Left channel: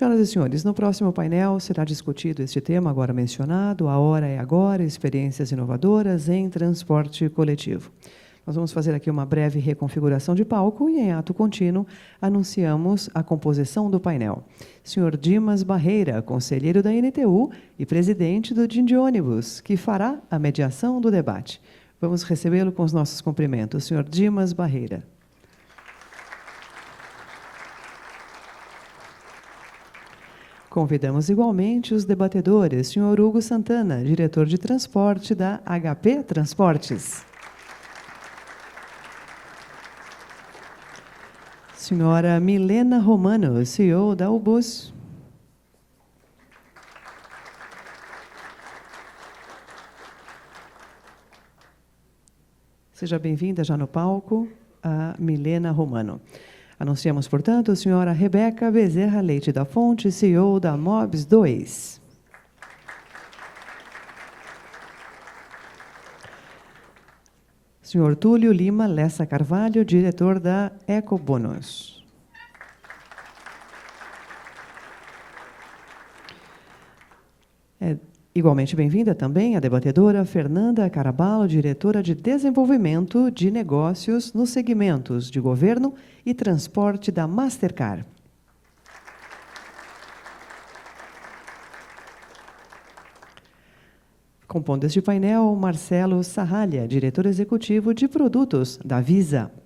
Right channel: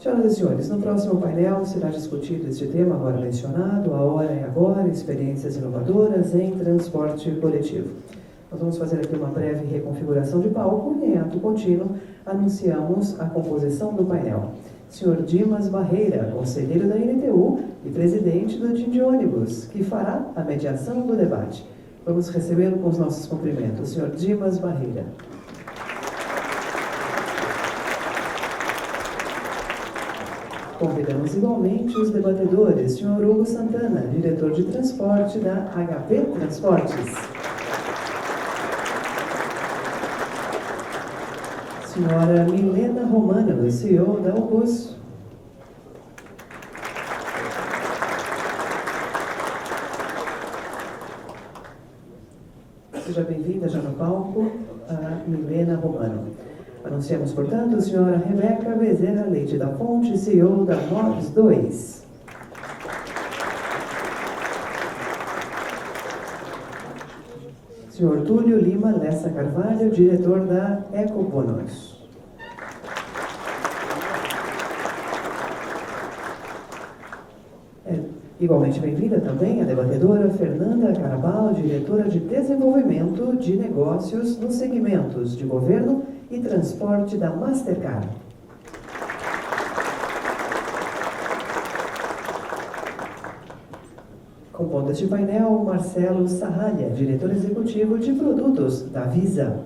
Senhoras e senhores, no próximo painel será discutido este tema agora mencionado, a hora é agora, experiências inovadoras em transporte coletivo. Nós vamos fazer aqui uma breve reconfiguração de palco e, em ato contínuo, anunciamos a composição do painel. Senhor Dimas Barreira, conselheiro da NTU e presidente do Dindônibus, que fará a mediação do debate. Vamos recebê-lo com os nossos cumprimentos. Senhor Dimas Barreira. Convidamos igualmente os debatedores, senhor Hugo Santana, diretor de transporte da HP Transportes. Senhora Milena Romano, CEO da UBUS. Seja bem-vinda já no palco, a Milena Romano. Anunciamos, portanto, a senhora Rebeca Bezerra Leite da Fonte, CEO da MOBS 2. Senhor Túlio Lima Lessa Carvalho, diretor da Ecobônus. Igualmente bem-vinda também a debatedora Fernanda Caraballo, diretora de Desenvolvimento de Negócios nos segmentos de Governo e Transporte da Mastercard. Compondo este painel, Marcelo Sarralha, diretor executivo de Produtos da Visa.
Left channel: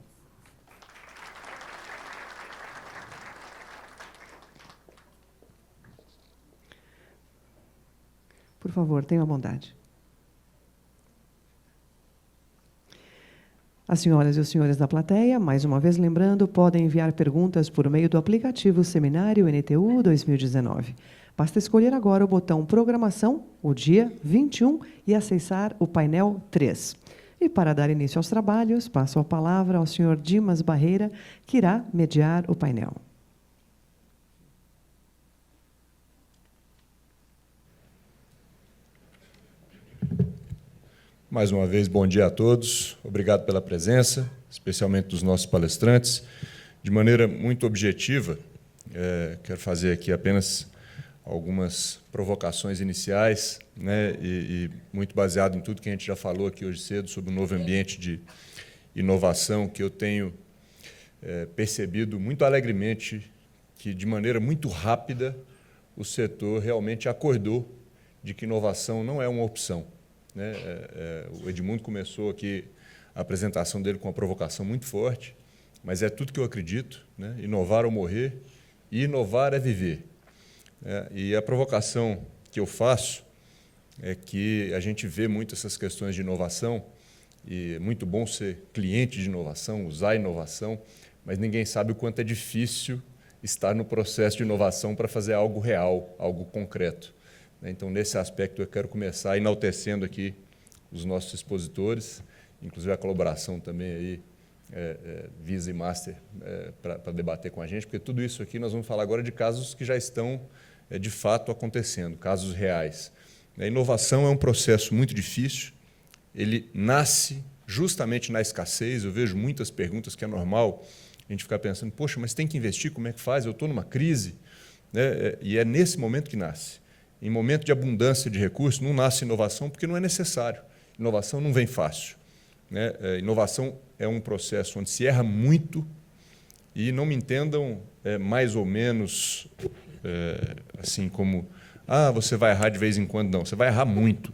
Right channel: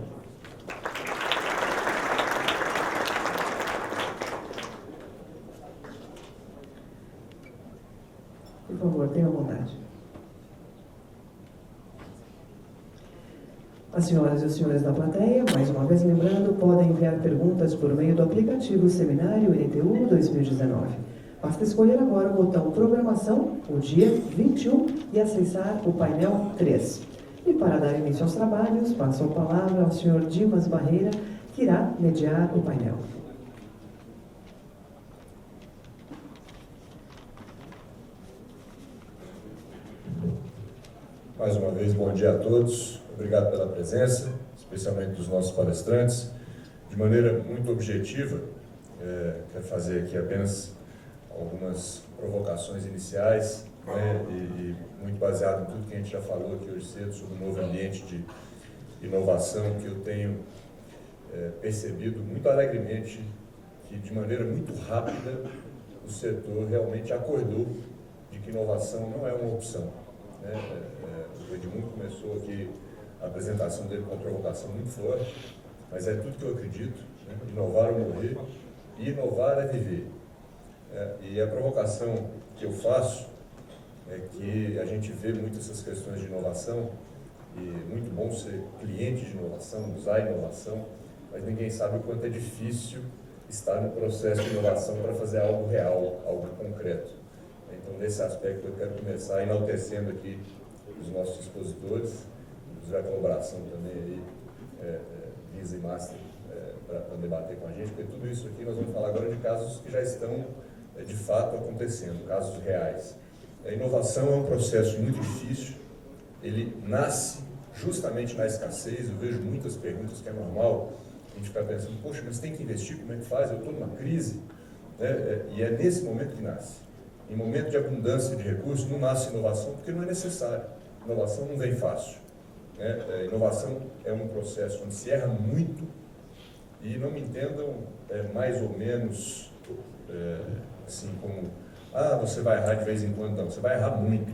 Por favor, tenha vontade. As senhoras e os senhores da plateia, mais uma vez lembrando, podem enviar perguntas por meio do aplicativo Seminário NTU 2019. Basta escolher agora o botão Programação, o dia 21, e acessar o painel 3. E para dar início aos trabalhos, passo a palavra ao senhor Dimas Barreira, que irá mediar o painel. Mais uma vez, bom dia a todos. Obrigado pela presença, especialmente dos nossos palestrantes. De maneira muito objetiva, quero fazer aqui apenas algumas provocações iniciais, né, e muito baseado em tudo que a gente já falou aqui hoje cedo sobre o novo ambiente de inovação que eu tenho percebido muito alegremente que, de maneira muito rápida, o setor realmente acordou de que inovação não é uma opção. O Edmundo começou aqui a apresentação dele com uma provocação muito forte, mas é tudo que eu acredito, né? Inovar ou morrer, e inovar é viver. E a provocação que eu faço é que a gente vê muito essas questões de inovação, e é muito bom ser cliente de inovação, usar inovação, mas ninguém sabe o quanto é difícil estar no processo de inovação para fazer algo real, algo concreto. Então, nesse aspecto, eu quero começar enaltecendo aqui os nossos expositores, inclusive a colaboração também aí, Visa e Master, para debater com a gente, porque tudo isso aqui nós vamos falar agora de casos que já estão, de fato, acontecendo, casos reais. A inovação é um processo muito difícil, ele nasce justamente na escassez. Eu vejo muitas perguntas que é normal a gente ficar pensando, poxa, mas tem que investir, como é que faz? Eu estou numa crise, né? E é nesse momento que nasce. Em momento de abundância de recursos, não nasce inovação porque não é necessário. Inovação não vem fácil, né? Inovação é um processo onde se erra muito, e não me entendam mais ou menos assim como, você vai errar de vez em quando. Não, você vai errar muito.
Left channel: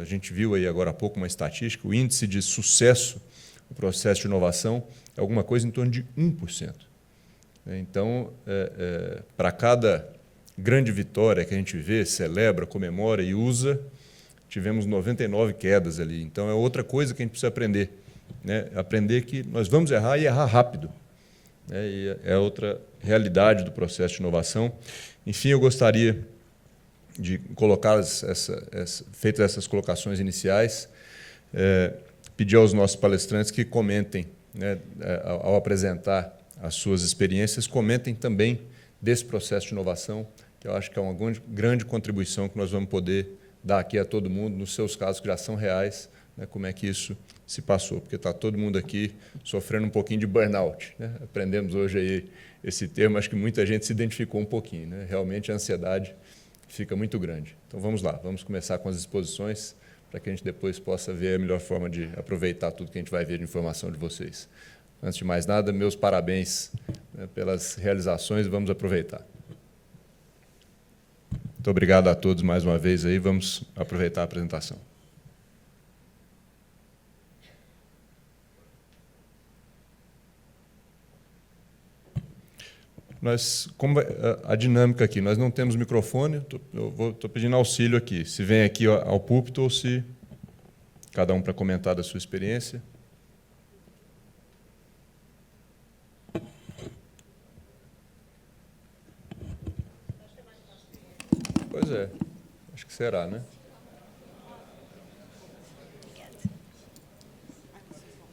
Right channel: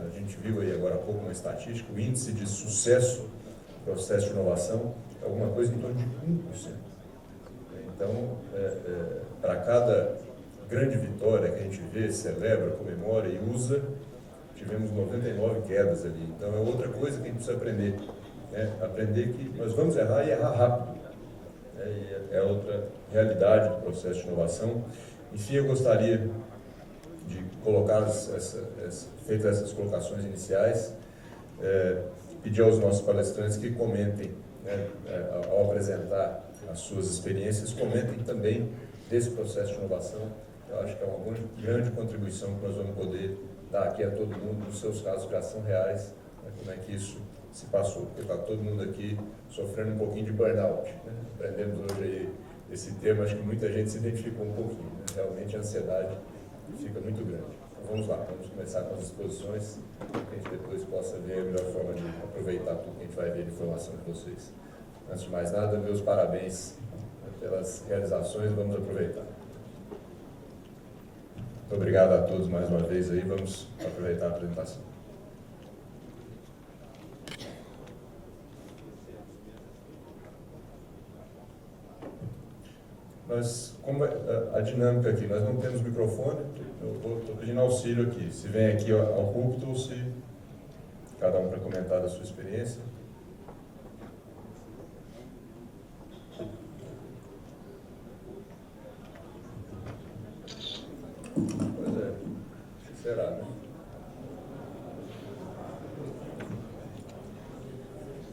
A gente viu aí agora há pouco uma estatística, o índice de sucesso do processo de inovação é alguma coisa em torno de 1%. Então, para cada grande vitória que a gente vê, celebra, comemora e usa, tivemos 99 quedas ali. Então, é outra coisa que a gente precisa aprender, né? Aprender que nós vamos errar e errar rápido. E é outra realidade do processo de inovação. Enfim, eu gostaria de colocar, feitas essas colocações iniciais, pedir aos nossos palestrantes que comentem, né, ao apresentar as suas experiências, comentem também desse processo de inovação. Eu acho que é uma grande contribuição que nós vamos poder dar aqui a todo mundo, nos seus casos que já são reais, né, como é que isso se passou, porque está todo mundo aqui sofrendo um pouquinho de burnout, né? Aprendemos hoje aí esse termo, acho que muita gente se identificou um pouquinho, né? Realmente a ansiedade fica muito grande. Então vamos lá, vamos começar com as exposições, para que a gente depois possa ver a melhor forma de aproveitar tudo que a gente vai ver de informação de vocês. Antes de mais nada, meus parabéns, né, pelas realizações, vamos aproveitar. Muito obrigado a todos mais uma vez aí, vamos aproveitar a apresentação. Como a dinâmica aqui, nós não temos microfone, eu estou pedindo auxílio aqui, se vem aqui ao púlpito ou se cada um para comentar da sua experiência. Pois é, acho que será, né?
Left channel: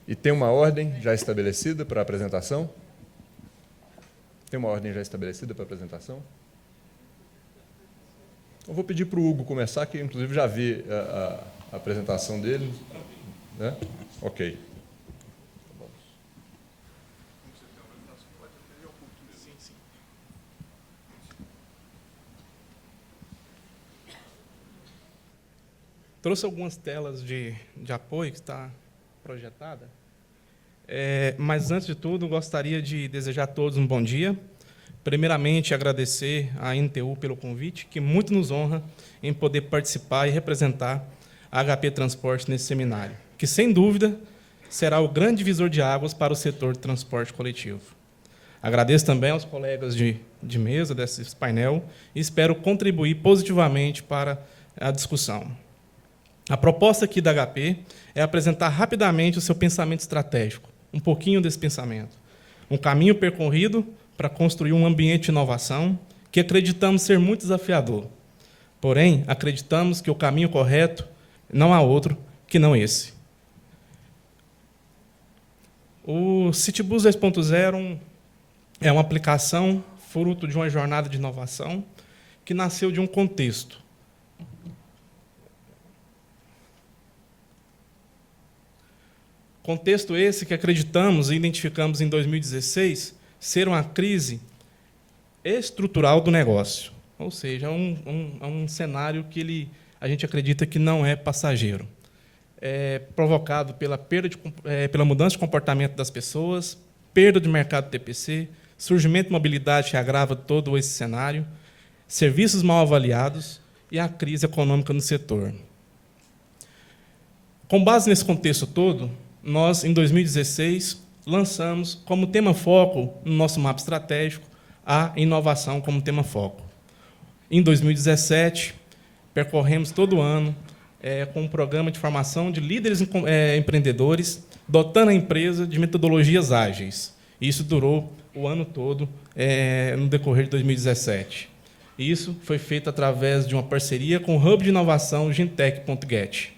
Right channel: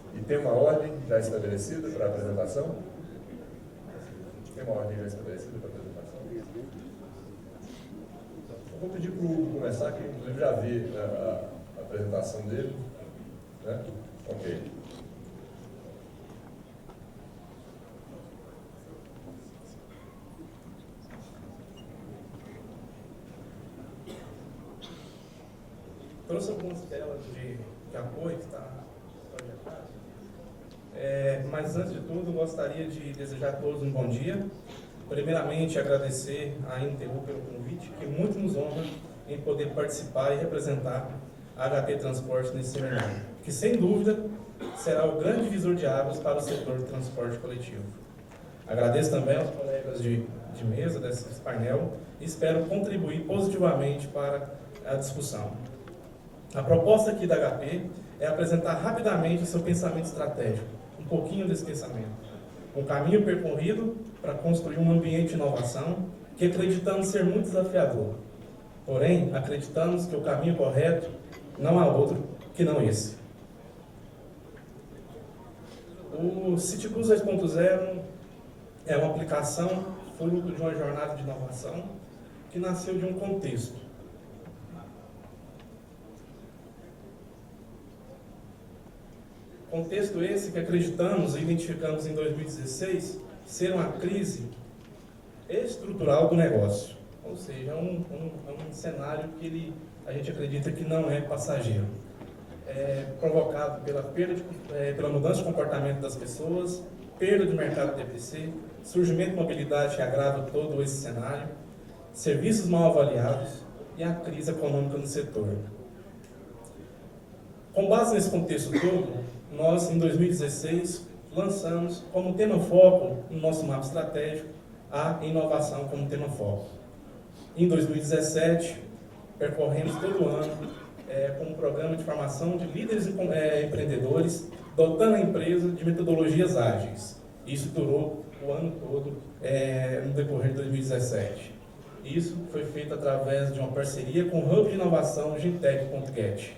E tem uma ordem já estabelecida para a apresentação? Tem uma ordem já estabelecida para a apresentação? Eu vou pedir para o Hugo começar, que inclusive já vi a apresentação dele. Né? Ok. Trouxe algumas telas de apoio que está projetado. Mas, antes de tudo, gostaria de desejar a todos um bom dia. Primeiramente, agradecer à NTU pelo convite, que muito nos honra em poder participar e representar a HP Transporte nesse seminário, que, sem dúvida, será o grande divisor de águas para o setor de transporte coletivo. Agradeço também aos colegas de mesa desse painel e espero contribuir positivamente para a discussão. A proposta aqui da HP é apresentar rapidamente o seu pensamento estratégico, um pouquinho desse pensamento. Um caminho percorrido para construir um ambiente de inovação que acreditamos ser muito desafiador. Porém, acreditamos que o caminho correto não há outro que não esse. O Citibus 2.0 é uma aplicação fruto de uma jornada de inovação que nasceu de um contexto. Contexto esse que acreditamos e identificamos em 2016 ser uma crise estrutural do negócio, ou seja, um cenário que a gente acredita que não é passageiro. Provocado pela mudança de comportamento das pessoas, perda de mercado TPC, surgimento de mobilidade que agrava todo esse cenário, serviços mal avaliados e a crise econômica no setor. Com base nesse contexto todo, nós, em 2016, lançamos como tema foco no nosso mapa estratégico a inovação como tema foco. Em 2017, percorremos todo o ano com um programa de formação de líderes empreendedores, dotando a empresa de metodologias ágeis. Isso durou o ano todo, no decorrer de 2017. Isso foi feito através de uma parceria com o Hub de Inovação Gintech.get.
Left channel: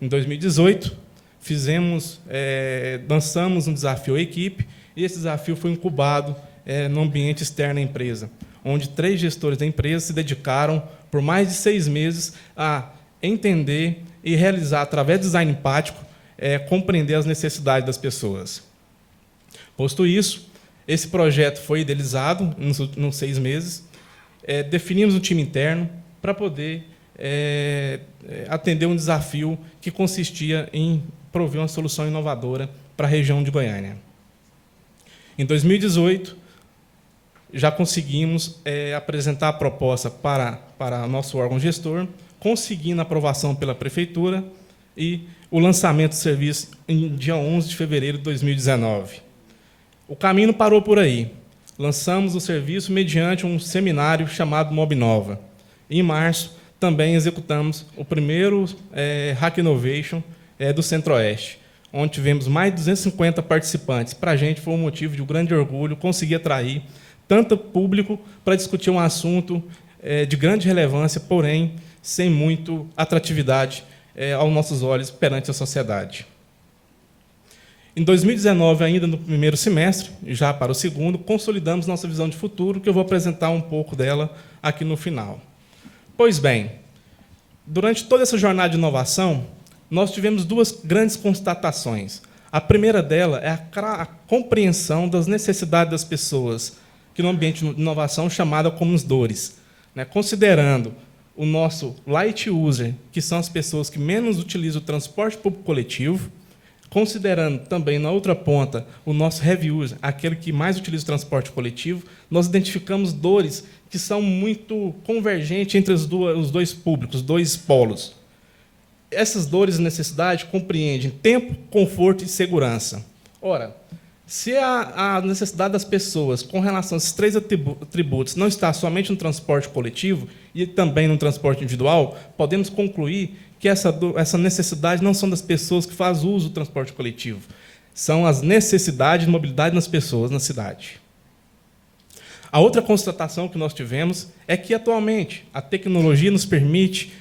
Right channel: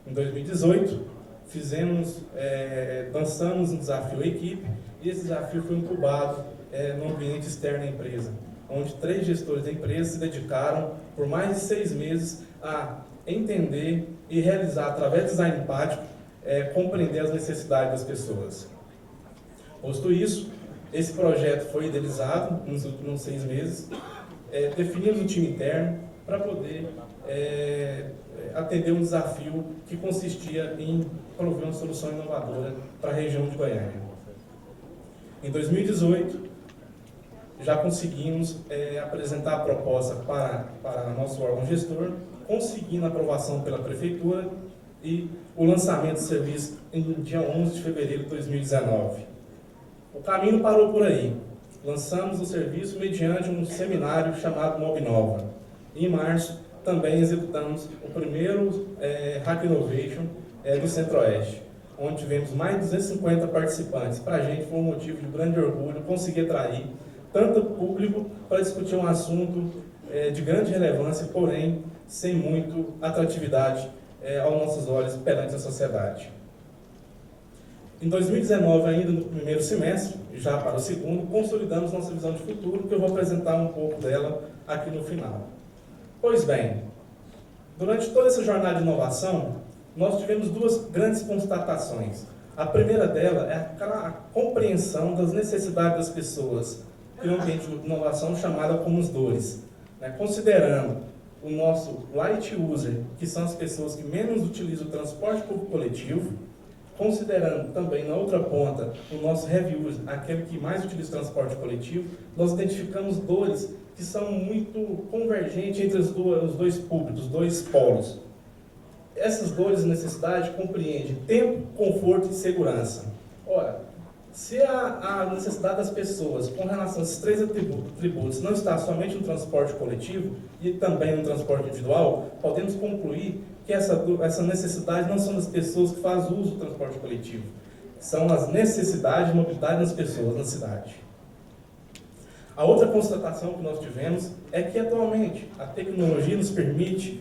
Em 2018, lançamos um desafio à equipe, e esse desafio foi incubado no ambiente externo à empresa, onde 3 gestores da empresa se dedicaram por mais de 6 meses a entender e realizar, através do design empático, compreender as necessidades das pessoas. Posto isso, esse projeto foi idealizado nos 6 meses, definimos o time interno para poder atender um desafio que consistia em prover uma solução inovadora para a região de Goiânia. Em 2018, já conseguimos apresentar a proposta para nosso órgão gestor, conseguindo a aprovação pela Prefeitura e o lançamento do serviço em dia 11 de fevereiro de 2019. O caminho não parou por aí. Lançamos o serviço mediante um seminário chamado Mobinova. Em março, também executamos o primeiro Hack Innovation do Centro-Oeste, onde tivemos mais de 250 participantes. Para a gente foi um motivo de grande orgulho conseguir atrair tanto público para discutir um assunto de grande relevância, porém sem muito atratividade aos nossos olhos perante a sociedade. Em 2019, ainda no primeiro semestre, já para o segundo, consolidamos nossa visão de futuro, que eu vou apresentar um pouco dela aqui no final. Pois bem, durante toda essa jornada de inovação, nós tivemos 2 grandes constatações. A primeira dela é a compreensão das necessidades das pessoas, que no ambiente de inovação chamada como os DORES, né? Considerando o nosso light user, que são as pessoas que menos utilizam o transporte público coletivo, considerando também na outra ponta o nosso heavy user, aquele que mais utiliza o transporte coletivo, nós identificamos dores que são muito convergentes entre os dois públicos, os dois polos. Essas dores e necessidades compreendem tempo, conforto e segurança. Ora, se a necessidade das pessoas com relação a esses três atributos não está somente no transporte coletivo e também no transporte individual, podemos concluir que essa necessidade não são das pessoas que fazem uso do transporte coletivo, são as necessidades de mobilidade das pessoas na cidade. A outra constatação que nós tivemos é que, atualmente, a tecnologia nos permite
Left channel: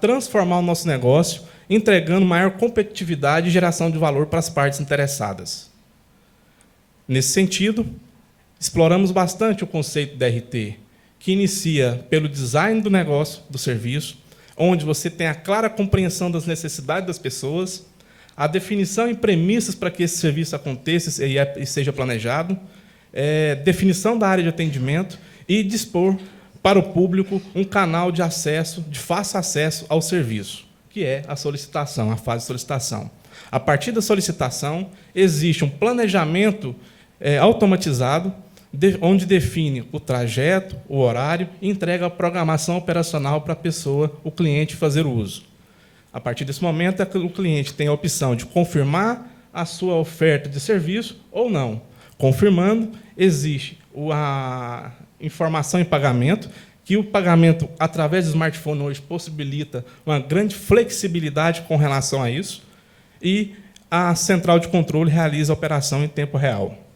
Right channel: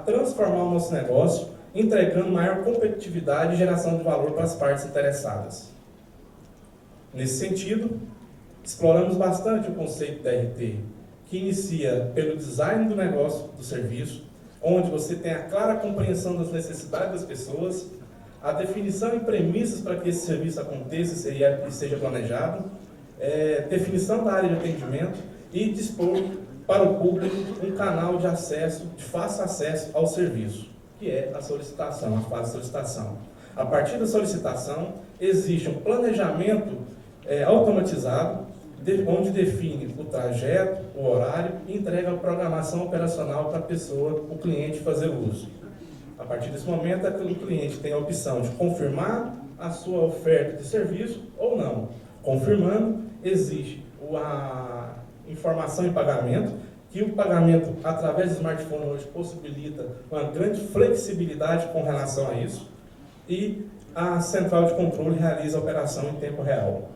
transformar o nosso negócio, entregando maior competitividade e geração de valor para as partes interessadas. Nesse sentido, exploramos bastante o conceito de DRT, que inicia pelo design do negócio, do serviço, onde você tem a clara compreensão das necessidades das pessoas, a definição e premissas para que esse serviço aconteça e seja planejado, definição da área de atendimento e dispor para o público um canal de acesso, de fácil acesso ao serviço, que é a solicitação, a fase de solicitação. A partir da solicitação, existe um planejamento automatizado, onde define o trajeto, o horário e entrega a programação operacional para a pessoa, o cliente, fazer uso. A partir desse momento, o cliente tem a opção de confirmar a sua oferta de serviço ou não. Confirmando, existe a informação em pagamento, que o pagamento através do smartphone hoje possibilita uma grande flexibilidade com relação a isso, e a central de controle realiza a operação em tempo real.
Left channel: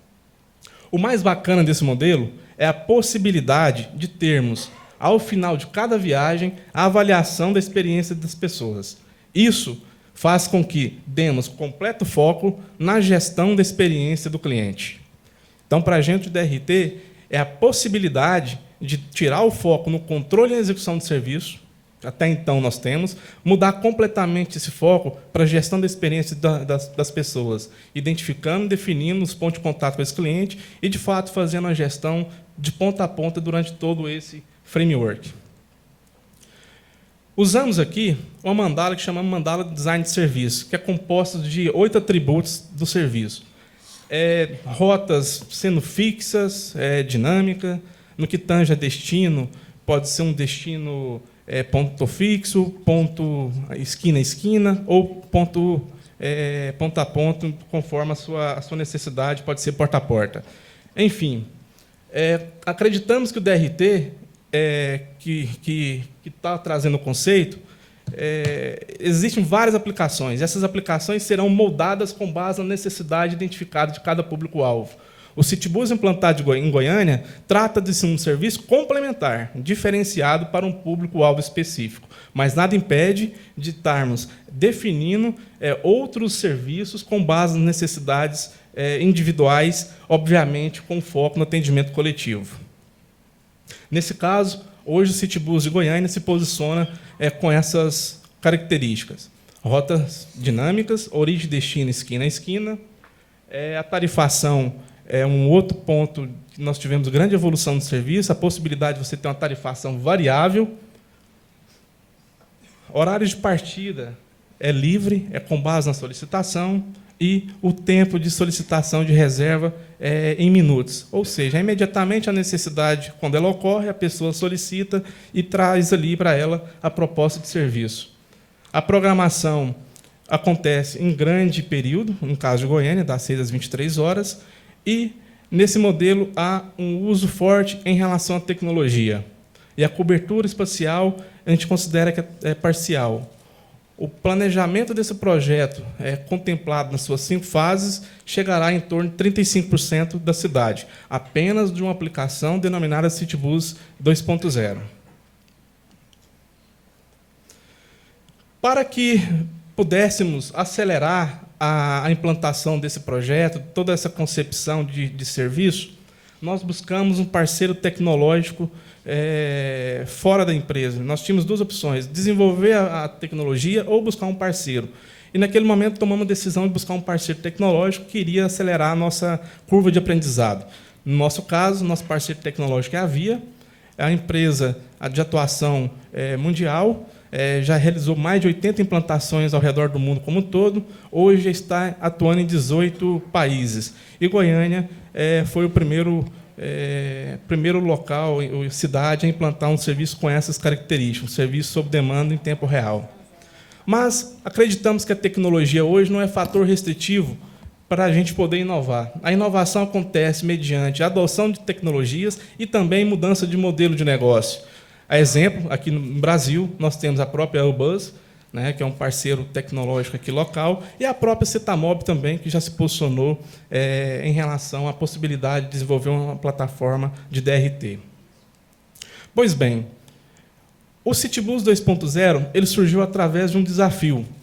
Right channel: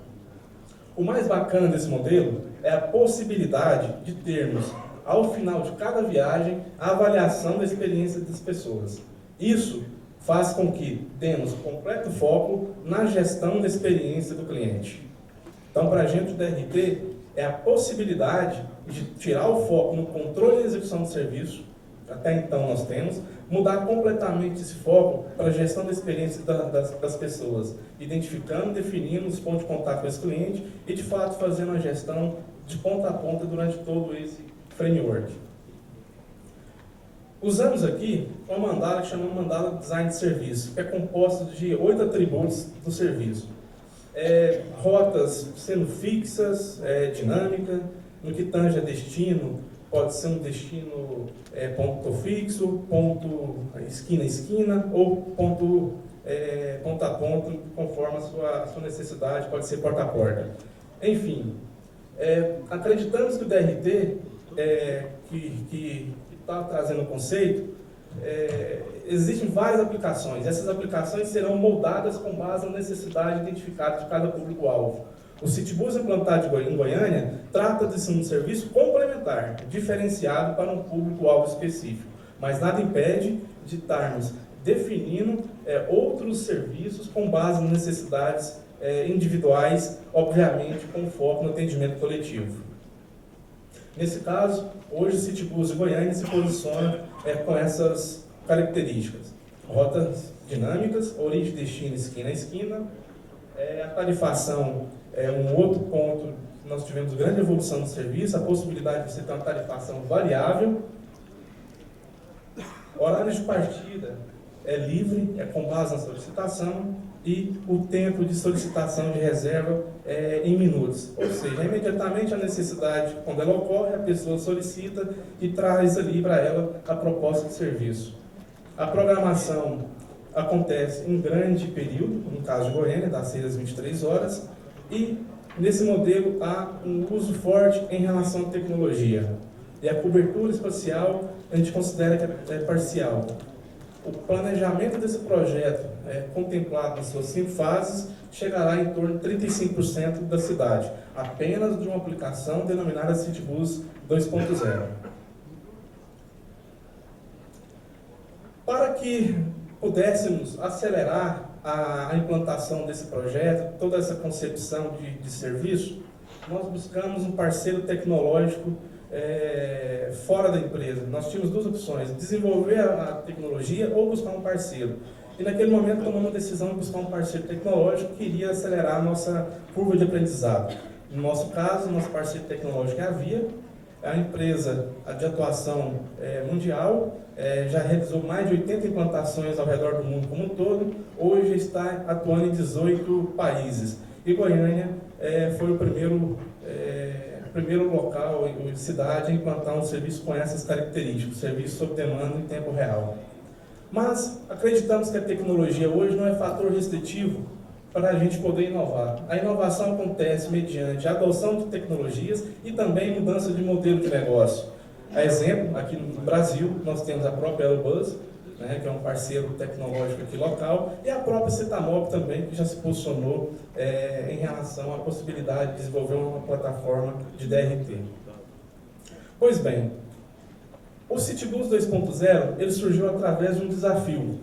O mais bacana desse modelo é a possibilidade de termos, ao final de cada viagem, a avaliação da experiência das pessoas. Isso faz com que demos completo foco na gestão da experiência do cliente. Então, para a gente, o DRT é a possibilidade de tirar o foco no controle e execução do serviço, até então nós temos, mudar completamente esse foco para a gestão da experiência das pessoas, identificando, definindo os pontos de contato com esse cliente e, de fato, fazendo a gestão de ponta a ponta durante todo esse framework. Usamos aqui uma mandala que chamamos mandala de design de serviço, que é composta de 8 atributos do serviço. Rotas sendo fixas, dinâmica, no que tange a destino, pode ser um destino ponto fixo, ponto esquina a esquina, ou ponto a ponto, conforme a sua necessidade, pode ser porta a porta. Enfim, acreditamos que o DRT, que está trazendo o conceito, existem várias aplicações. Essas aplicações serão moldadas com base na necessidade identificada de cada público-alvo. O Citibus implantado em Goiânia trata de ser um serviço complementar, diferenciado para um público-alvo específico, mas nada impede de estarmos definindo outros serviços com base nas necessidades individuais, obviamente com foco no atendimento coletivo. Nesse caso, hoje o Citibus de Goiânia se posiciona com essas características. Rotas dinâmicas, origem, destino, esquina a esquina. A tarifação é um outro ponto que nós tivemos grande evolução no serviço, a possibilidade de você ter uma tarifação variável. Horário de partida é livre, é com base na solicitação, e o tempo de solicitação de reserva é em minutos. Ou seja, imediatamente a necessidade, quando ela ocorre, a pessoa solicita e traz ali para ela a proposta de serviço. A programação acontece em grande período, no caso de Goiânia, das 6 às 23 horas, e nesse modelo há um uso forte em relação à tecnologia. E a cobertura espacial a gente considera que é parcial. O planejamento desse projeto, contemplado nas suas 5 fases, chegará em torno de 35% da cidade, apenas de uma aplicação denominada Citibus 2.0. Para que pudéssemos acelerar a implantação desse projeto, toda essa concepção de serviço, nós buscamos um parceiro tecnológico fora da empresa. Nós tínhamos 2 opções: desenvolver a tecnologia ou buscar um parceiro. E naquele momento tomamos a decisão de buscar um parceiro tecnológico que iria acelerar a nossa curva de aprendizado. No nosso caso, nosso parceiro tecnológico é a Via, a empresa de atuação mundial, já realizou mais de 80 implantações ao redor do mundo como um todo, hoje está atuando em 18 países. E Goiânia foi o primeiro local, cidade, a implantar um serviço com essas características, um serviço sob demanda em tempo real. Mas acreditamos que a tecnologia hoje não é fator restritivo para a gente poder inovar. A inovação acontece mediante a adoção de tecnologias e também mudança de modelo de negócio. A exemplo, aqui no Brasil, nós temos a própria Airbus, né, que é um parceiro tecnológico aqui local, e a própria Cetamob também, que já se posicionou em relação à possibilidade de desenvolver uma plataforma de DRT. Pois bem, o CityBus 2.0 ele surgiu através de um desafio.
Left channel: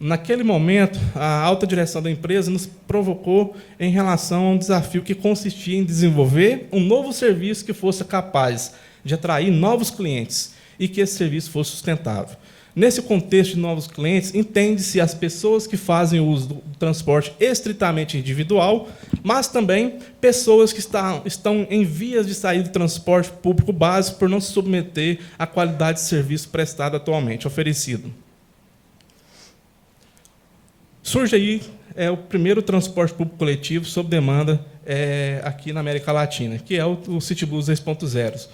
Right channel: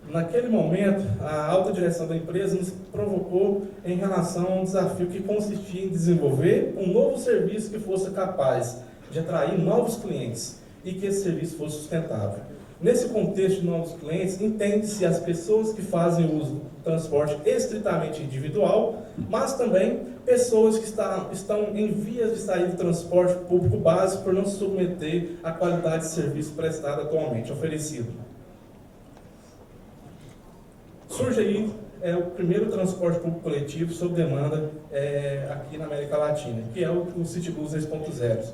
Naquele momento, a alta direção da empresa nos provocou em relação a um desafio que consistia em desenvolver um novo serviço que fosse capaz de atrair novos clientes e que esse serviço fosse sustentável. Nesse contexto de novos clientes, entende-se as pessoas que fazem uso do transporte estritamente individual, mas também pessoas que estão em vias de sair do transporte público básico por não se submeter à qualidade de serviço prestado atualmente, oferecido. Surge aí o primeiro transporte público coletivo sob demanda aqui na América Latina, que é o CityBus 2.0.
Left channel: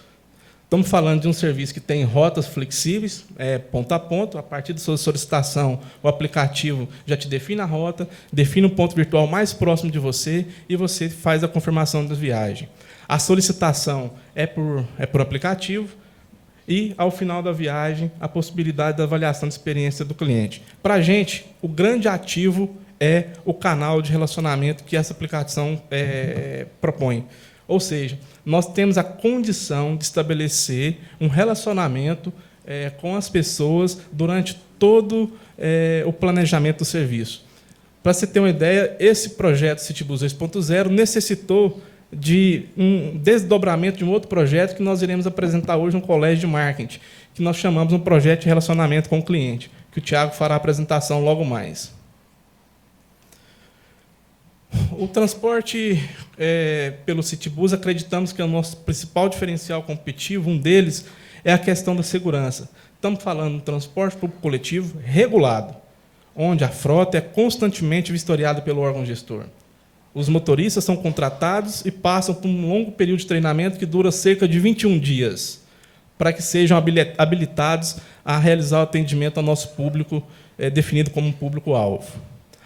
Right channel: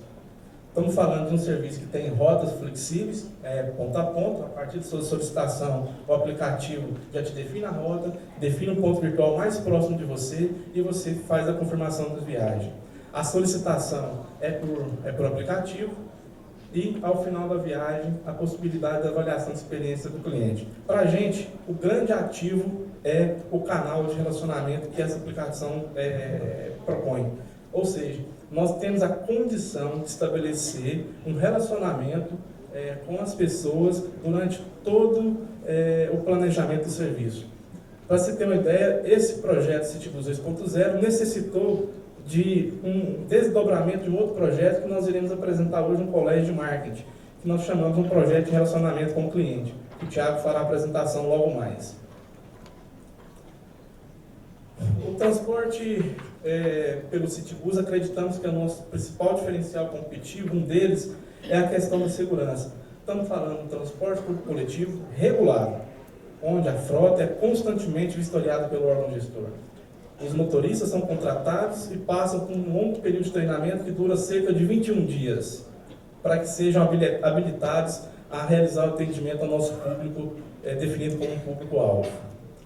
Estamos falando de um serviço que tem rotas flexíveis, ponto a ponto. A partir da sua solicitação, o aplicativo já te define a rota, define o ponto virtual mais próximo de você e você faz a confirmação da viagem. A solicitação é por aplicativo e, ao final da viagem, a possibilidade da avaliação de experiência do cliente. Para a gente, o grande ativo é o canal de relacionamento que essa aplicação propõe. Ou seja, nós temos a condição de estabelecer um relacionamento com as pessoas durante todo o planejamento do serviço. Para você ter uma ideia, esse projeto CityBus 2.0 necessitou de um desdobramento de um outro projeto que nós iremos apresentar hoje no Colégio de Marketing, que nós chamamos um projeto de relacionamento com o cliente, que o Thiago fará a apresentação logo mais. O transporte pelo CityBus, acreditamos que é o nosso principal diferencial competitivo, um deles é a questão da segurança. Estamos falando de transporte público coletivo regulado, onde a frota é constantemente vistoriada pelo órgão gestor. Os motoristas são contratados e passam por um longo período de treinamento que dura cerca de 21 dias, para que sejam habilitados a realizar o atendimento ao nosso público, definido como um público-alvo.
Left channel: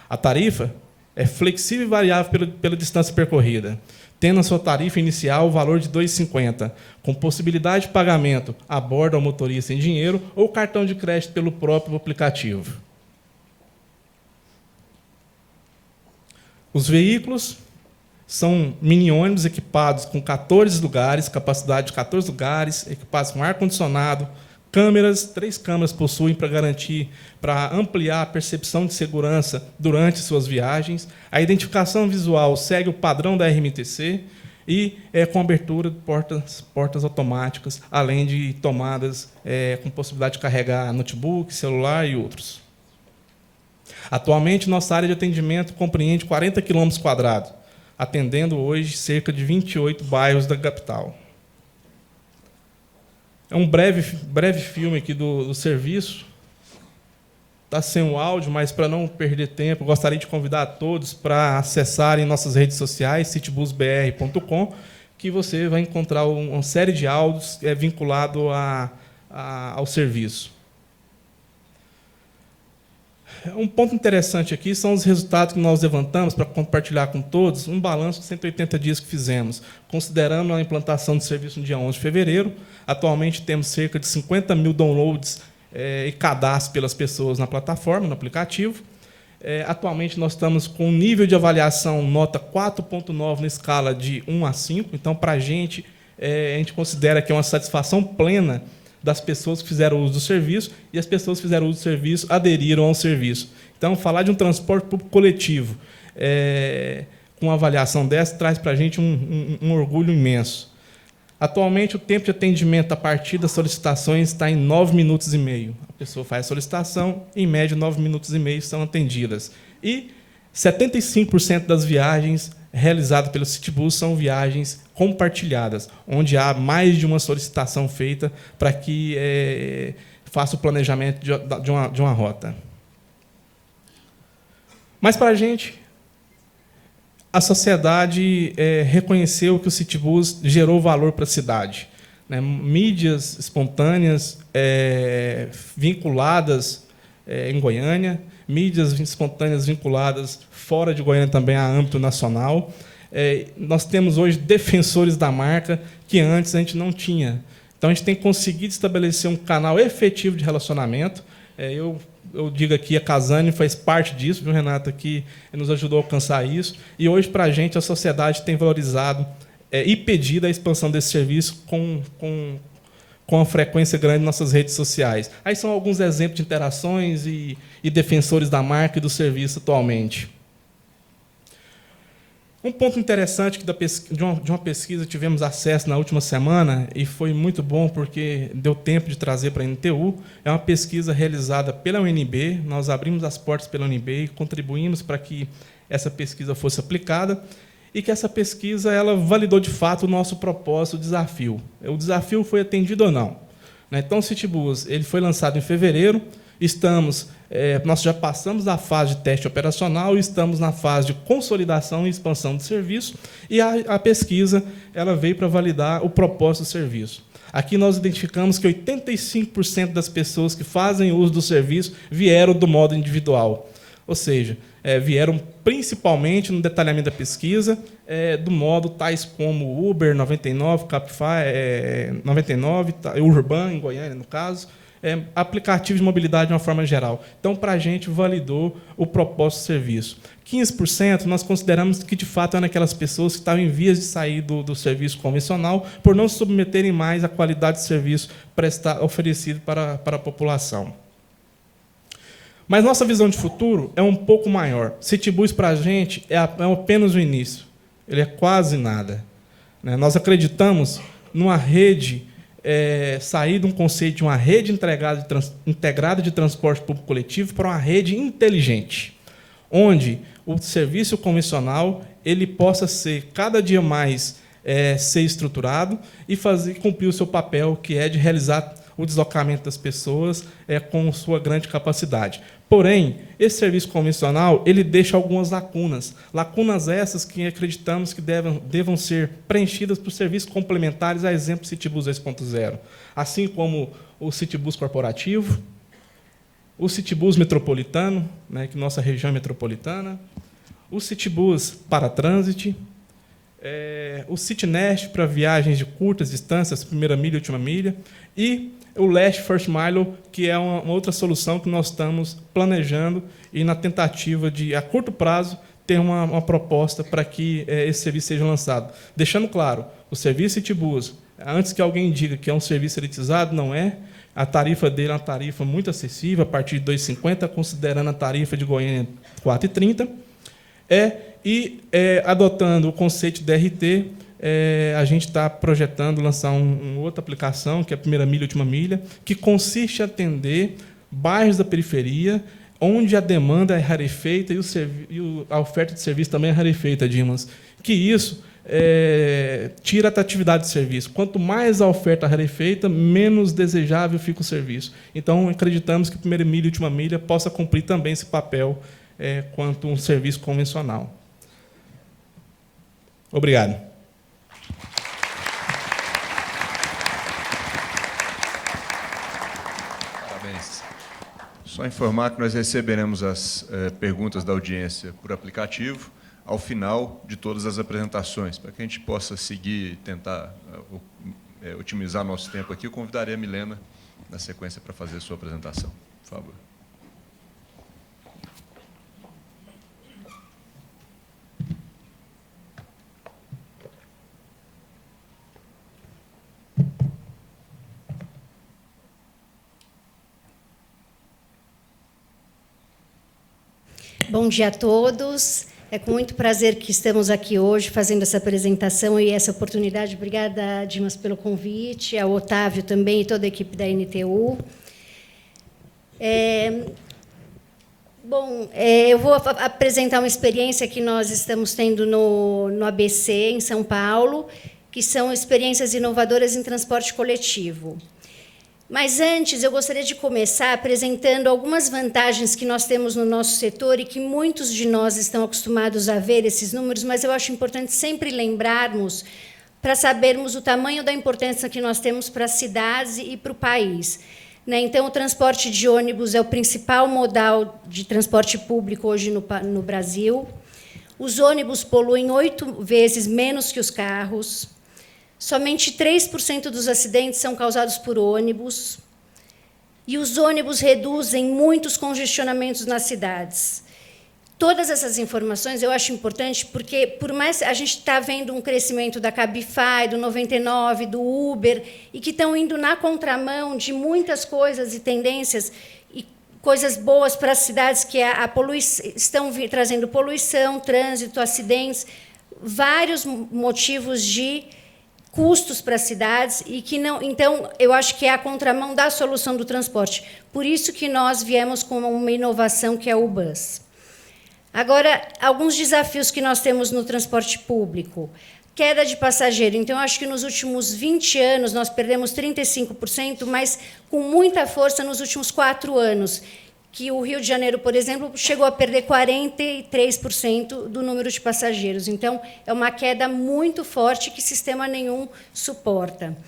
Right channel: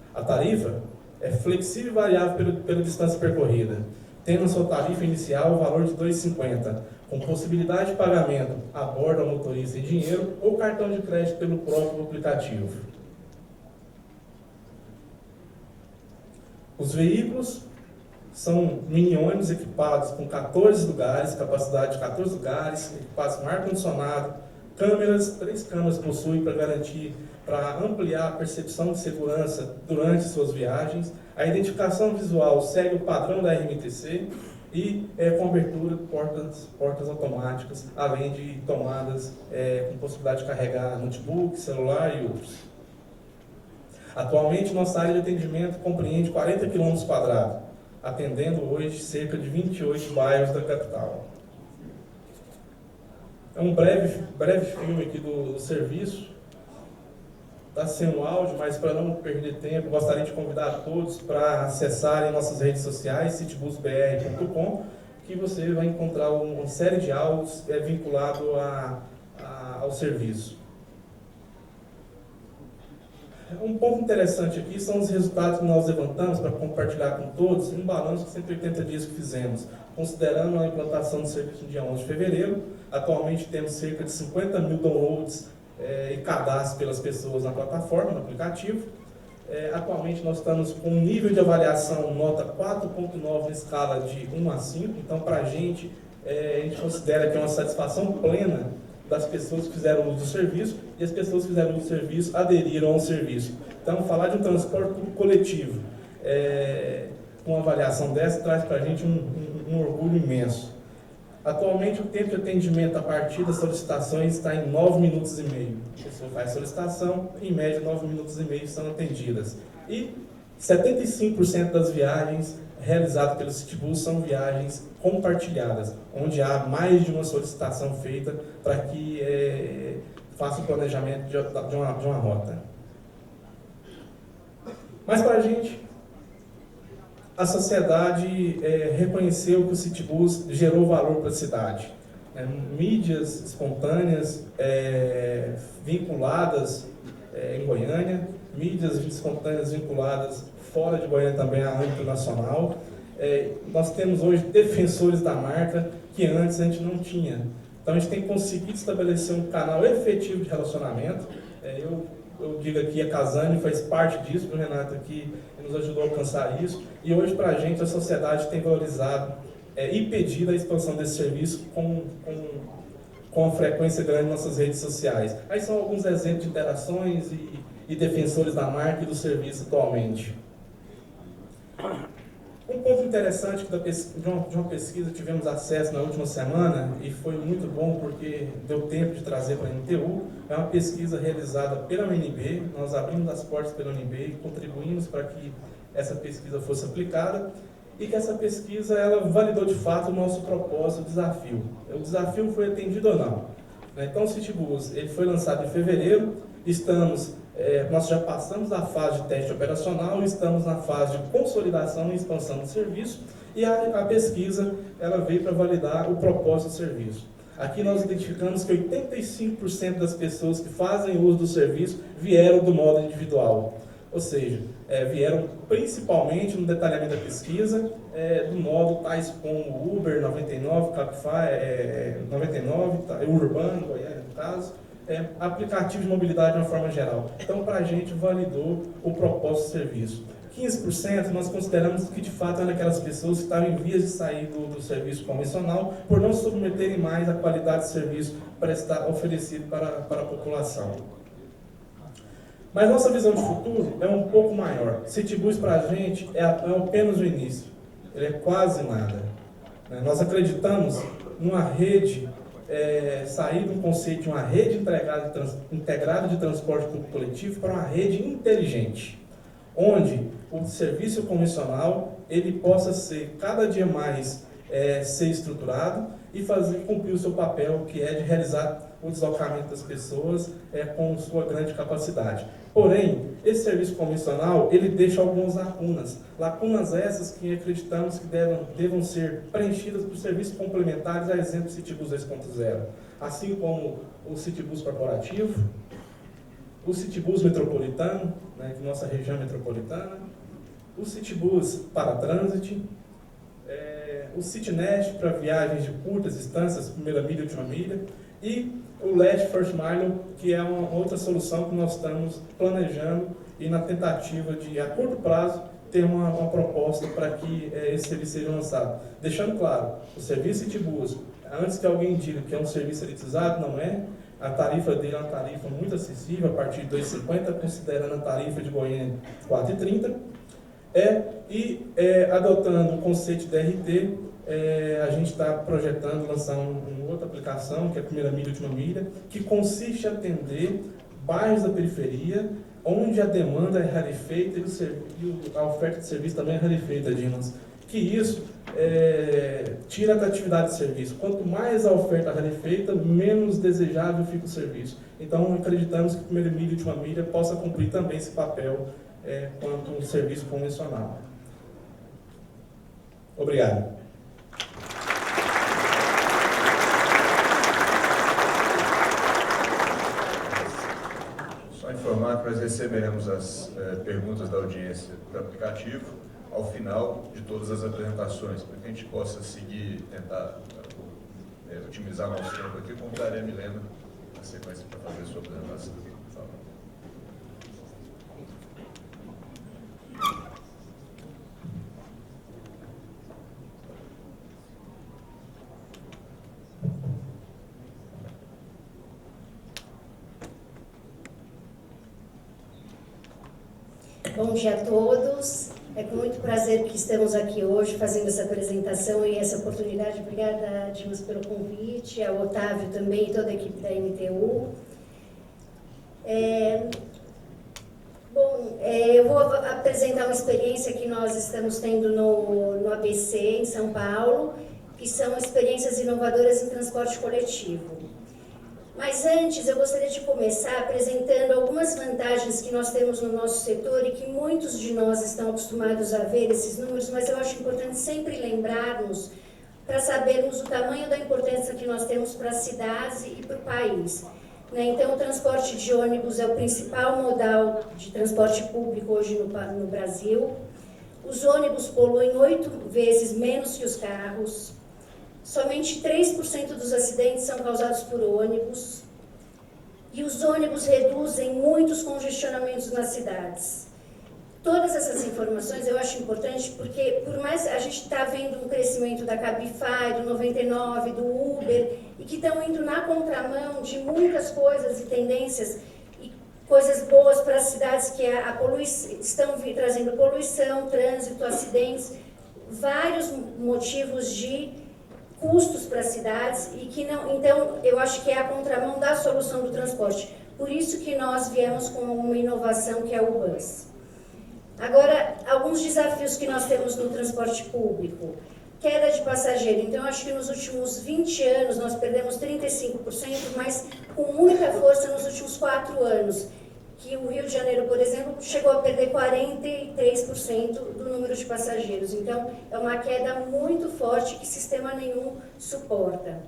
A tarifa é flexível e variável pela distância percorrida, tendo a sua tarifa inicial o valor de R$ 2,50, com possibilidade de pagamento a bordo ao motorista em dinheiro ou cartão de crédito pelo próprio aplicativo. Os veículos são mini-ônibus equipados com 14 lugares, capacidade de 14 lugares, equipados com ar-condicionado, câmeras, 3 câmeras possuem para ampliar a percepção de segurança durante suas viagens. A identificação visual segue o padrão da RMTC e com abertura de portas automáticas, além de tomadas com possibilidade de carregar notebook, celular e outros. Atualmente, nossa área de atendimento compreende 40 km², atendendo hoje cerca de 28 bairros da capital. É um breve filme aqui do serviço. Está sem o áudio, mas para não perder tempo, gostaria de convidar a todos para acessarem nossas redes sociais, citybusbr.com, que você vai encontrar uma série de áudios vinculado ao serviço. Um ponto interessante aqui são os resultados que nós levantamos para compartilhar com todos, um balanço de 180 dias que fizemos, considerando a implantação do serviço no dia 11 de fevereiro. Atualmente temos cerca de 50 mil downloads e cadastros pelas pessoas na plataforma, no aplicativo. Atualmente nós estamos com um nível de avaliação nota 4.9 na escala de 1 a 5, então para a gente considera que é uma satisfação plena das pessoas que fizeram uso do serviço, e as pessoas que fizeram uso do serviço aderiram ao serviço. Então, falar de um transporte público coletivo com uma avaliação dessa traz para a gente um orgulho imenso. Atualmente, o tempo de atendimento a partir das solicitações está em 9 minutos e meio. A pessoa faz a solicitação, em média, 9 minutos e meio são atendidas. E 75% das viagens realizadas pelo Citibus são viagens compartilhadas, onde há mais de uma solicitação feita para que faça o planejamento de uma rota. Mas, para a gente, a sociedade reconheceu que o Citibus gerou valor para a cidade. Né? Mídias espontâneas vinculadas em Goiânia, mídias espontâneas vinculadas fora de Goiânia também a âmbito nacional. Nós temos hoje defensores da marca que antes a gente não tinha. Então, a gente tem conseguido estabelecer um canal efetivo de relacionamento. Eu digo aqui, a Casani faz parte disso, viu, Renata, que nos ajudou a alcançar isso. E hoje, para a gente, a sociedade tem valorizado e pedido a expansão desse serviço com uma frequência grande em nossas redes sociais. Aí são alguns exemplos de interações e defensores da marca e do serviço atualmente. Um ponto interessante de uma pesquisa que tivemos acesso na última semana, e foi muito bom porque deu tempo de trazer para a NTU, é uma pesquisa realizada pela UNB. Nós abrimos as portas pela UNB e contribuímos para que essa pesquisa fosse aplicada, e que essa pesquisa ela validou de fato o nosso propósito, o desafio. O desafio foi atendido ou não? Então, o Citibus ele foi lançado em fevereiro, nós já passamos da fase de teste operacional e estamos na fase de consolidação e expansão do serviço, e a pesquisa ela veio para validar o propósito do serviço. Aqui nós identificamos que 85% das pessoas que fazem uso do serviço vieram do modo individual, ou seja, vieram principalmente no detalhamento da pesquisa, do modo tais como Uber 99, Cabify 99, Urban, em Goiânia, no caso, aplicativo de mobilidade de uma forma geral. Então, para a gente, validou o propósito do serviço. 15% nós consideramos que, de fato, eram aquelas pessoas que estavam em vias de sair do serviço convencional por não submeterem mais a qualidade de serviço oferecido para a população. Mas nossa visão de futuro é um pouco maior. Citibus, para a gente, é apenas o início. Ele é quase nada. Nós acreditamos numa rede, sair de um conceito de uma rede integrada de transporte público coletivo para uma rede inteligente, onde o serviço convencional ele possa ser cada dia mais ser estruturado e cumprir o seu papel, que é de realizar o deslocamento das pessoas com sua grande capacidade. Porém, esse serviço convencional ele deixa algumas lacunas essas que acreditamos que devam ser preenchidas por serviços complementares, a exemplo do Citibus 2.0, assim como o Citibus corporativo, o Citibus metropolitano, que nossa região é metropolitana, o Citibus para trânsito, o Citnest para viagens de curtas distâncias, primeira milha e última milha, e o Last First Mile, que é uma outra solução que nós estamos planejando e na tentativa de, a curto prazo, ter uma proposta para que esse serviço seja lançado. Deixando claro, o serviço Citibus, antes que alguém diga que é um serviço elitizado, não é. A tarifa dele é uma tarifa muito acessível, a partir de R$ 2,50, considerando a tarifa de Goiânia R$ 4,30. Adotando o conceito de DRT, a gente está projetando lançar uma outra aplicação, que é a primeira milha e última milha, que consiste em atender bairros da periferia, onde a demanda é rarefeita e a oferta de serviço também é rarefeita, Dimas. Que isso tira a atratividade do serviço. Quanto mais a oferta rarefeita, menos desejável fica o serviço. Então, acreditamos que a primeira milha e última milha possa cumprir também esse papel quanto um serviço convencional. Obrigado. Só informar que nós receberemos as perguntas da audiência por aplicativo ao final de todas as apresentações. Para que a gente possa seguir e tentar otimizar nosso tempo aqui, eu convidarei a Milena, na sequência, para fazer a sua apresentação. Por favor. Bom dia a todos. É com muito prazer que estamos aqui hoje fazendo essa apresentação e essa oportunidade. Obrigada, Dimas, pelo convite, ao Otávio também e toda a equipe da NTU. Bom, eu vou apresentar uma experiência que nós estamos tendo no ABC, em São Paulo, que são experiências inovadoras em transporte coletivo. Mas antes, eu gostaria de começar apresentando algumas vantagens que nós temos no nosso setor e que muitos de nós estão acostumados a ver esses números, mas eu acho importante sempre lembrarmos para sabermos o tamanho da importância que nós temos para as cidades e para o país. Então, o transporte de ônibus é o principal modal de transporte público hoje no Brasil. Os ônibus poluem 8 vezes menos que os carros. Somente 3% dos acidentes são causados por ônibus. E os ônibus reduzem muitos congestionamentos nas cidades. Todas essas informações eu acho importante porque, por mais a gente está vendo um crescimento da Cabify, do 99, do Uber, e que estão indo na contramão de muitas coisas e tendências e coisas boas para as cidades, que estão trazendo poluição, trânsito, acidentes, vários motivos de custos para as cidades e que não. Então, eu acho que é a contramão da solução do transporte. Por isso que nós viemos com uma inovação que é o bus. Agora, alguns desafios que nós temos no transporte público. Queda de passageiro. Então, eu acho que nos últimos 20 anos nós perdemos 35%, mas com muita força nos últimos 4 anos, que o Rio de Janeiro, por exemplo, chegou a perder 43% do número de passageiros. Então, é uma queda muito forte que sistema nenhum suporta.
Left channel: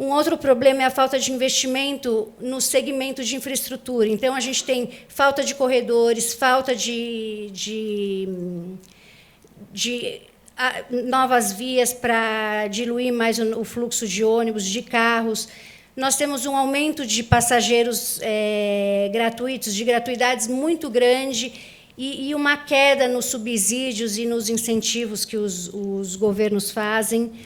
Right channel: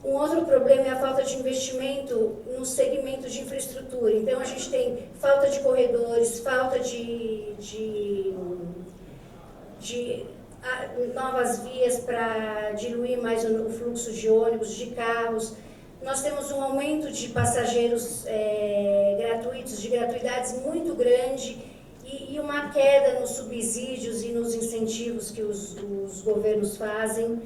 Um outro problema é a falta de investimento no segmento de infraestrutura. Então, a gente tem falta de corredores, falta de novas vias para diluir mais o fluxo de ônibus, de carros. Nós temos um aumento de passageiros gratuitos, de gratuidades muito grande e uma queda nos subsídios e nos incentivos que os governos fazem.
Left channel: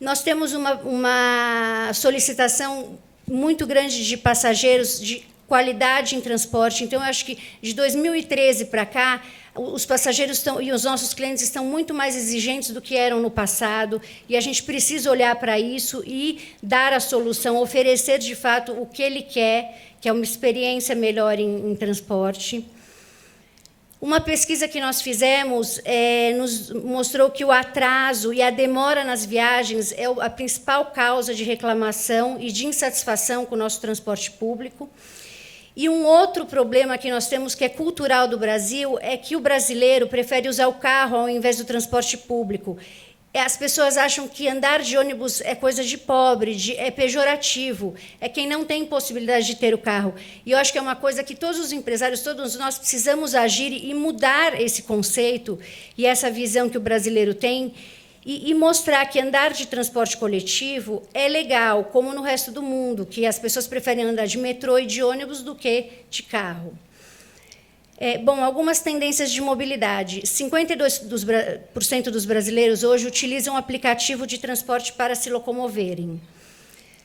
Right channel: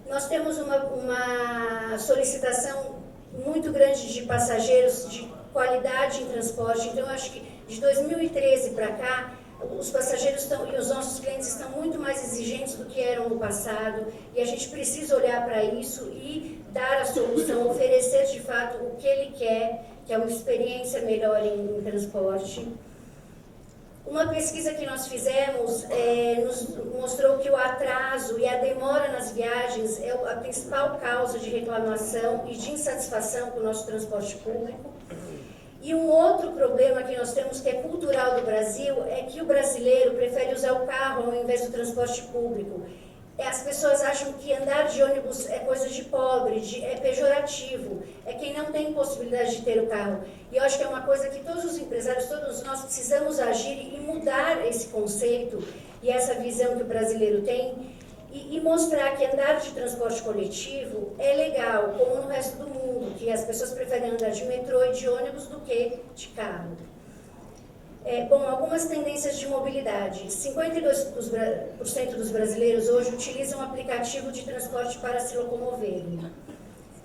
Nós temos uma solicitação muito grande de passageiros, de qualidade em transporte. Então, eu acho que de 2013 para cá, os passageiros e os nossos clientes estão muito mais exigentes do que eram no passado e a gente precisa olhar para isso e dar a solução, oferecer de fato o que ele quer, que é uma experiência melhor em transporte. Uma pesquisa que nós fizemos nos mostrou que o atraso e a demora nas viagens é a principal causa de reclamação e de insatisfação com o nosso transporte público. E um outro problema que nós temos, que é cultural do Brasil, é que o brasileiro prefere usar o carro ao invés do transporte público. As pessoas acham que andar de ônibus é coisa de pobre, é pejorativo, é quem não tem possibilidade de ter o carro. E eu acho que é uma coisa que todos os empresários, todos nós precisamos agir e mudar esse conceito e essa visão que o brasileiro tem e mostrar que andar de transporte coletivo é legal, como no resto do mundo, que as pessoas preferem andar de metrô e de ônibus do que de carro. Algumas tendências de mobilidade. 52% dos brasileiros hoje utilizam aplicativo de transporte para se locomoverem.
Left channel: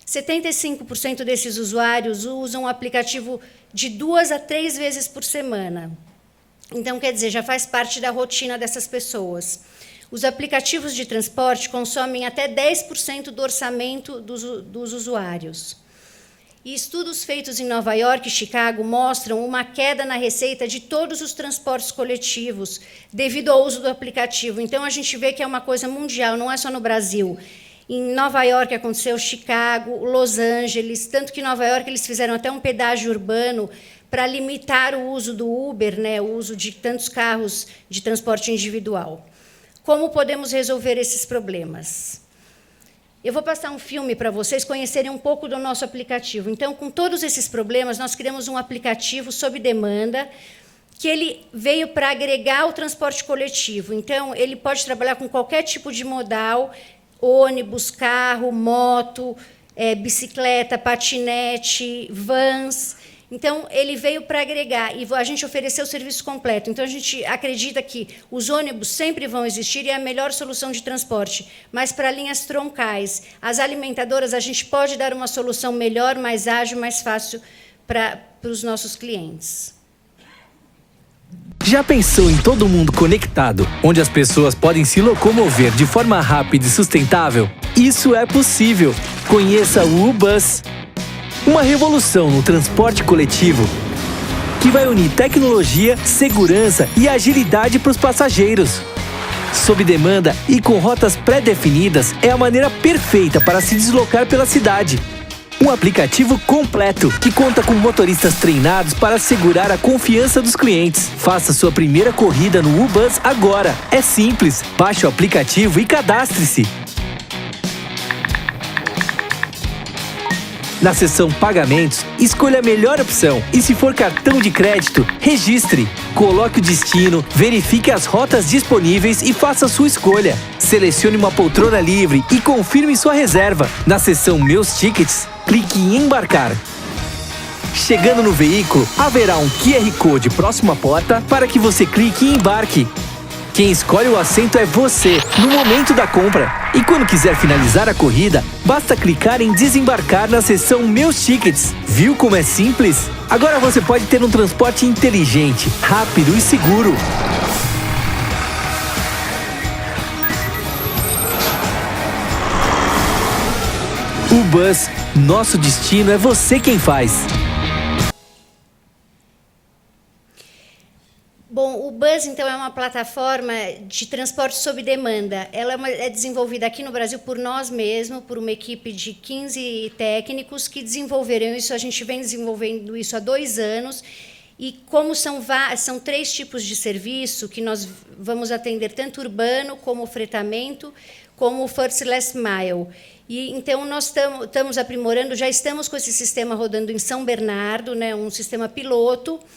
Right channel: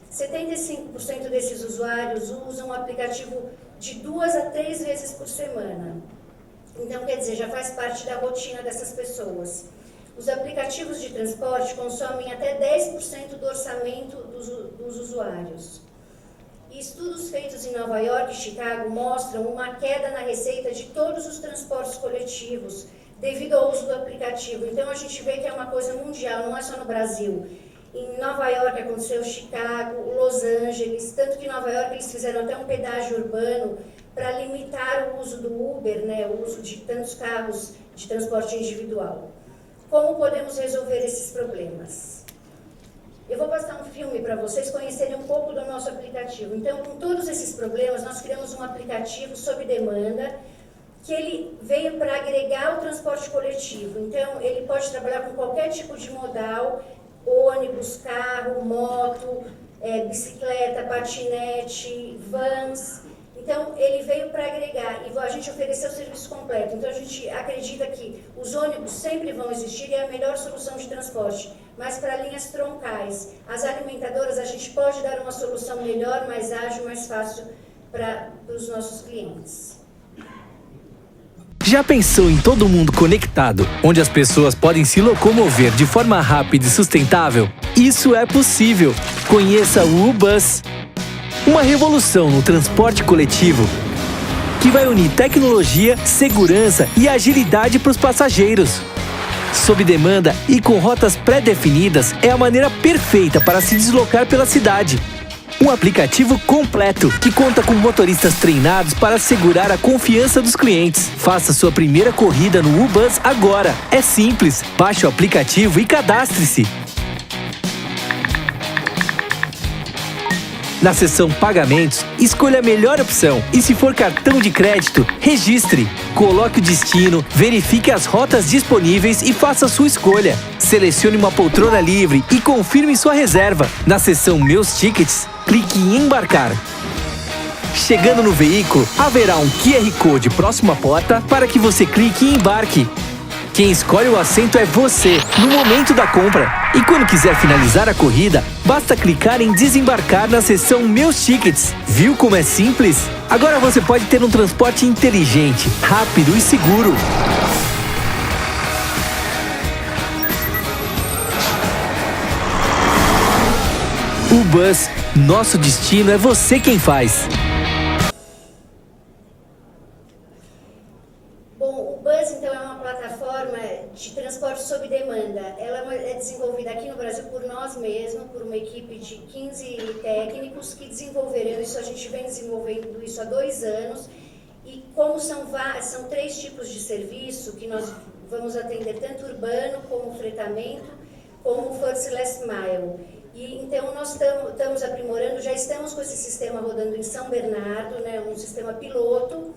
75% desses usuários usam o aplicativo de 2 a 3 vezes por semana. Então, quer dizer, já faz parte da rotina dessas pessoas. Os aplicativos de transporte consomem até 10% do orçamento dos usuários. E estudos feitos em Nova York e Chicago mostram uma queda na receita de todos os transportes coletivos devido ao uso do aplicativo. Então, a gente vê que é uma coisa mundial, não é só no Brasil. Em Nova York aconteceu, Chicago, Los Angeles, tanto que em Nova York eles fizeram até um pedágio urbano para limitar o uso do Uber, o uso de tantos carros de transporte individual. Como podemos resolver esses problemas? Eu vou passar um filme para vocês conhecerem um pouco do nosso aplicativo. Então, com todos esses problemas, nós criamos um aplicativo sob demanda, que ele veio para agregar o transporte coletivo. Então, ele pode trabalhar com qualquer tipo de modal, ônibus, carro, moto, bicicleta, patinete, vans. Então, ele veio para agregar e a gente ofereceu o serviço completo. Então, a gente acredita que os ônibus sempre vão existir e é a melhor solução de transporte. Mas para linhas troncais, as alimentadoras, a gente pode dar uma solução melhor, mais ágil, mais fácil para os nossos clientes. Já pensou em todo mundo conectado, onde as pessoas podem se locomover de forma rápida e sustentável? Isso é possível. Conheça o U-Bus. Uma revolução no transporte coletivo que vai unir tecnologia, segurança e agilidade para os passageiros. Sob demanda e com rotas pré-definidas, é a maneira perfeita para se deslocar pela cidade. Um aplicativo completo que conta com motoristas treinados para assegurar a confiança dos clientes. Faça sua primeira corrida no U-Bus agora. É simples. Baixe o aplicativo e cadastre-se. Na seção Pagamentos, escolha a melhor opção e, se for cartão de crédito, registre. Coloque o destino, verifique as rotas disponíveis e faça sua escolha. Selecione uma poltrona livre e confirme sua reserva. Na seção Meus Tickets, clique em Embarcar. Chegando no veículo, haverá um QR Code próximo à porta para que você clique e embarque. Quem escolhe o assento é você, no momento da compra. E quando quiser finalizar a corrida, basta clicar em desembarcar na seção Meus Tickets. Viu como é simples? Agora você pode ter um transporte inteligente, rápido e seguro. U-Bus, nosso destino é você quem faz. Bom, o Bus, então, é uma plataforma de transporte sob demanda. Ela é desenvolvida aqui no Brasil por nós mesmos, por uma equipe de 15 técnicos que desenvolveram isso. A gente vem desenvolvendo isso há 2 anos. E como são 3 tipos de serviço que nós vamos atender, tanto urbano como fretamento, como o First Last Mile. E então nós estamos aprimorando, já estamos com esse sistema rodando em São Bernardo, né, um sistema piloto,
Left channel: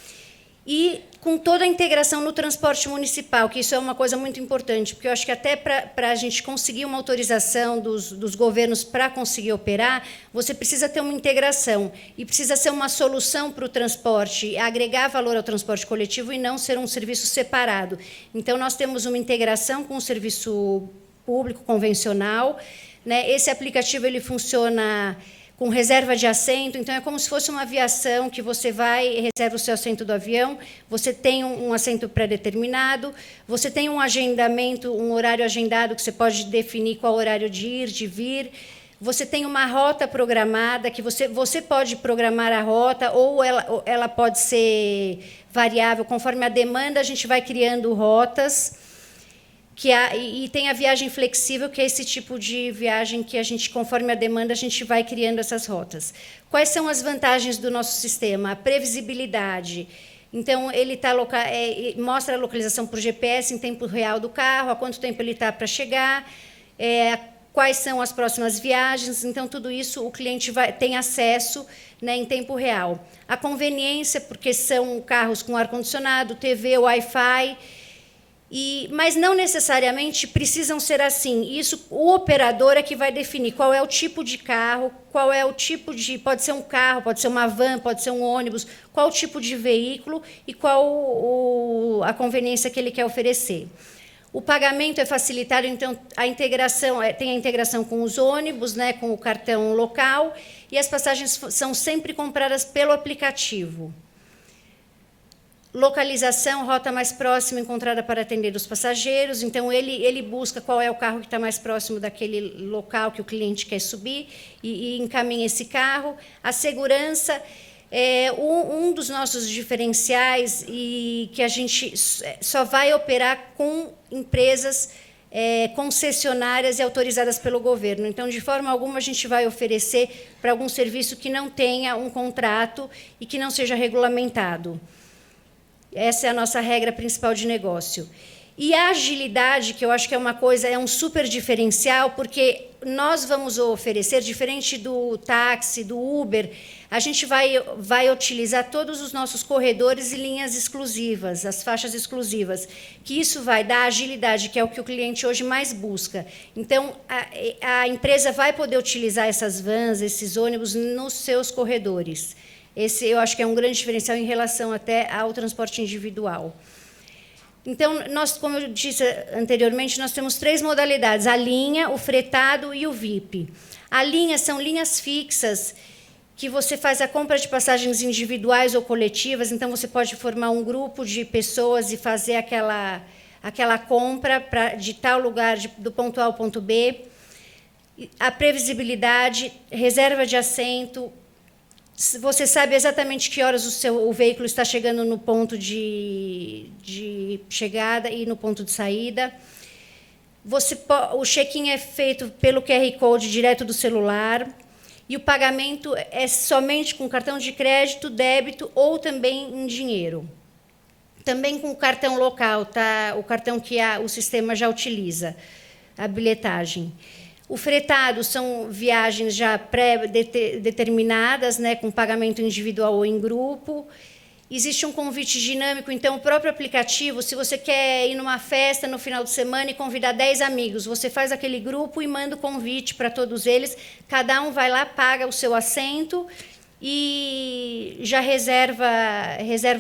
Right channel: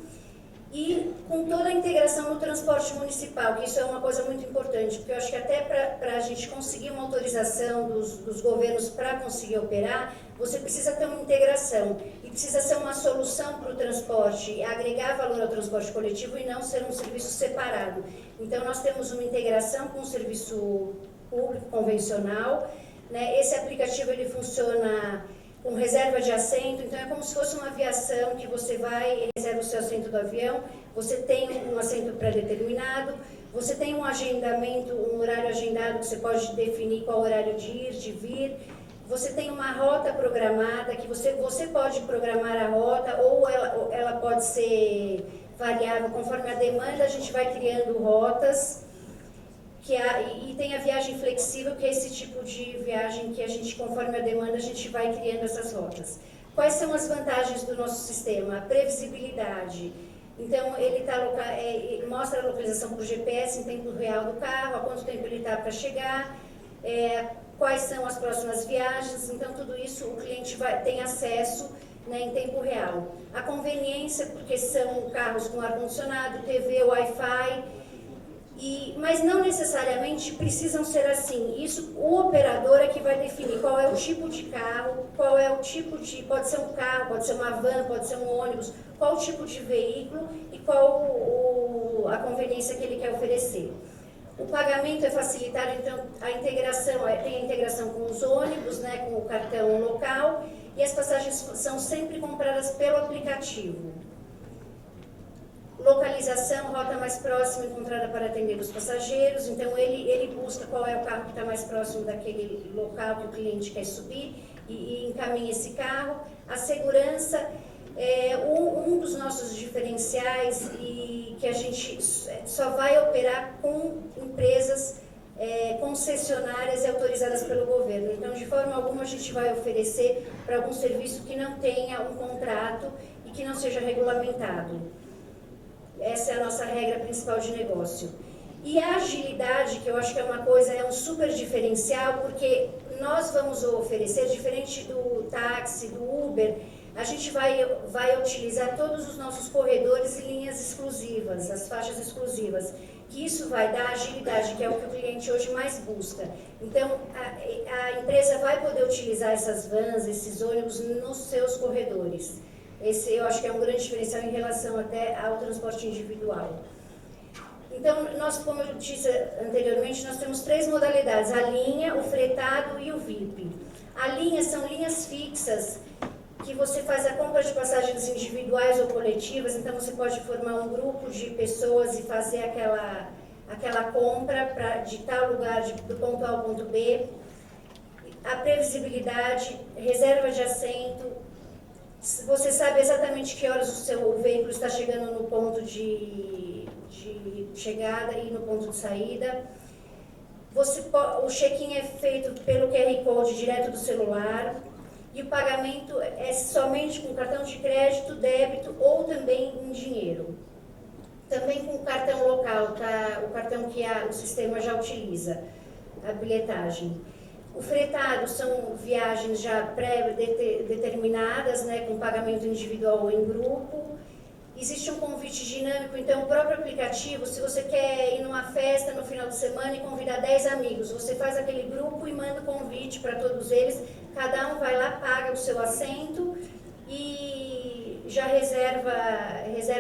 e com toda a integração no transporte municipal, que isso é uma coisa muito importante, porque eu acho que até para a gente conseguir uma autorização dos governos para conseguir operar, você precisa ter uma integração e precisa ser uma solução para o transporte, agregar valor ao transporte coletivo e não ser um serviço separado. Então nós temos uma integração com o serviço público convencional, né? Esse aplicativo ele funciona com reserva de assento, então é como se fosse uma aviação que você vai e reserva o seu assento do avião, você tem um assento pré-determinado, você tem um agendamento, um horário agendado que você pode definir qual horário de ir, de vir, você tem uma rota programada que você pode programar a rota ou ela pode ser variável, conforme a demanda a gente vai criando rotas. E tem a viagem flexível, que é esse tipo de viagem que a gente, conforme a demanda, a gente vai criando essas rotas. Quais são as vantagens do nosso sistema? A previsibilidade. Então, ele mostra a localização por GPS em tempo real do carro, há quanto tempo ele está para chegar, quais são as próximas viagens. Então, tudo isso o cliente tem acesso, né, em tempo real. A conveniência, porque são carros com ar-condicionado, TV, Wi-Fi. Mas não necessariamente precisam ser assim. Isso, o operador é que vai definir qual é o tipo de carro, qual é o tipo de... Pode ser um carro, pode ser uma van, pode ser um ônibus, qual o tipo de veículo e qual a conveniência que ele quer oferecer. O pagamento é facilitado, então a integração tem a integração com os ônibus, né, com o cartão local, e as passagens são sempre compradas pelo aplicativo. Localização, rota mais próxima encontrada para atender os passageiros. Então, ele busca qual é o carro que está mais próximo daquele local que o cliente quer subir e encaminha esse carro. A segurança é um dos nossos diferenciais e que a gente só vai operar com empresas concessionárias e autorizadas pelo governo. Então, de forma alguma, a gente vai oferecer para algum serviço que não tenha um contrato e que não seja regulamentado. Essa é a nossa regra principal de negócio. E a agilidade, que eu acho que é um super diferencial, porque nós vamos oferecer, diferente do táxi, do Uber, a gente vai utilizar todos os nossos corredores e linhas exclusivas, as faixas exclusivas, que isso vai dar agilidade, que é o que o cliente hoje mais busca. Então, a empresa vai poder utilizar essas vans, esses ônibus nos seus corredores. Esse eu acho que é um grande diferencial em relação até ao transporte individual. Então, nós, como eu disse anteriormente, nós temos 3 modalidades: a linha, o fretado e o VIP. A linha são linhas fixas, que você faz a compra de passagens individuais ou coletivas, então você pode formar um grupo de pessoas e fazer aquela compra de tal lugar, do ponto A ao ponto B. A previsibilidade, reserva de assento, Você sabe exatamente que horas o veículo está chegando no ponto de chegada e no ponto de saída. O check-in é feito pelo QR Code direto do celular e o pagamento é somente com cartão de crédito, débito ou também em dinheiro. Também com o cartão local, tá? O cartão que o sistema já utiliza, a bilhetagem. O fretado são viagens já pré-determinadas, né, com pagamento individual ou em grupo. Existe um convite dinâmico, então o próprio aplicativo, se você quer ir numa festa no final de semana e convidar 10 amigos, você faz aquele grupo e manda o convite para todos eles, cada um vai lá, paga o seu assento e já reserva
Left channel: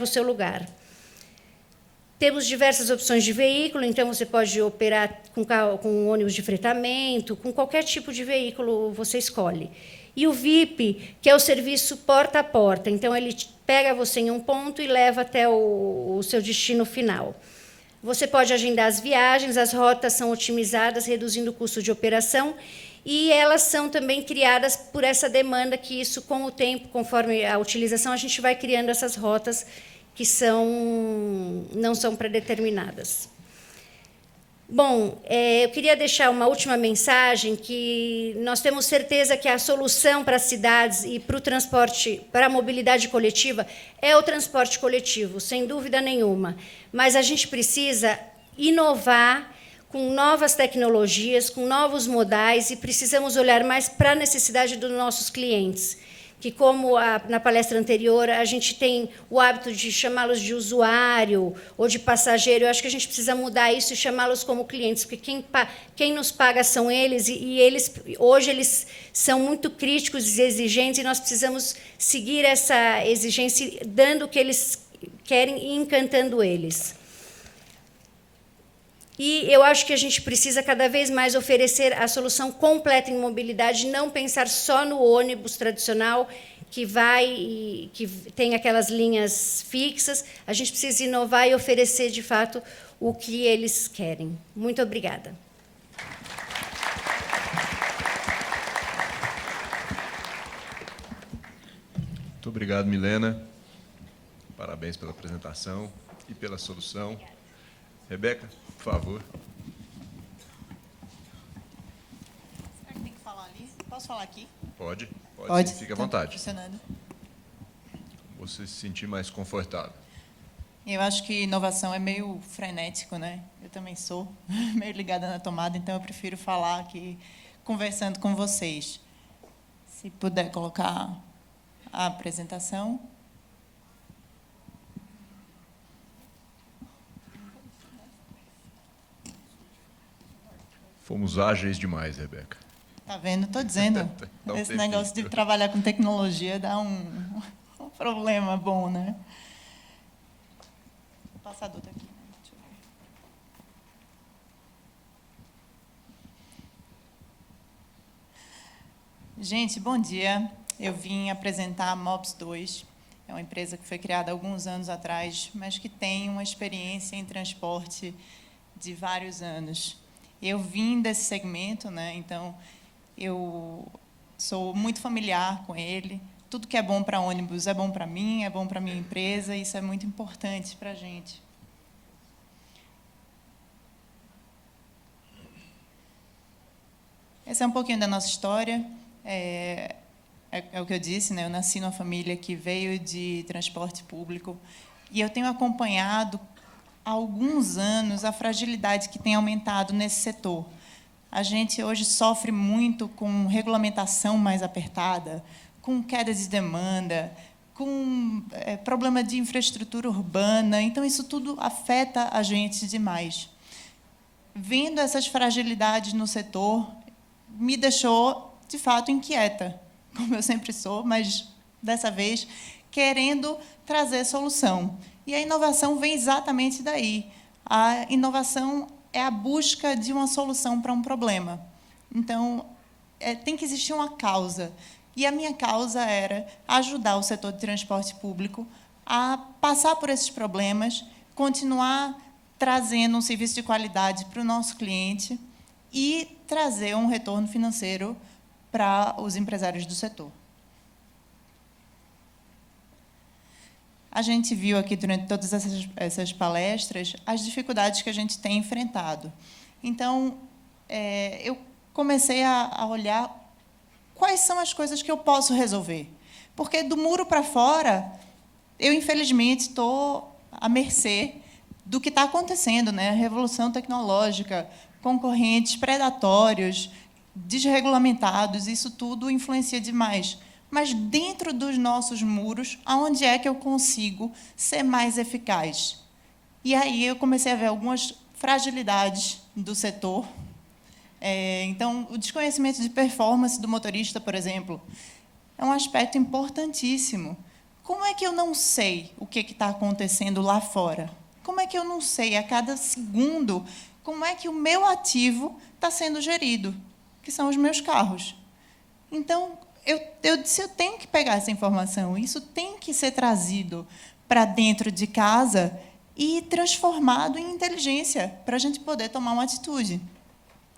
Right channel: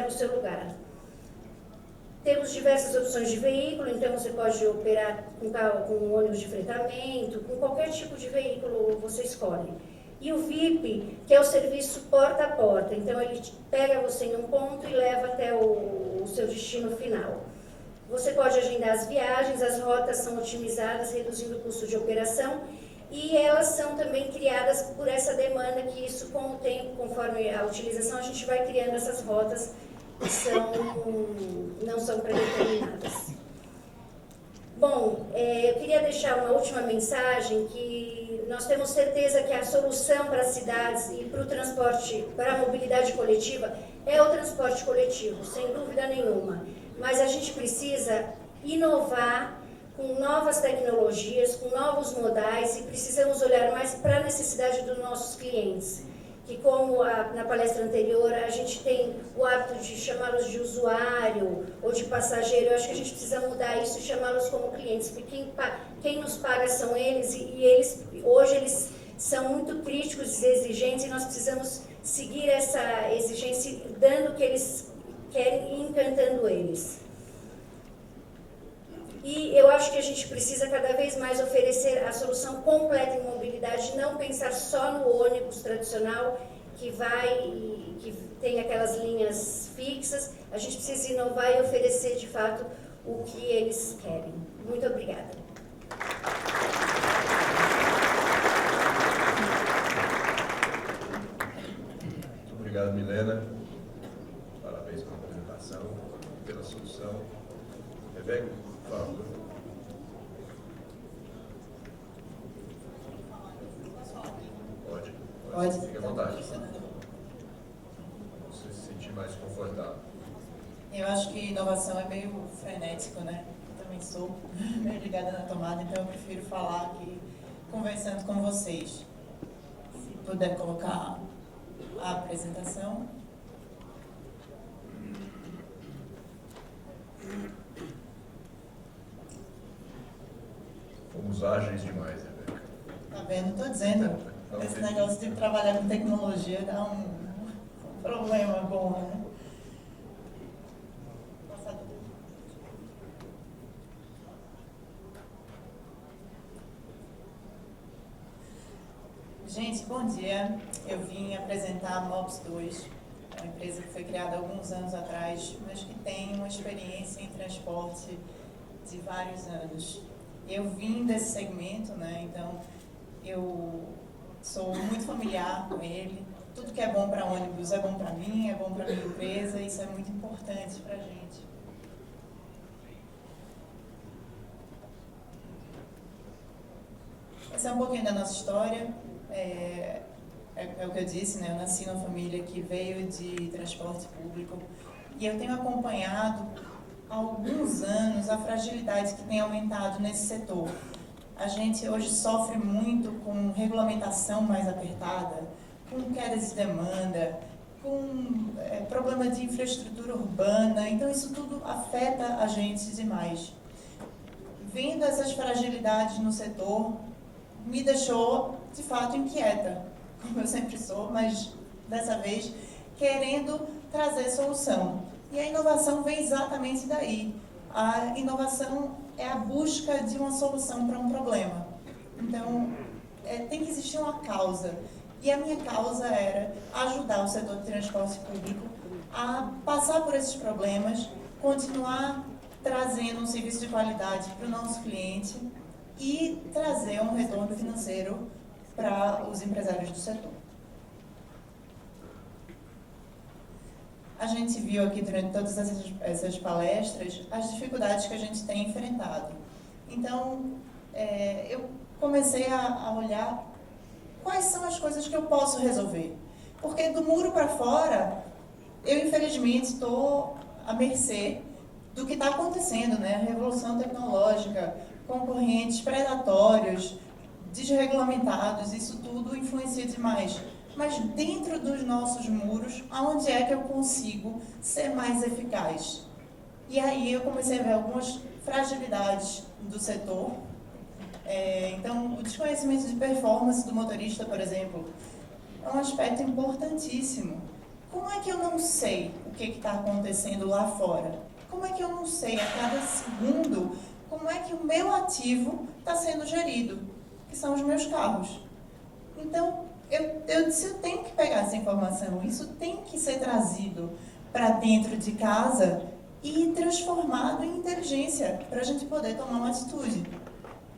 o seu lugar. Temos diversas opções de veículo, então você pode operar com ônibus de fretamento, com qualquer tipo de veículo você escolhe. E o VIP, que é o serviço porta a porta, então ele pega você em um ponto e leva até o seu destino final. Você pode agendar as viagens, as rotas são otimizadas, reduzindo o custo de operação, e elas são também criadas por essa demanda, que isso com o tempo, conforme a utilização, a gente vai criando essas rotas que não são pré-determinadas. Bom, eu queria deixar uma última mensagem, que nós temos certeza que a solução para as cidades e para o transporte, para a mobilidade coletiva, é o transporte coletivo, sem dúvida nenhuma. Mas a gente precisa inovar com novas tecnologias, com novos modais, e precisamos olhar mais para a necessidade dos nossos clientes. Que, como na palestra anterior, a gente tem o hábito de chamá-los de usuário ou de passageiro. Eu acho que a gente precisa mudar isso e chamá-los como clientes, porque quem nos paga são eles, e hoje eles são muito críticos e exigentes, e nós precisamos seguir essa exigência, dando o que eles querem e encantando eles. E eu acho que a gente precisa cada vez mais oferecer a solução completa em mobilidade, não pensar só no ônibus tradicional que tem aquelas linhas fixas. A gente precisa inovar e oferecer de fato o que eles querem. Muito obrigada. Muito obrigado, Milena. Parabéns pela apresentação e pela solução. Rebeca, por favor. Tem que falar ali? Posso falar aqui? Pode. Fique à Tá vontade. funcionando. Você se sentir mais confortável. Eu acho que inovação é meio frenético, né? Eu também sou meio ligada na tomada, então eu prefiro falar aqui conversando com vocês. Se puder colocar a apresentação. Fomos ágeis demais, Rebeca. Tá vendo? Tô dizendo. Esse negócio de trabalhar com tecnologia dá um problema bom, né? Passador aqui. Gente, bom dia. Eu vim apresentar a Mobs 2. É uma empresa que foi criada há alguns anos atrás, mas que tem uma experiência em transporte de vários anos. Eu vim desse segmento, né? Então eu sou muito familiar com ele. Tudo que é bom para ônibus é bom para mim, é bom para minha empresa, e isso é muito importante para a gente. Essa é um pouquinho da nossa história. É o que eu disse, né? Eu nasci numa família que veio de transporte público, e eu tenho acompanhado há alguns anos a fragilidade que tem aumentado nesse setor. A gente hoje sofre muito com regulamentação mais apertada, com queda de demanda, com problema de infraestrutura urbana. Então, isso tudo afeta a gente demais. Vendo essas fragilidades no setor, me deixou, de fato, inquieta, como eu sempre sou, mas, dessa vez, querendo trazer solução. E a inovação vem exatamente daí. A inovação é a busca de uma solução para um problema. Então, tem que existir uma causa. E a minha causa era ajudar o setor de transporte público a passar por esses problemas, continuar trazendo um serviço de qualidade para o nosso cliente e trazer um retorno financeiro para os empresários do setor. a gente viu aqui durante todas essas palestras as dificuldades que a gente tem enfrentado. Então, eu comecei a olhar quais são as coisas que eu posso resolver. Porque do muro para fora, eu, infelizmente, estou à mercê do que está acontecendo, né? Revolução tecnológica, concorrentes predatórios, desregulamentados, isso tudo influencia demais. Mas dentro dos nossos muros, aonde é que eu consigo ser mais eficaz? E aí eu comecei a ver algumas fragilidades do setor. Então, o desconhecimento de performance do motorista, por exemplo, é um aspecto importantíssimo. Como é que eu não sei o que está acontecendo lá fora? Como é que eu não sei a cada segundo como é que o meu ativo está sendo gerido, que são os meus carros? Então, eu disse, eu tenho que pegar essa informação, isso tem que ser trazido para dentro de casa e transformado em inteligência, para a gente poder tomar uma atitude.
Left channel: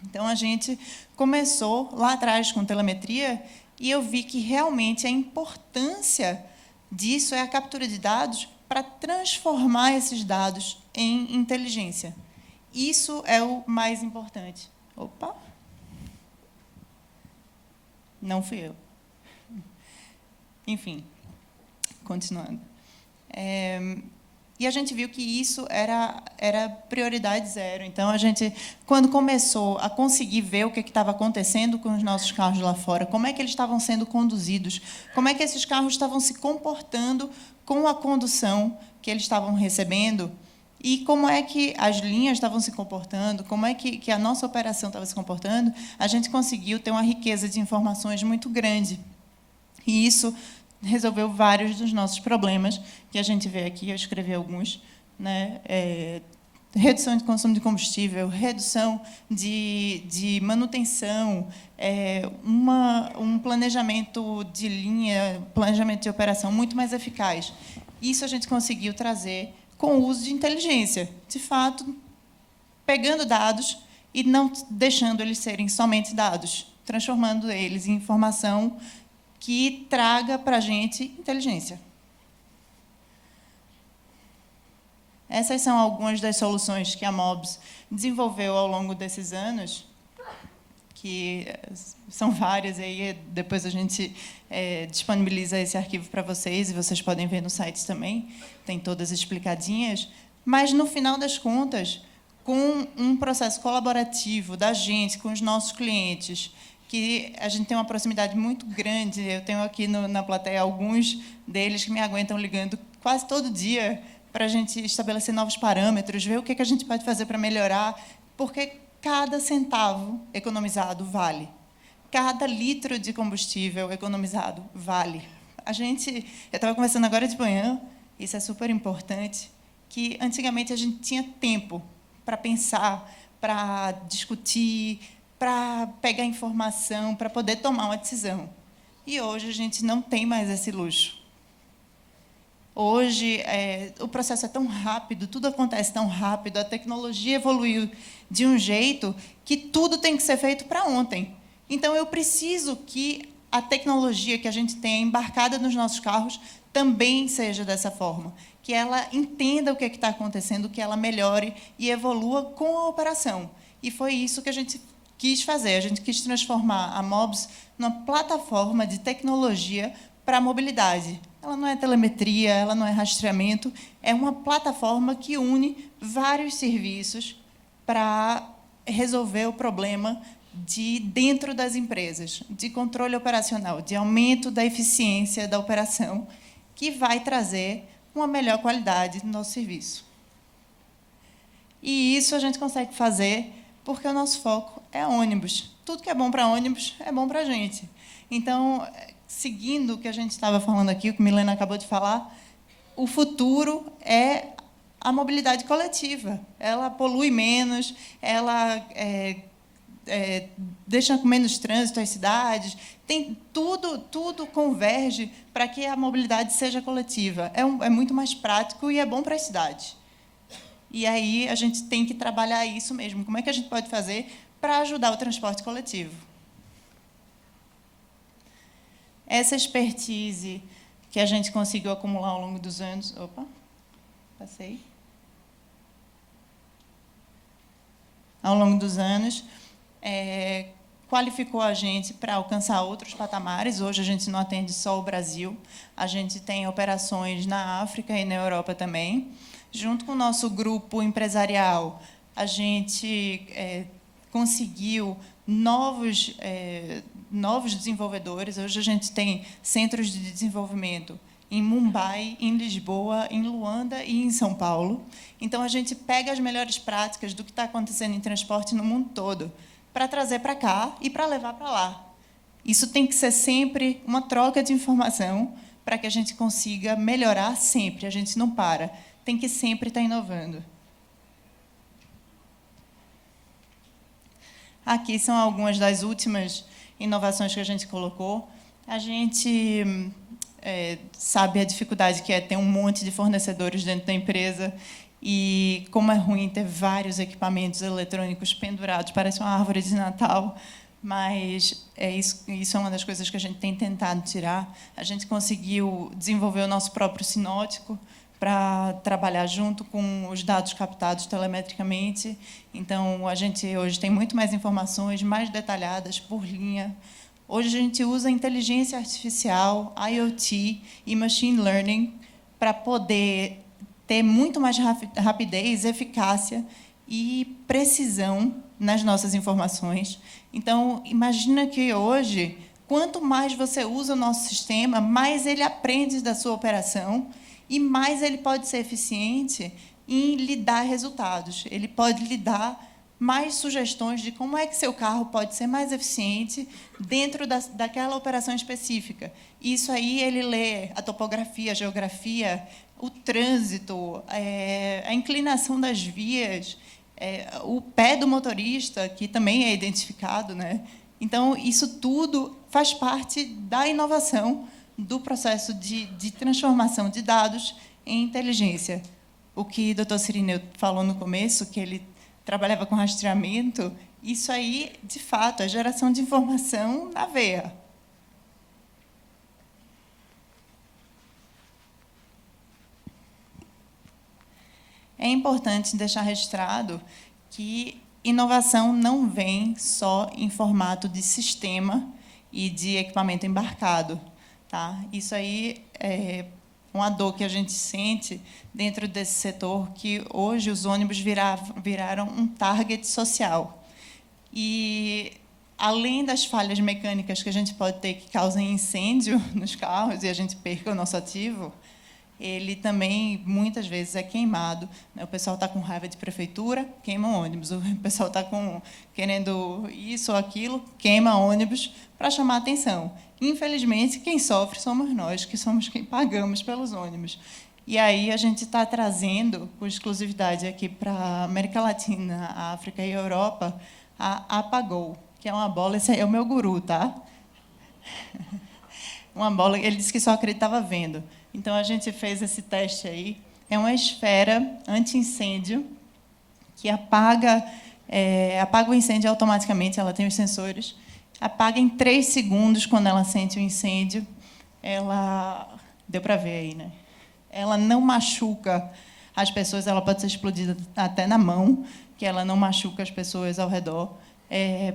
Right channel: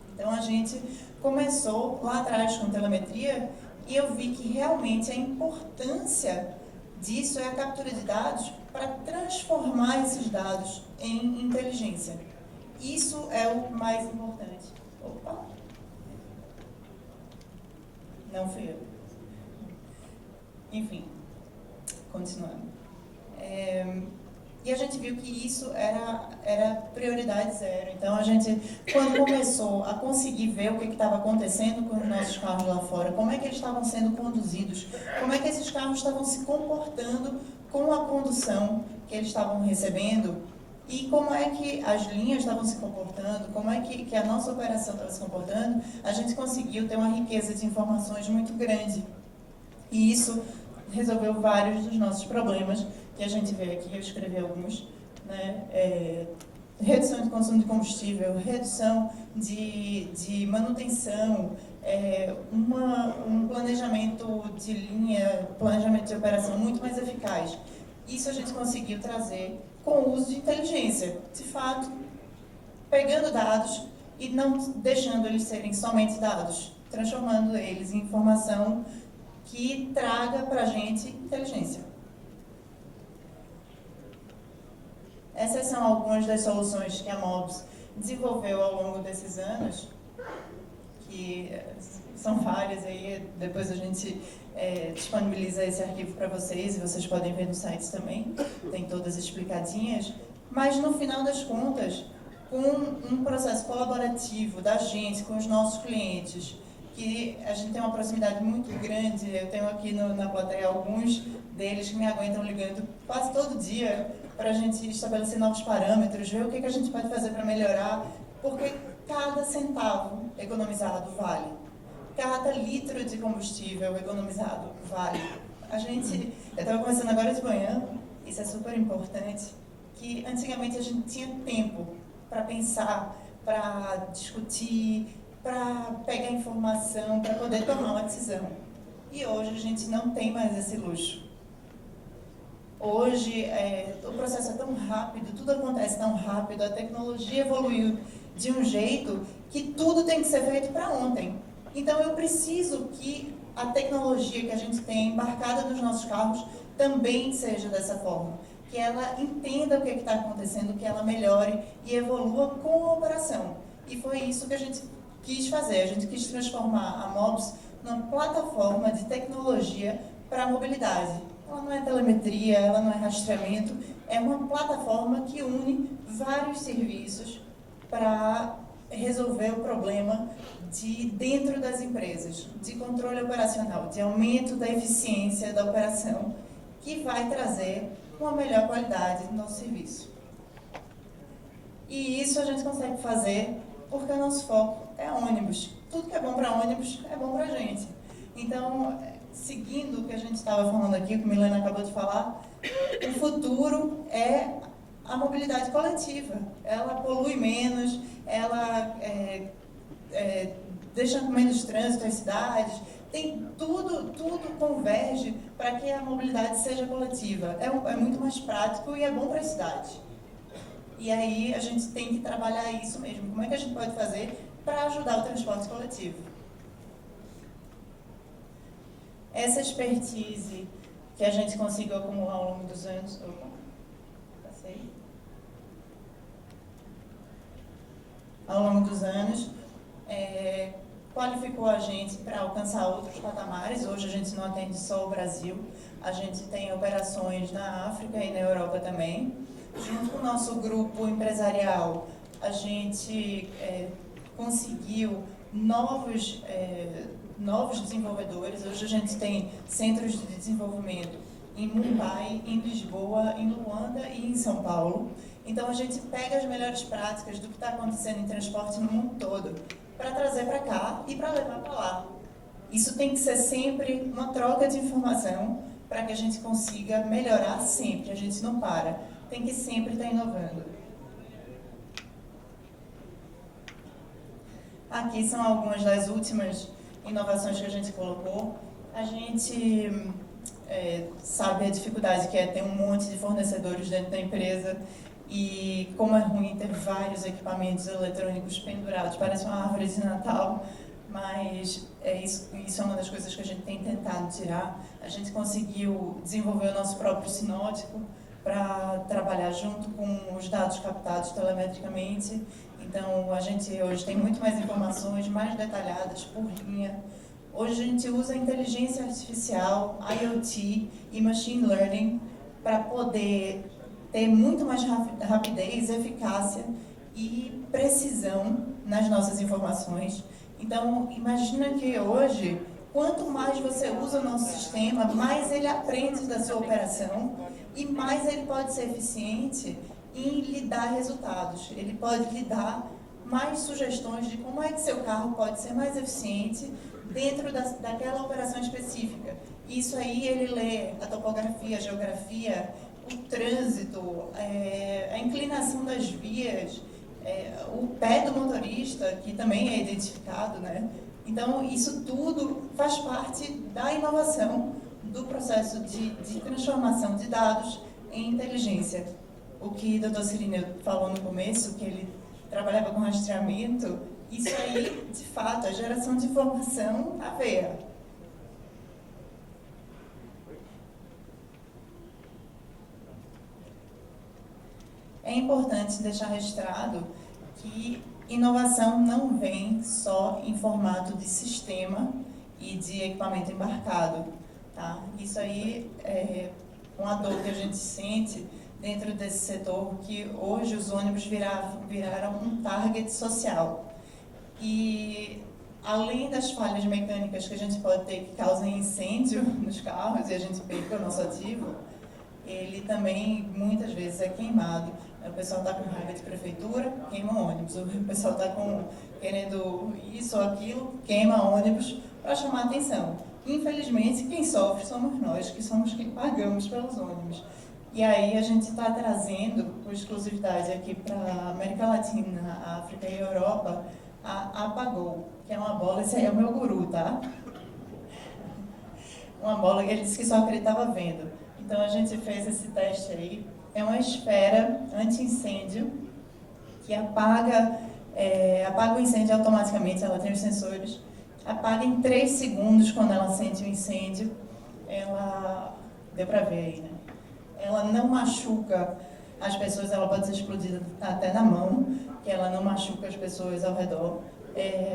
Então, a gente começou lá atrás com telemetria e eu vi que realmente a importância disso é a captura de dados para transformar esses dados em inteligência. Isso é o mais importante. Opa! Não fui eu. Enfim, continuando. E a gente viu que isso era prioridade zero. Então, a gente, quando começou a conseguir ver o que estava acontecendo com os nossos carros lá fora, como é que eles estavam sendo conduzidos, como é que esses carros estavam se comportando com a condução que eles estavam recebendo e como é que as linhas estavam se comportando, como é que a nossa operação estava se comportando, a gente conseguiu ter uma riqueza de informações muito grande. E isso resolveu vários dos nossos problemas que a gente vê aqui, eu escrevi alguns, né? Redução de consumo de combustível, redução de manutenção, um planejamento de linha, planejamento de operação muito mais eficaz. Isso a gente conseguiu trazer com o uso de inteligência, de fato, pegando dados e não deixando eles serem somente dados, transformando eles em informação que traga para a gente inteligência. Essas são algumas das soluções que a Mobs desenvolveu ao longo desses anos, que são várias, aí depois a gente disponibiliza esse arquivo para vocês, e vocês podem ver no site também, tem todas explicadinhas, mas no final das contas, com um processo colaborativo da gente, com os nossos clientes, que a gente tem uma proximidade muito grande, eu tenho aqui na plateia alguns deles que me aguentam ligando quase todo dia para a gente estabelecer novos parâmetros, ver o que a gente pode fazer para melhorar, porque cada centavo economizado vale. Cada litro de combustível economizado vale. Eu estava conversando agora de manhã, isso é super importante, que antigamente a gente tinha tempo para pensar, para discutir, para pegar informação, para poder tomar uma decisão. E hoje a gente não tem mais esse luxo. Hoje, o processo é tão rápido, tudo acontece tão rápido, a tecnologia evoluiu de um jeito que tudo tem que ser feito para ontem. Então, eu preciso que a tecnologia que a gente tem embarcada nos nossos carros também seja dessa forma, que ela entenda o que está acontecendo, que ela melhore e evolua com a operação. E foi isso que a gente quis fazer, a gente quis transformar a Mobs numa plataforma de tecnologia para a mobilidade. Ela não é telemetria, ela não é rastreamento, é uma plataforma que une vários serviços para resolver o problema de dentro das empresas, de controle operacional, de aumento da eficiência da operação, que vai trazer uma melhor qualidade do nosso serviço. E isso a gente consegue fazer porque o nosso foco é ônibus. Tudo que é bom para ônibus é bom para a gente. Então, seguindo o que a gente estava falando aqui, o que a Milena acabou de falar, o futuro é a mobilidade coletiva. Ela polui menos, ela deixa com menos trânsito as cidades, tem tudo converge para que a mobilidade seja coletiva. É muito mais prático e é bom para as cidades. E aí a gente tem que trabalhar isso mesmo. Como é que a gente pode fazer para ajudar o transporte coletivo? Essa expertise que a gente conseguiu acumular ao longo dos anos. Opa, passei. Ao longo dos anos, qualificou a gente para alcançar outros patamares. Hoje a gente não atende só o Brasil, a gente tem operações na África e na Europa também. Junto com o nosso grupo empresarial, a gente conseguiu novos desenvolvedores. Hoje a gente tem centros de desenvolvimento em Mumbai, em Lisboa, em Luanda e em São Paulo. Então, a gente pega as melhores práticas do que está acontecendo em transporte no mundo todo para trazer para cá e para levar para lá. Isso tem que ser sempre uma troca de informação para que a gente consiga melhorar sempre. A gente não para, tem que sempre estar inovando. Aqui são algumas das últimas inovações que a gente colocou. A gente sabe a dificuldade que é ter um monte de fornecedores dentro da empresa e como é ruim ter vários equipamentos eletrônicos pendurados, parece uma árvore de Natal, mas isso é uma das coisas que a gente tem tentado tirar. A gente conseguiu desenvolver o nosso próprio sinótico para trabalhar junto com os dados captados telemetricamente. Então, a gente hoje tem muito mais informações, mais detalhadas por linha. Hoje a gente usa inteligência artificial, IoT e machine learning para poder ter muito mais rapidez, eficácia e precisão nas nossas informações. Então, imagina que hoje, quanto mais você usa o nosso sistema, mais ele aprende da sua operação e mais ele pode ser eficiente em lhe dar resultados. Ele pode lhe dar mais sugestões de como é que seu carro pode ser mais eficiente dentro daquela operação específica. Isso aí ele lê a topografia, a geografia, o trânsito, a inclinação das vias, o pé do motorista, que também é identificado, né? Então, isso tudo faz parte da inovação do processo de transformação de dados em inteligência. O que o Dr. Cirineu falou no começo, que ele trabalhava com rastreamento, isso aí, de fato, é geração de informação na veia. É importante deixar registrado que inovação não vem só em formato de sistema e de equipamento embarcado. Tá? Isso aí é uma dor que a gente sente dentro desse setor, que hoje os ônibus viraram um target social. E, além das falhas mecânicas que a gente pode ter que causem incêndio nos carros e a gente perca o nosso ativo, ele também, muitas vezes, é queimado. O pessoal está com raiva de prefeitura, queima ônibus. O pessoal está querendo isso ou aquilo, queima ônibus para chamar a atenção. Infelizmente, quem sofre somos nós, que somos quem pagamos pelos ônibus. E aí a gente está trazendo, com exclusividade aqui para a América Latina, a África e a Europa, a Apagou, que é uma bola, esse aí é o meu guru, tá? Uma bola que ele disse que só acreditava vendo. Então, a gente fez esse teste aí. É uma esfera anti-incêndio que apaga o incêndio automaticamente, ela tem os sensores. Apaga em 3 segundos quando ela sente o incêndio. Ela... Deu para ver aí, né? Ela não machuca as pessoas, ela pode ser explodida até na mão, que ela não machuca as pessoas ao redor.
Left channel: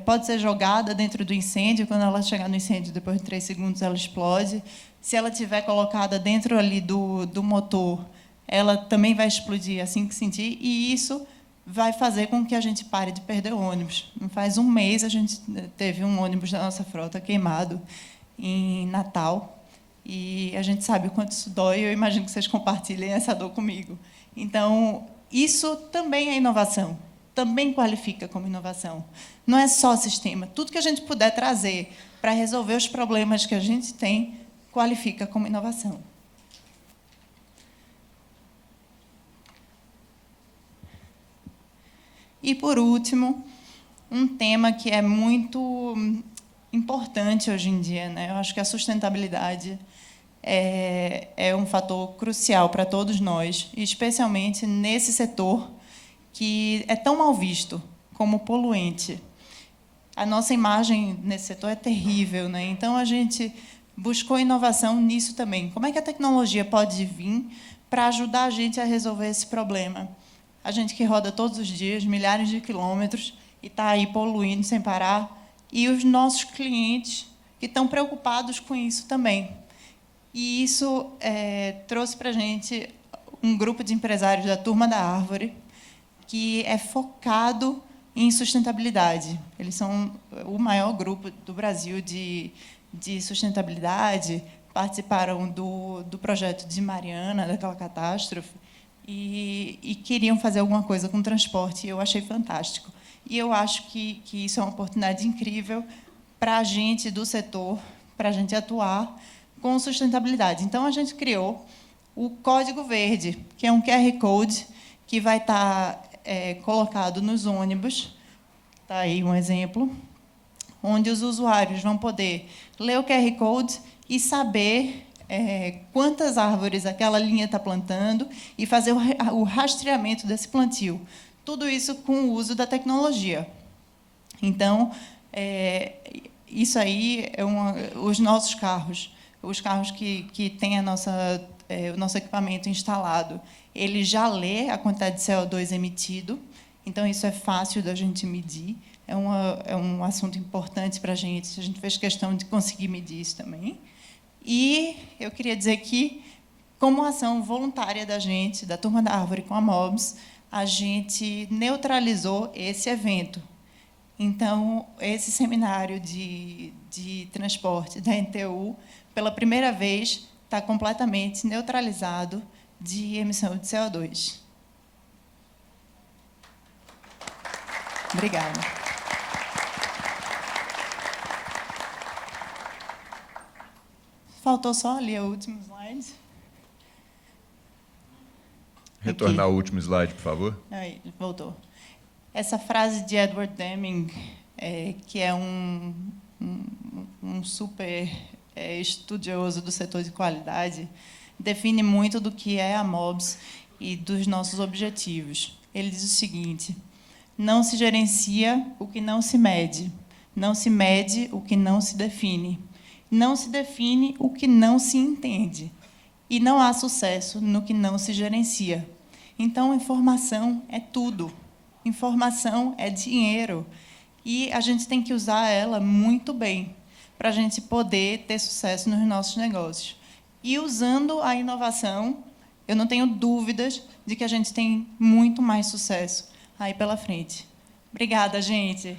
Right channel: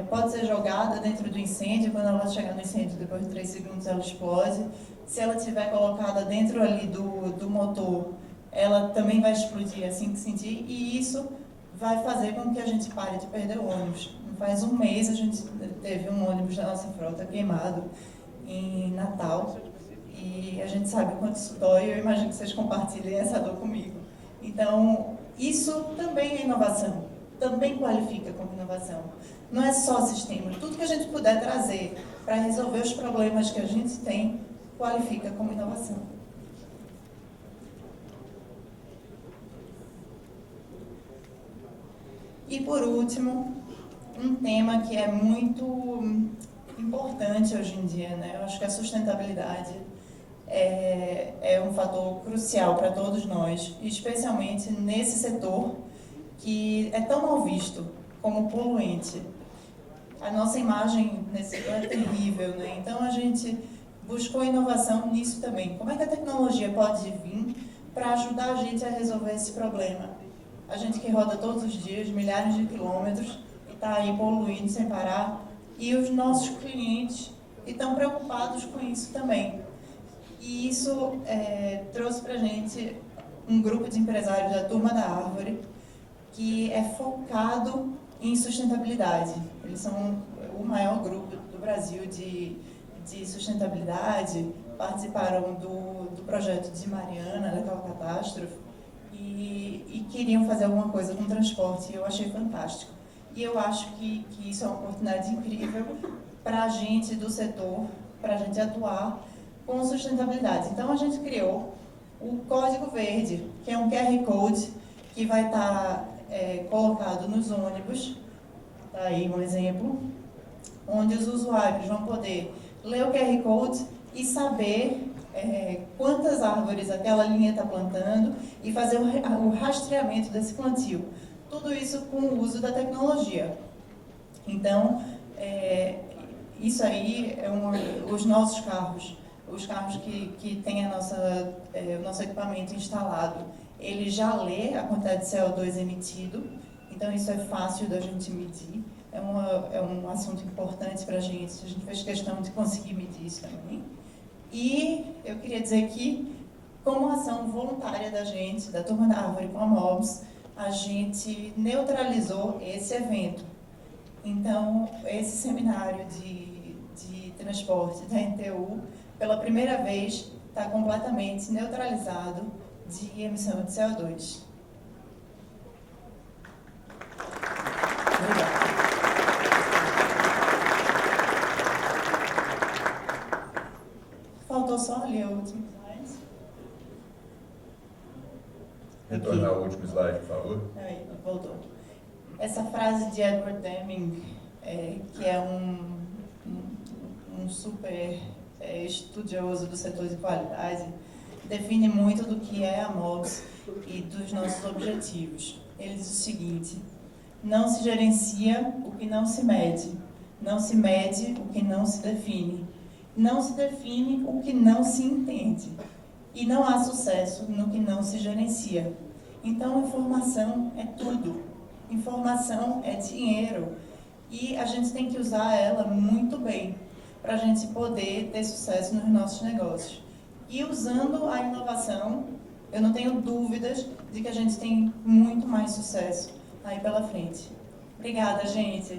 Pode ser jogada dentro do incêndio, quando ela chegar no incêndio, depois de 3 segundos ela explode. Se ela estiver colocada dentro ali do motor, ela também vai explodir assim que sentir, e isso vai fazer com que a gente pare de perder o ônibus. Faz um mês a gente teve um ônibus da nossa frota queimado em Natal, e a gente sabe o quanto isso dói, eu imagino que vocês compartilhem essa dor comigo. Então, isso também é inovação, também qualifica como inovação. Não é só sistema, tudo que a gente puder trazer para resolver os problemas que a gente tem, qualifica como inovação. E, por último, um tema que é muito importante hoje em dia, né? Eu acho que a sustentabilidade é um fator crucial para todos nós, especialmente nesse setor que é tão mal visto como poluente. A nossa imagem nesse setor é terrível, né? Então, a gente buscou inovação nisso também. Como é que a tecnologia pode vir para ajudar a gente a resolver esse problema? A gente que roda todos os dias, milhares de quilômetros, e está aí poluindo sem parar, e os nossos clientes que estão preocupados com isso também. E isso trouxe para a gente um grupo de empresários da Turma da Árvore, que é focado em sustentabilidade. Eles são o maior grupo do Brasil de sustentabilidade, participaram do projeto de Mariana, daquela catástrofe, e queriam fazer alguma coisa com transporte, e eu achei fantástico. E eu acho que isso é uma oportunidade incrível para a gente do setor, para a gente atuar com sustentabilidade. Então, a gente criou o Código Verde, que é um QR Code que vai estar colocado nos ônibus, está aí um exemplo, onde os usuários vão poder ler o QR Code e saber quantas árvores aquela linha está plantando e fazer o rastreamento desse plantio. Tudo isso com o uso da tecnologia. Então, isso aí os nossos carros, os carros que têm o nosso equipamento instalado, ele já lê a quantidade de CO2 emitido, então isso é fácil da gente medir, é um assunto importante para a gente fez questão de conseguir medir isso também. E eu queria dizer que, como ação voluntária da gente, da Turma da Árvore com a MOBS, a gente neutralizou esse evento. Então, esse seminário de transporte da NTU, pela primeira vez, está completamente neutralizado de emissão de CO2. Obrigada. Faltou só ali o último slide. Retornar ao último slide, por favor. Aí, voltou. Essa frase de Edward Deming, que é um super estudioso do setor de qualidade, define muito do que é a MOBS e dos nossos objetivos. Ele diz o seguinte: não se gerencia o que não se mede, não se mede o que não se define, não se define o que não se entende, e não há sucesso no que não se gerencia. Então, informação é tudo. Informação é dinheiro. E a gente tem que usar ela muito bem para a gente poder ter sucesso nos nossos negócios. E usando a inovação, eu não tenho dúvidas de que a gente tem muito mais sucesso aí pela frente. Obrigada, gente.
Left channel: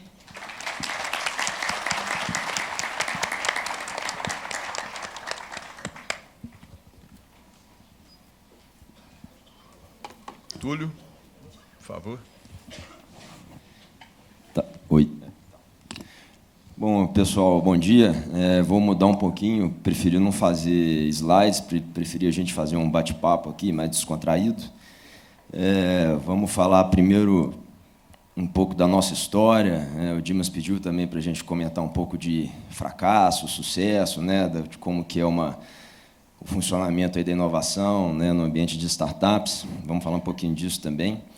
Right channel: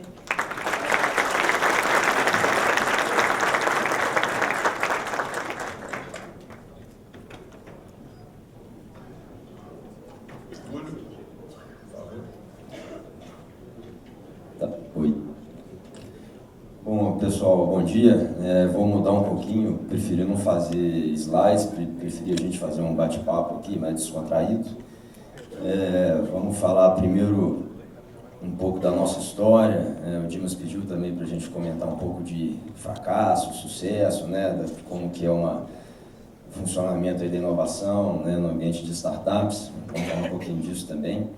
Túlio, por favor. Tá. Oi. Bom, pessoal, bom dia. Vou mudar um pouquinho, preferi não fazer slides, preferi a gente fazer um bate-papo aqui, mais descontraído. Vamos falar primeiro um pouco da nossa história. O Dimas pediu também para a gente comentar um pouco de fracasso, sucesso, de como que é o funcionamento aí da inovação, no ambiente de startups. Vamos falar um pouquinho disso também.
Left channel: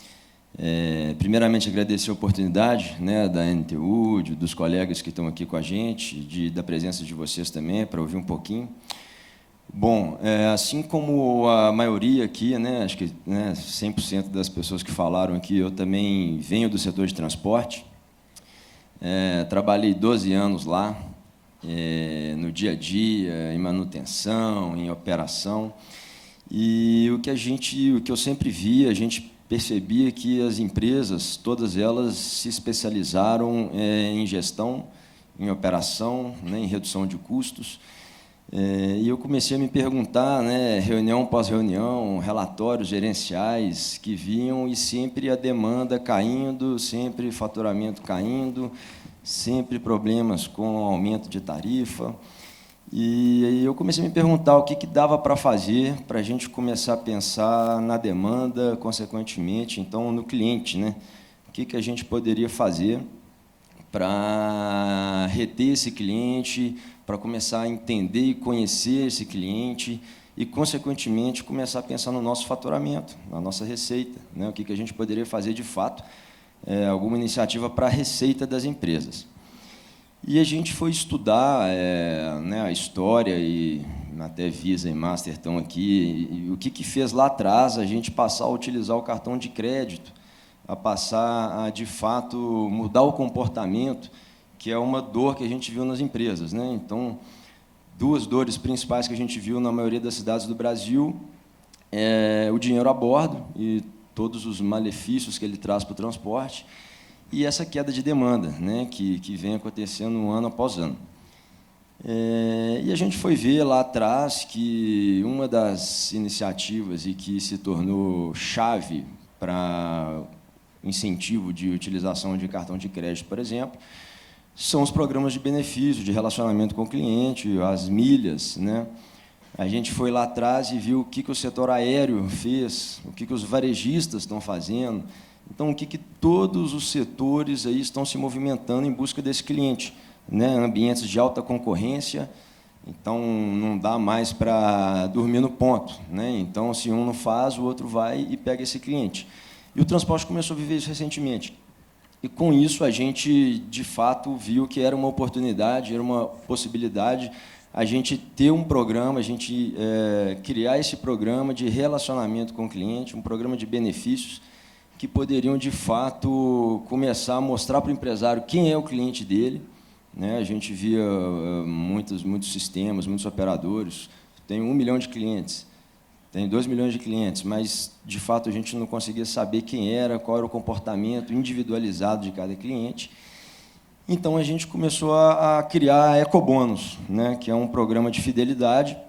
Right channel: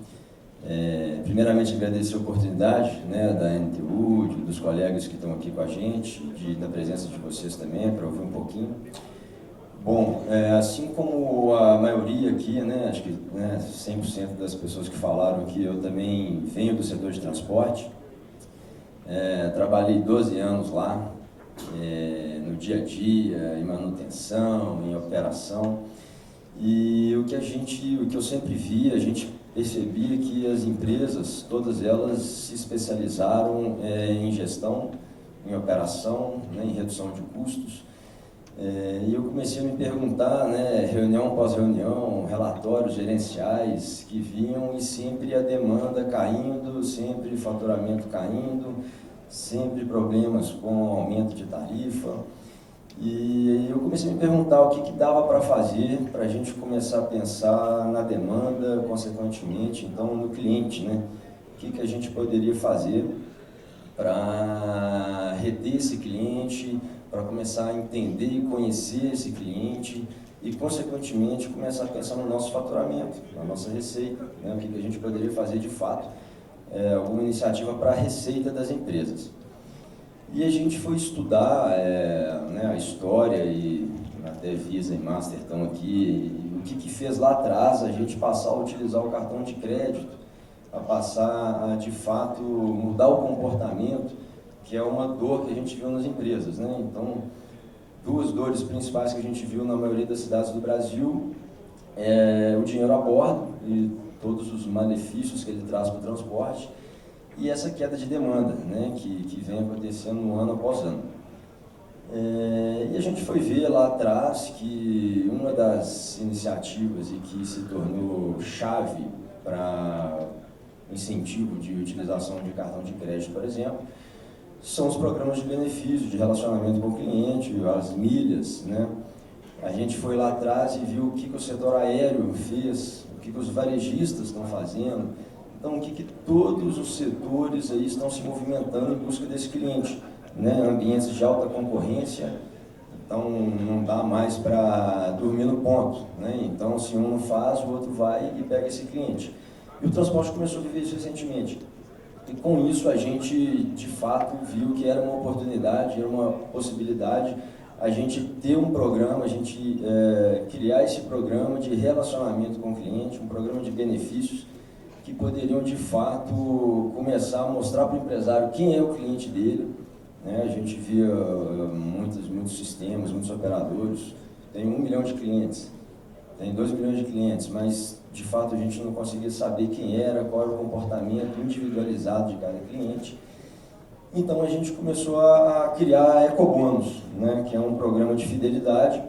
Primeiramente, agradecer a oportunidade da NTU, dos colegas que estão aqui com a gente, da presença de vocês também, para ouvir um pouquinho. Bom, assim como a maioria aqui, acho que 100% das pessoas que falaram aqui, eu também venho do setor de transporte. Trabalhei 12 anos lá, no dia a dia, em manutenção, em operação. E o que eu sempre via, a gente percebia que as empresas, todas elas se especializaram em gestão, em operação, em redução de custos. E eu comecei a me perguntar, reunião após reunião, relatórios gerenciais que vinham e sempre a demanda caindo, sempre faturamento caindo, sempre problemas com aumento de tarifa. E eu comecei a me perguntar o que dava para fazer para a gente começar a pensar na demanda, consequentemente, então, no cliente, O que a gente poderia fazer para reter esse cliente, para começar a entender e conhecer esse cliente e, consequentemente, começar a pensar no nosso faturamento, na nossa receita, O que a gente poderia fazer de fato, alguma iniciativa para a receita das empresas. E a gente foi estudar né, a história, e até Visa e Master estão aqui, e o que fez lá atrás a gente passar a utilizar o cartão de crédito, a passar a, de fato, mudar o comportamento, que é uma dor que a gente viu nas empresas, né? Então, duas dores principais que a gente viu na maioria das cidades do Brasil é o dinheiro a bordo e todos os malefícios que ele traz para o transporte, e essa queda de demanda, né, que vem acontecendo ano após ano. E a gente foi ver lá atrás que uma das iniciativas e que se tornou chave para incentivo de utilização de cartão de crédito, por exemplo, são os programas de benefício, de relacionamento com o cliente, as milhas, né? A gente foi lá atrás e viu o que o setor aéreo fez, o que os varejistas estão fazendo. Então, o que todos os setores aí estão se movimentando em busca desse cliente, né? Ambientes de alta concorrência, então não dá mais para dormir no ponto, né? Então, se um não faz, o outro vai e pega esse cliente. E o transporte começou a viver isso recentemente. E com isso a gente, de fato, viu que era uma oportunidade, era uma possibilidade a gente ter um programa, a gente criar esse programa de relacionamento com o cliente, um programa de benefícios que poderiam, de fato, começar a mostrar para o empresário quem é o cliente dele, né? A gente via muitos sistemas, muitos operadores, tem 1 milhão de clientes, tem 2 milhões de clientes, mas, de fato, a gente não conseguia saber quem era, qual era o comportamento individualizado de cada cliente. Então, a gente começou a criar a Ecobônus, né, que é um programa de fidelidade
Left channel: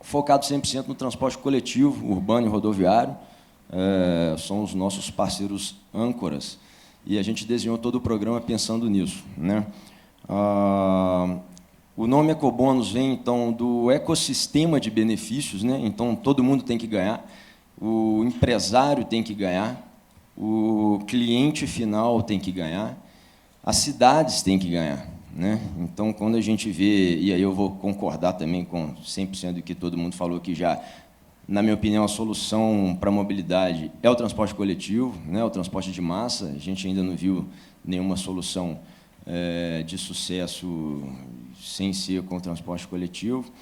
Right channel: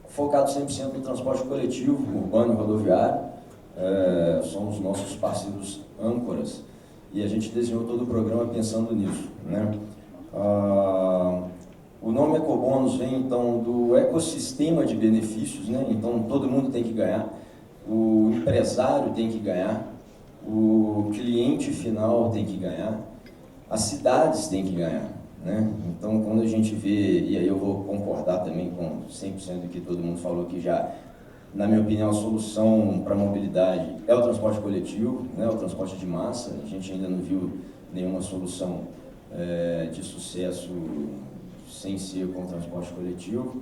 focado 100% no transporte coletivo, urbano e rodoviário. São os nossos parceiros âncoras, e a gente desenhou todo o programa pensando nisso, né? O nome Ecobônus vem, então, do ecossistema de benefícios, né? Então, todo mundo tem que ganhar, o empresário tem que ganhar, o cliente final tem que ganhar, as cidades têm que ganhar, né? Então, quando a gente vê, e aí eu vou concordar também com 100% do que todo mundo falou aqui já, na minha opinião, a solução para a mobilidade é o transporte coletivo, né? O transporte de massa. A gente ainda não viu nenhuma solução de sucesso sem ser com o transporte coletivo.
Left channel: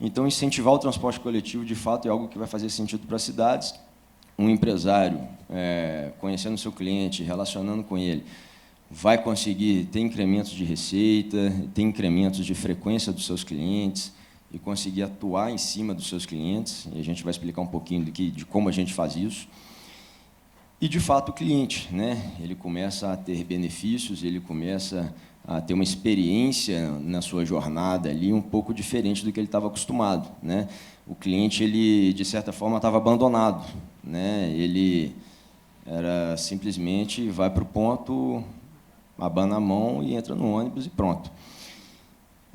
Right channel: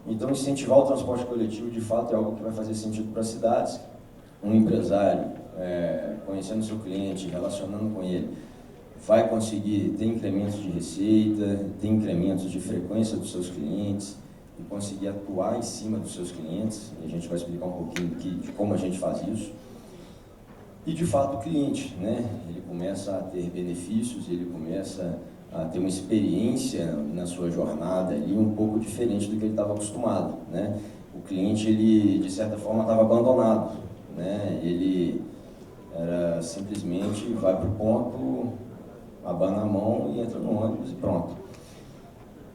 Então, incentivar o transporte coletivo, de fato, é algo que vai fazer sentido para as cidades. Um empresário, conhecendo o seu cliente, relacionando com ele, vai conseguir ter incrementos de receita, ter incrementos de frequência dos seus clientes e conseguir atuar em cima dos seus clientes. E a gente vai explicar um pouquinho de como a gente faz isso. E, de fato, o cliente, né? Ele começa a ter benefícios, ele começa a ter uma experiência na sua jornada ali um pouco diferente do que ele estava acostumado, né? O cliente, ele, de certa forma, estava abandonado, né? Ele era simplesmente vai para o ponto, abana a mão e entra no ônibus e pronto.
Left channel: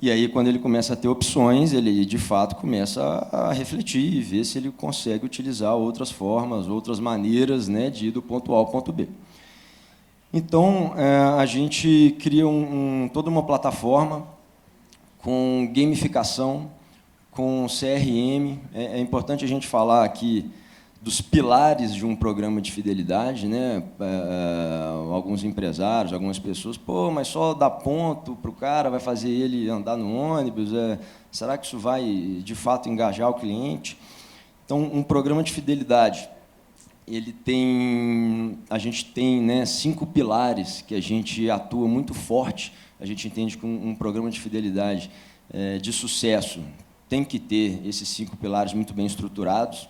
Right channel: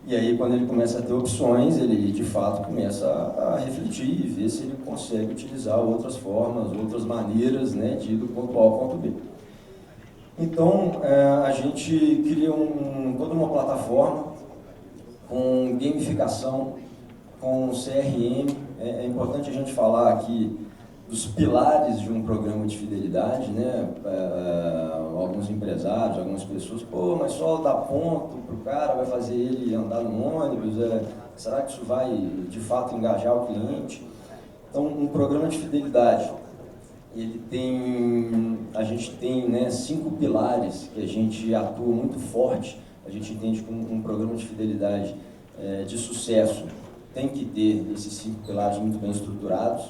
E aí, quando ele começa a ter opções, ele, de fato, começa a refletir e ver se ele consegue utilizar outras formas, outras maneiras, né, de ir do ponto A ao ponto B. Então, a gente cria toda uma plataforma com gamificação, com CRM. É importante a gente falar aqui dos pilares de um programa de fidelidade, né? Alguns empresários, algumas pessoas, mas só dar ponto para o cara vai fazer ele andar no ônibus, será que isso vai, de fato, engajar o cliente? Então, um programa de fidelidade, a gente tem, né, 5 pilares que a gente atua muito forte. A gente entende que um programa de fidelidade de sucesso tem que ter esses 5 pilares muito bem estruturados.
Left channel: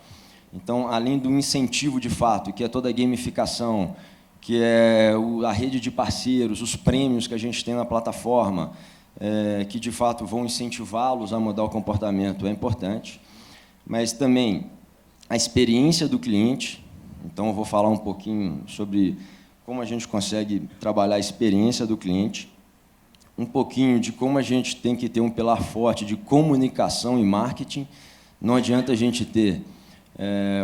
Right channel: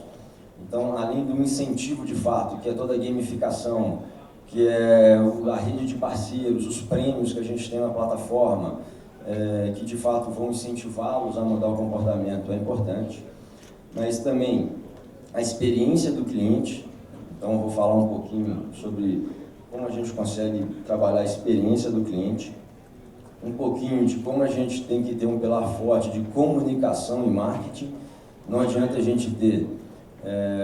Então, além do incentivo de fato, que é toda a gamificação, que é a rede de parceiros, os prêmios que a gente tem na plataforma, que de fato vão incentivá-los a mudar o comportamento, é importante. Mas também a experiência do cliente. Então, eu vou falar um pouquinho sobre como a gente consegue trabalhar a experiência do cliente, um pouquinho de como a gente tem que ter um pilar forte de comunicação e marketing. Não adianta a gente ter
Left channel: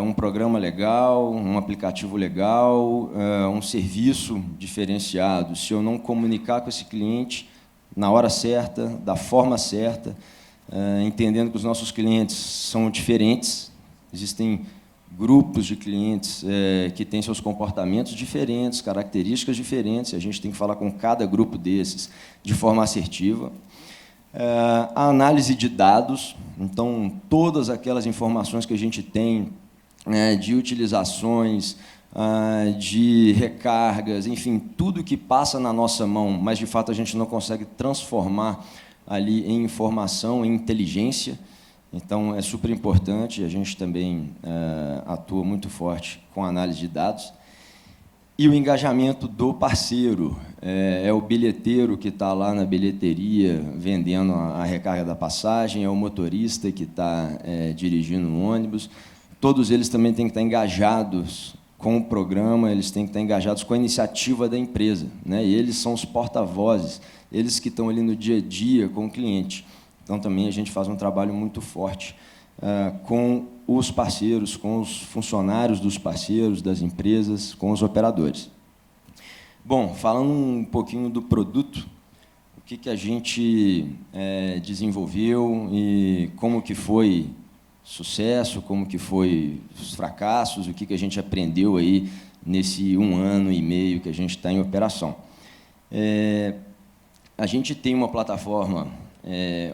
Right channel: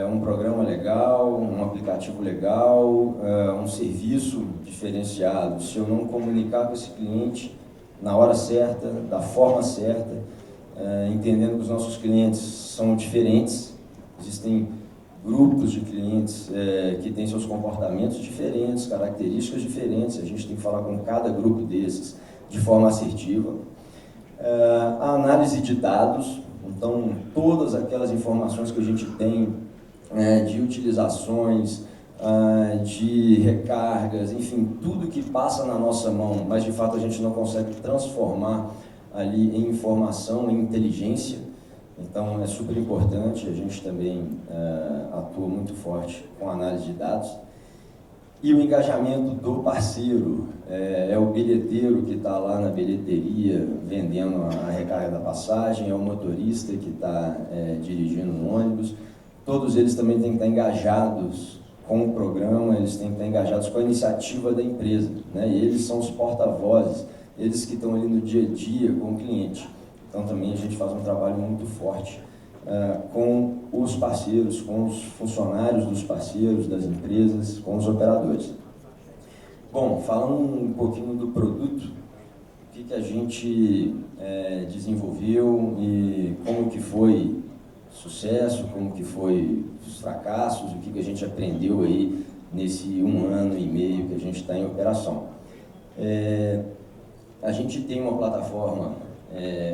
um programa legal, um aplicativo legal, um serviço diferenciado, se eu não comunicar com esse cliente na hora certa, da forma certa, entendendo que os nossos clientes são diferentes, existem grupos de clientes que têm seus comportamentos diferentes, características diferentes, e a gente tem que falar com cada grupo desses de forma assertiva. A análise de dados, então todas aquelas informações que a gente tem de utilizações, de recargas, enfim, tudo que passa na nossa mão, mas de fato a gente não consegue transformar ali em informação, em inteligência. Então é super importante, a gente também atua muito forte com a análise de dados. E o engajamento do parceiro, é o bilheteiro que está lá na bilheteria vendendo a recarga da passagem, é o motorista que está dirigindo o ônibus. Todos eles também têm que estar engajados com o programa, eles têm que estar engajados com a iniciativa da empresa, né? E eles são os porta-vozes, eles que estão ali no dia a dia com o cliente. Então também a gente faz um trabalho muito forte com os parceiros, com os funcionários dos parceiros, das empresas, com os operadores. Bom, falando um pouquinho do produto, o que a gente desenvolveu e como que foi sucesso, como que foi os fracassos, o que a gente aprendeu aí nesse 1 ano e meio que a gente está em operação. A gente tem uma plataforma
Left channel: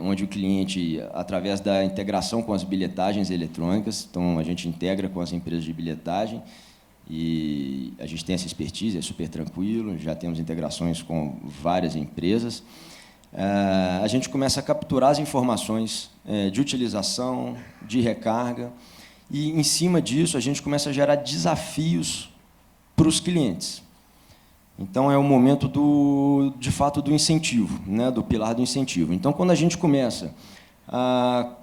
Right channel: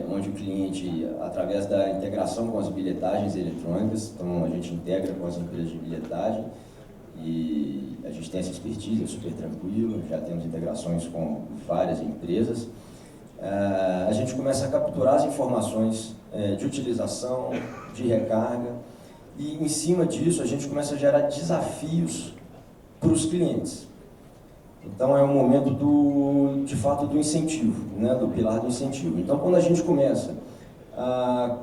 onde o cliente, através da integração com as bilhetagens eletrônicas, então a gente integra com as empresas de bilhetagem e a gente tem essa expertise, é super tranquilo, já temos integrações com várias empresas. A gente começa a capturar as informações de utilização, de recarga e, em cima disso, a gente começa a gerar desafios para os clientes. Então, é o momento, de fato, do incentivo, né? Do pilar do incentivo. Então, quando a gente começa a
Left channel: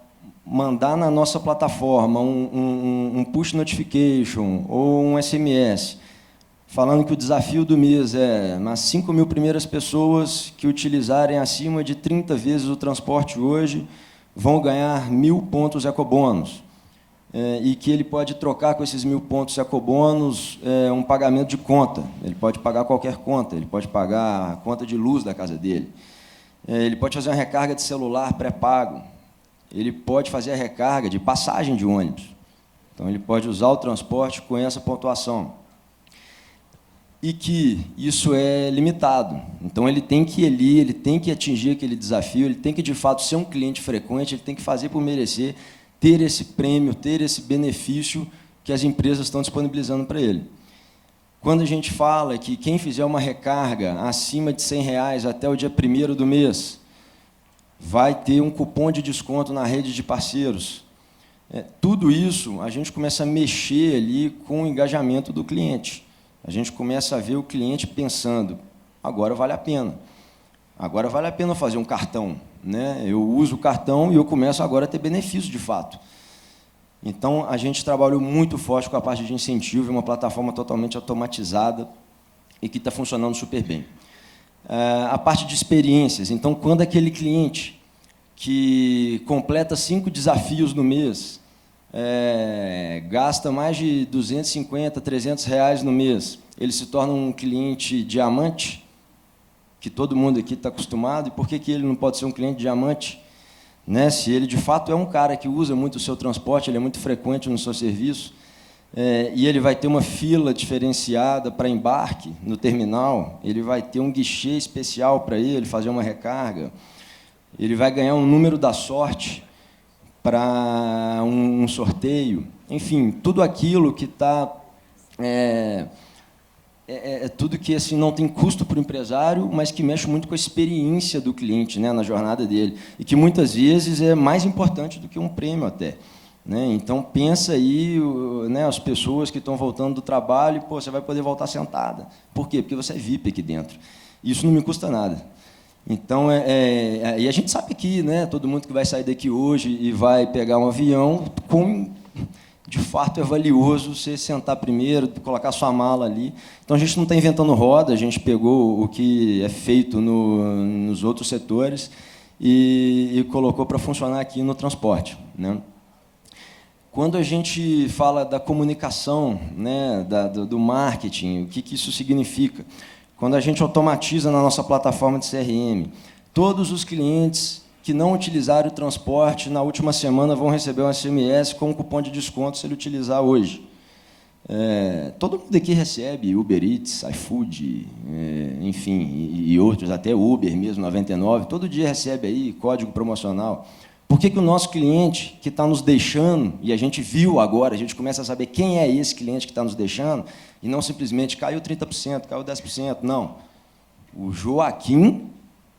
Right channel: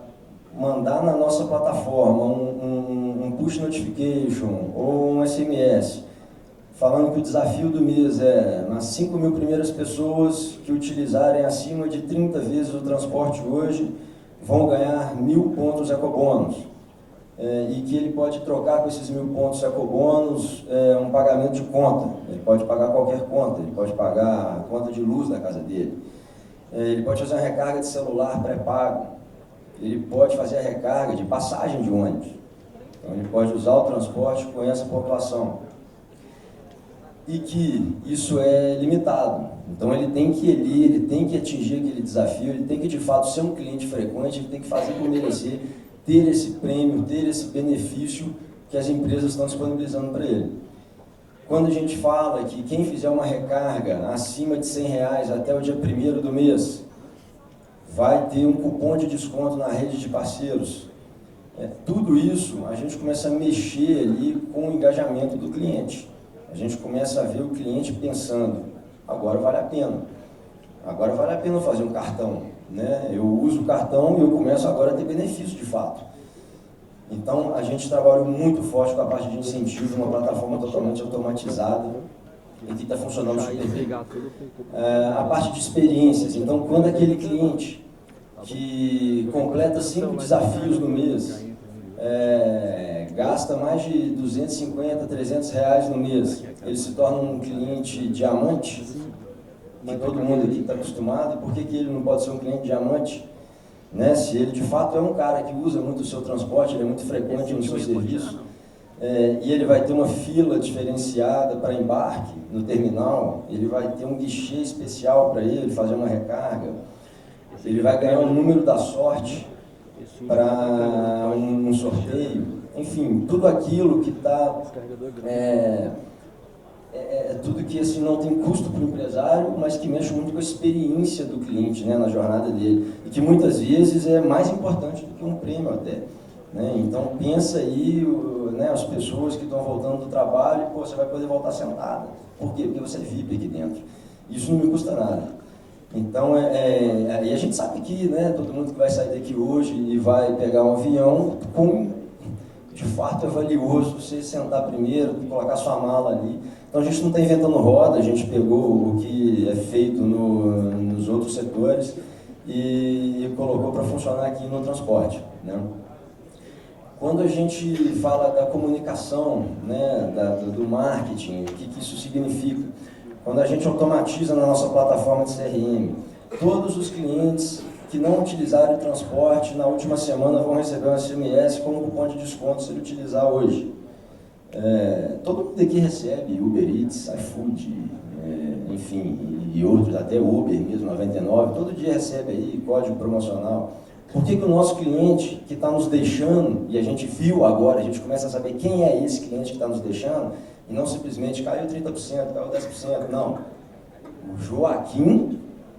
mandar na nossa plataforma um push notification ou um SMS, falando que o desafio do mês é as 5.000 primeiras pessoas que utilizarem acima de 30 vezes o transporte hoje vão ganhar 1.000 pontos ecobônus. E que ele pode trocar com esses 1.000 pontos ecobônus um pagamento de conta. Ele pode pagar qualquer conta, ele pode pagar a conta de luz da casa dele. Ele pode fazer uma recarga de celular pré-pago. Ele pode fazer a recarga de passagem de ônibus. Então, ele pode usar o transporte com essa pontuação. E que isso é limitado. Então, ele tem que atingir aquele desafio, ele tem que, de fato, ser um cliente frequente, ele tem que fazer por merecer, ter esse prêmio, ter esse benefício que as empresas estão disponibilizando para ele. Quando a gente fala que quem fizer uma recarga acima de R$100 até o dia 1º do mês vai ter um cupom de desconto na rede de parceiros, tudo isso a gente começa a mexer ali com o engajamento do cliente. A gente começa a ver o cliente pensando, agora vale a pena. Agora vale a pena fazer um cartão, né? Eu uso o cartão e eu começo agora a ter benefício de fato. Então, a gente trabalhou muito forte com a parte de incentivo, uma plataforma totalmente automatizada e que está funcionando super bem. A parte de experiências, então, quando aquele cliente que completa 5 desafios no mês, gasta mais de R$250, R$300 no mês, ele se torna um cliente diamante, que todo mundo aqui está acostumado, e por que ele não pode ser um cliente diamante? Né? Se ele de fato é um cara que usa muito o seu transporte, ele é muito frequente no seu serviço, e ele vai ter uma fila diferenciada para embarque no terminal, ele vai ter um guichê especial para ele fazer uma recarga, ele vai ganhar um número da sorte para um sorteio, enfim, tudo aquilo que está... tudo que assim, não tem custo para o empresário, mas que mexe muito com a experiência do cliente, né, na jornada dele, e que muitas vezes é mais importante do que um prêmio até. Né? Então, pensa aí, né, as pessoas que estão voltando do trabalho, você vai poder voltar sentada. Por quê? Porque você é VIP aqui dentro. Isso não me custa nada. Então, e a gente sabe que, né, todo mundo que vai sair daqui hoje e vai pegar um avião, de fato é valioso você sentar primeiro, colocar sua mala ali. Então, a gente não está inventando roda, a gente pegou o que é feito nos outros setores e colocou para funcionar aqui no transporte. Né? Quando a gente fala da comunicação, né, do marketing, o que isso significa? Quando a gente automatiza na nossa plataforma de CRM, todos os clientes que não utilizarem o transporte na última semana vão receber um SMS com um cupom de desconto se ele utilizar hoje. Todo mundo aqui recebe Uber Eats, iFood, enfim, e outros, até Uber mesmo, 99, todo dia recebe aí código promocional. Por que o nosso cliente que está nos deixando, e a gente viu agora, a gente começa a saber quem é esse cliente que está nos deixando, e não simplesmente caiu 30%, caiu 10%, não. O Joaquim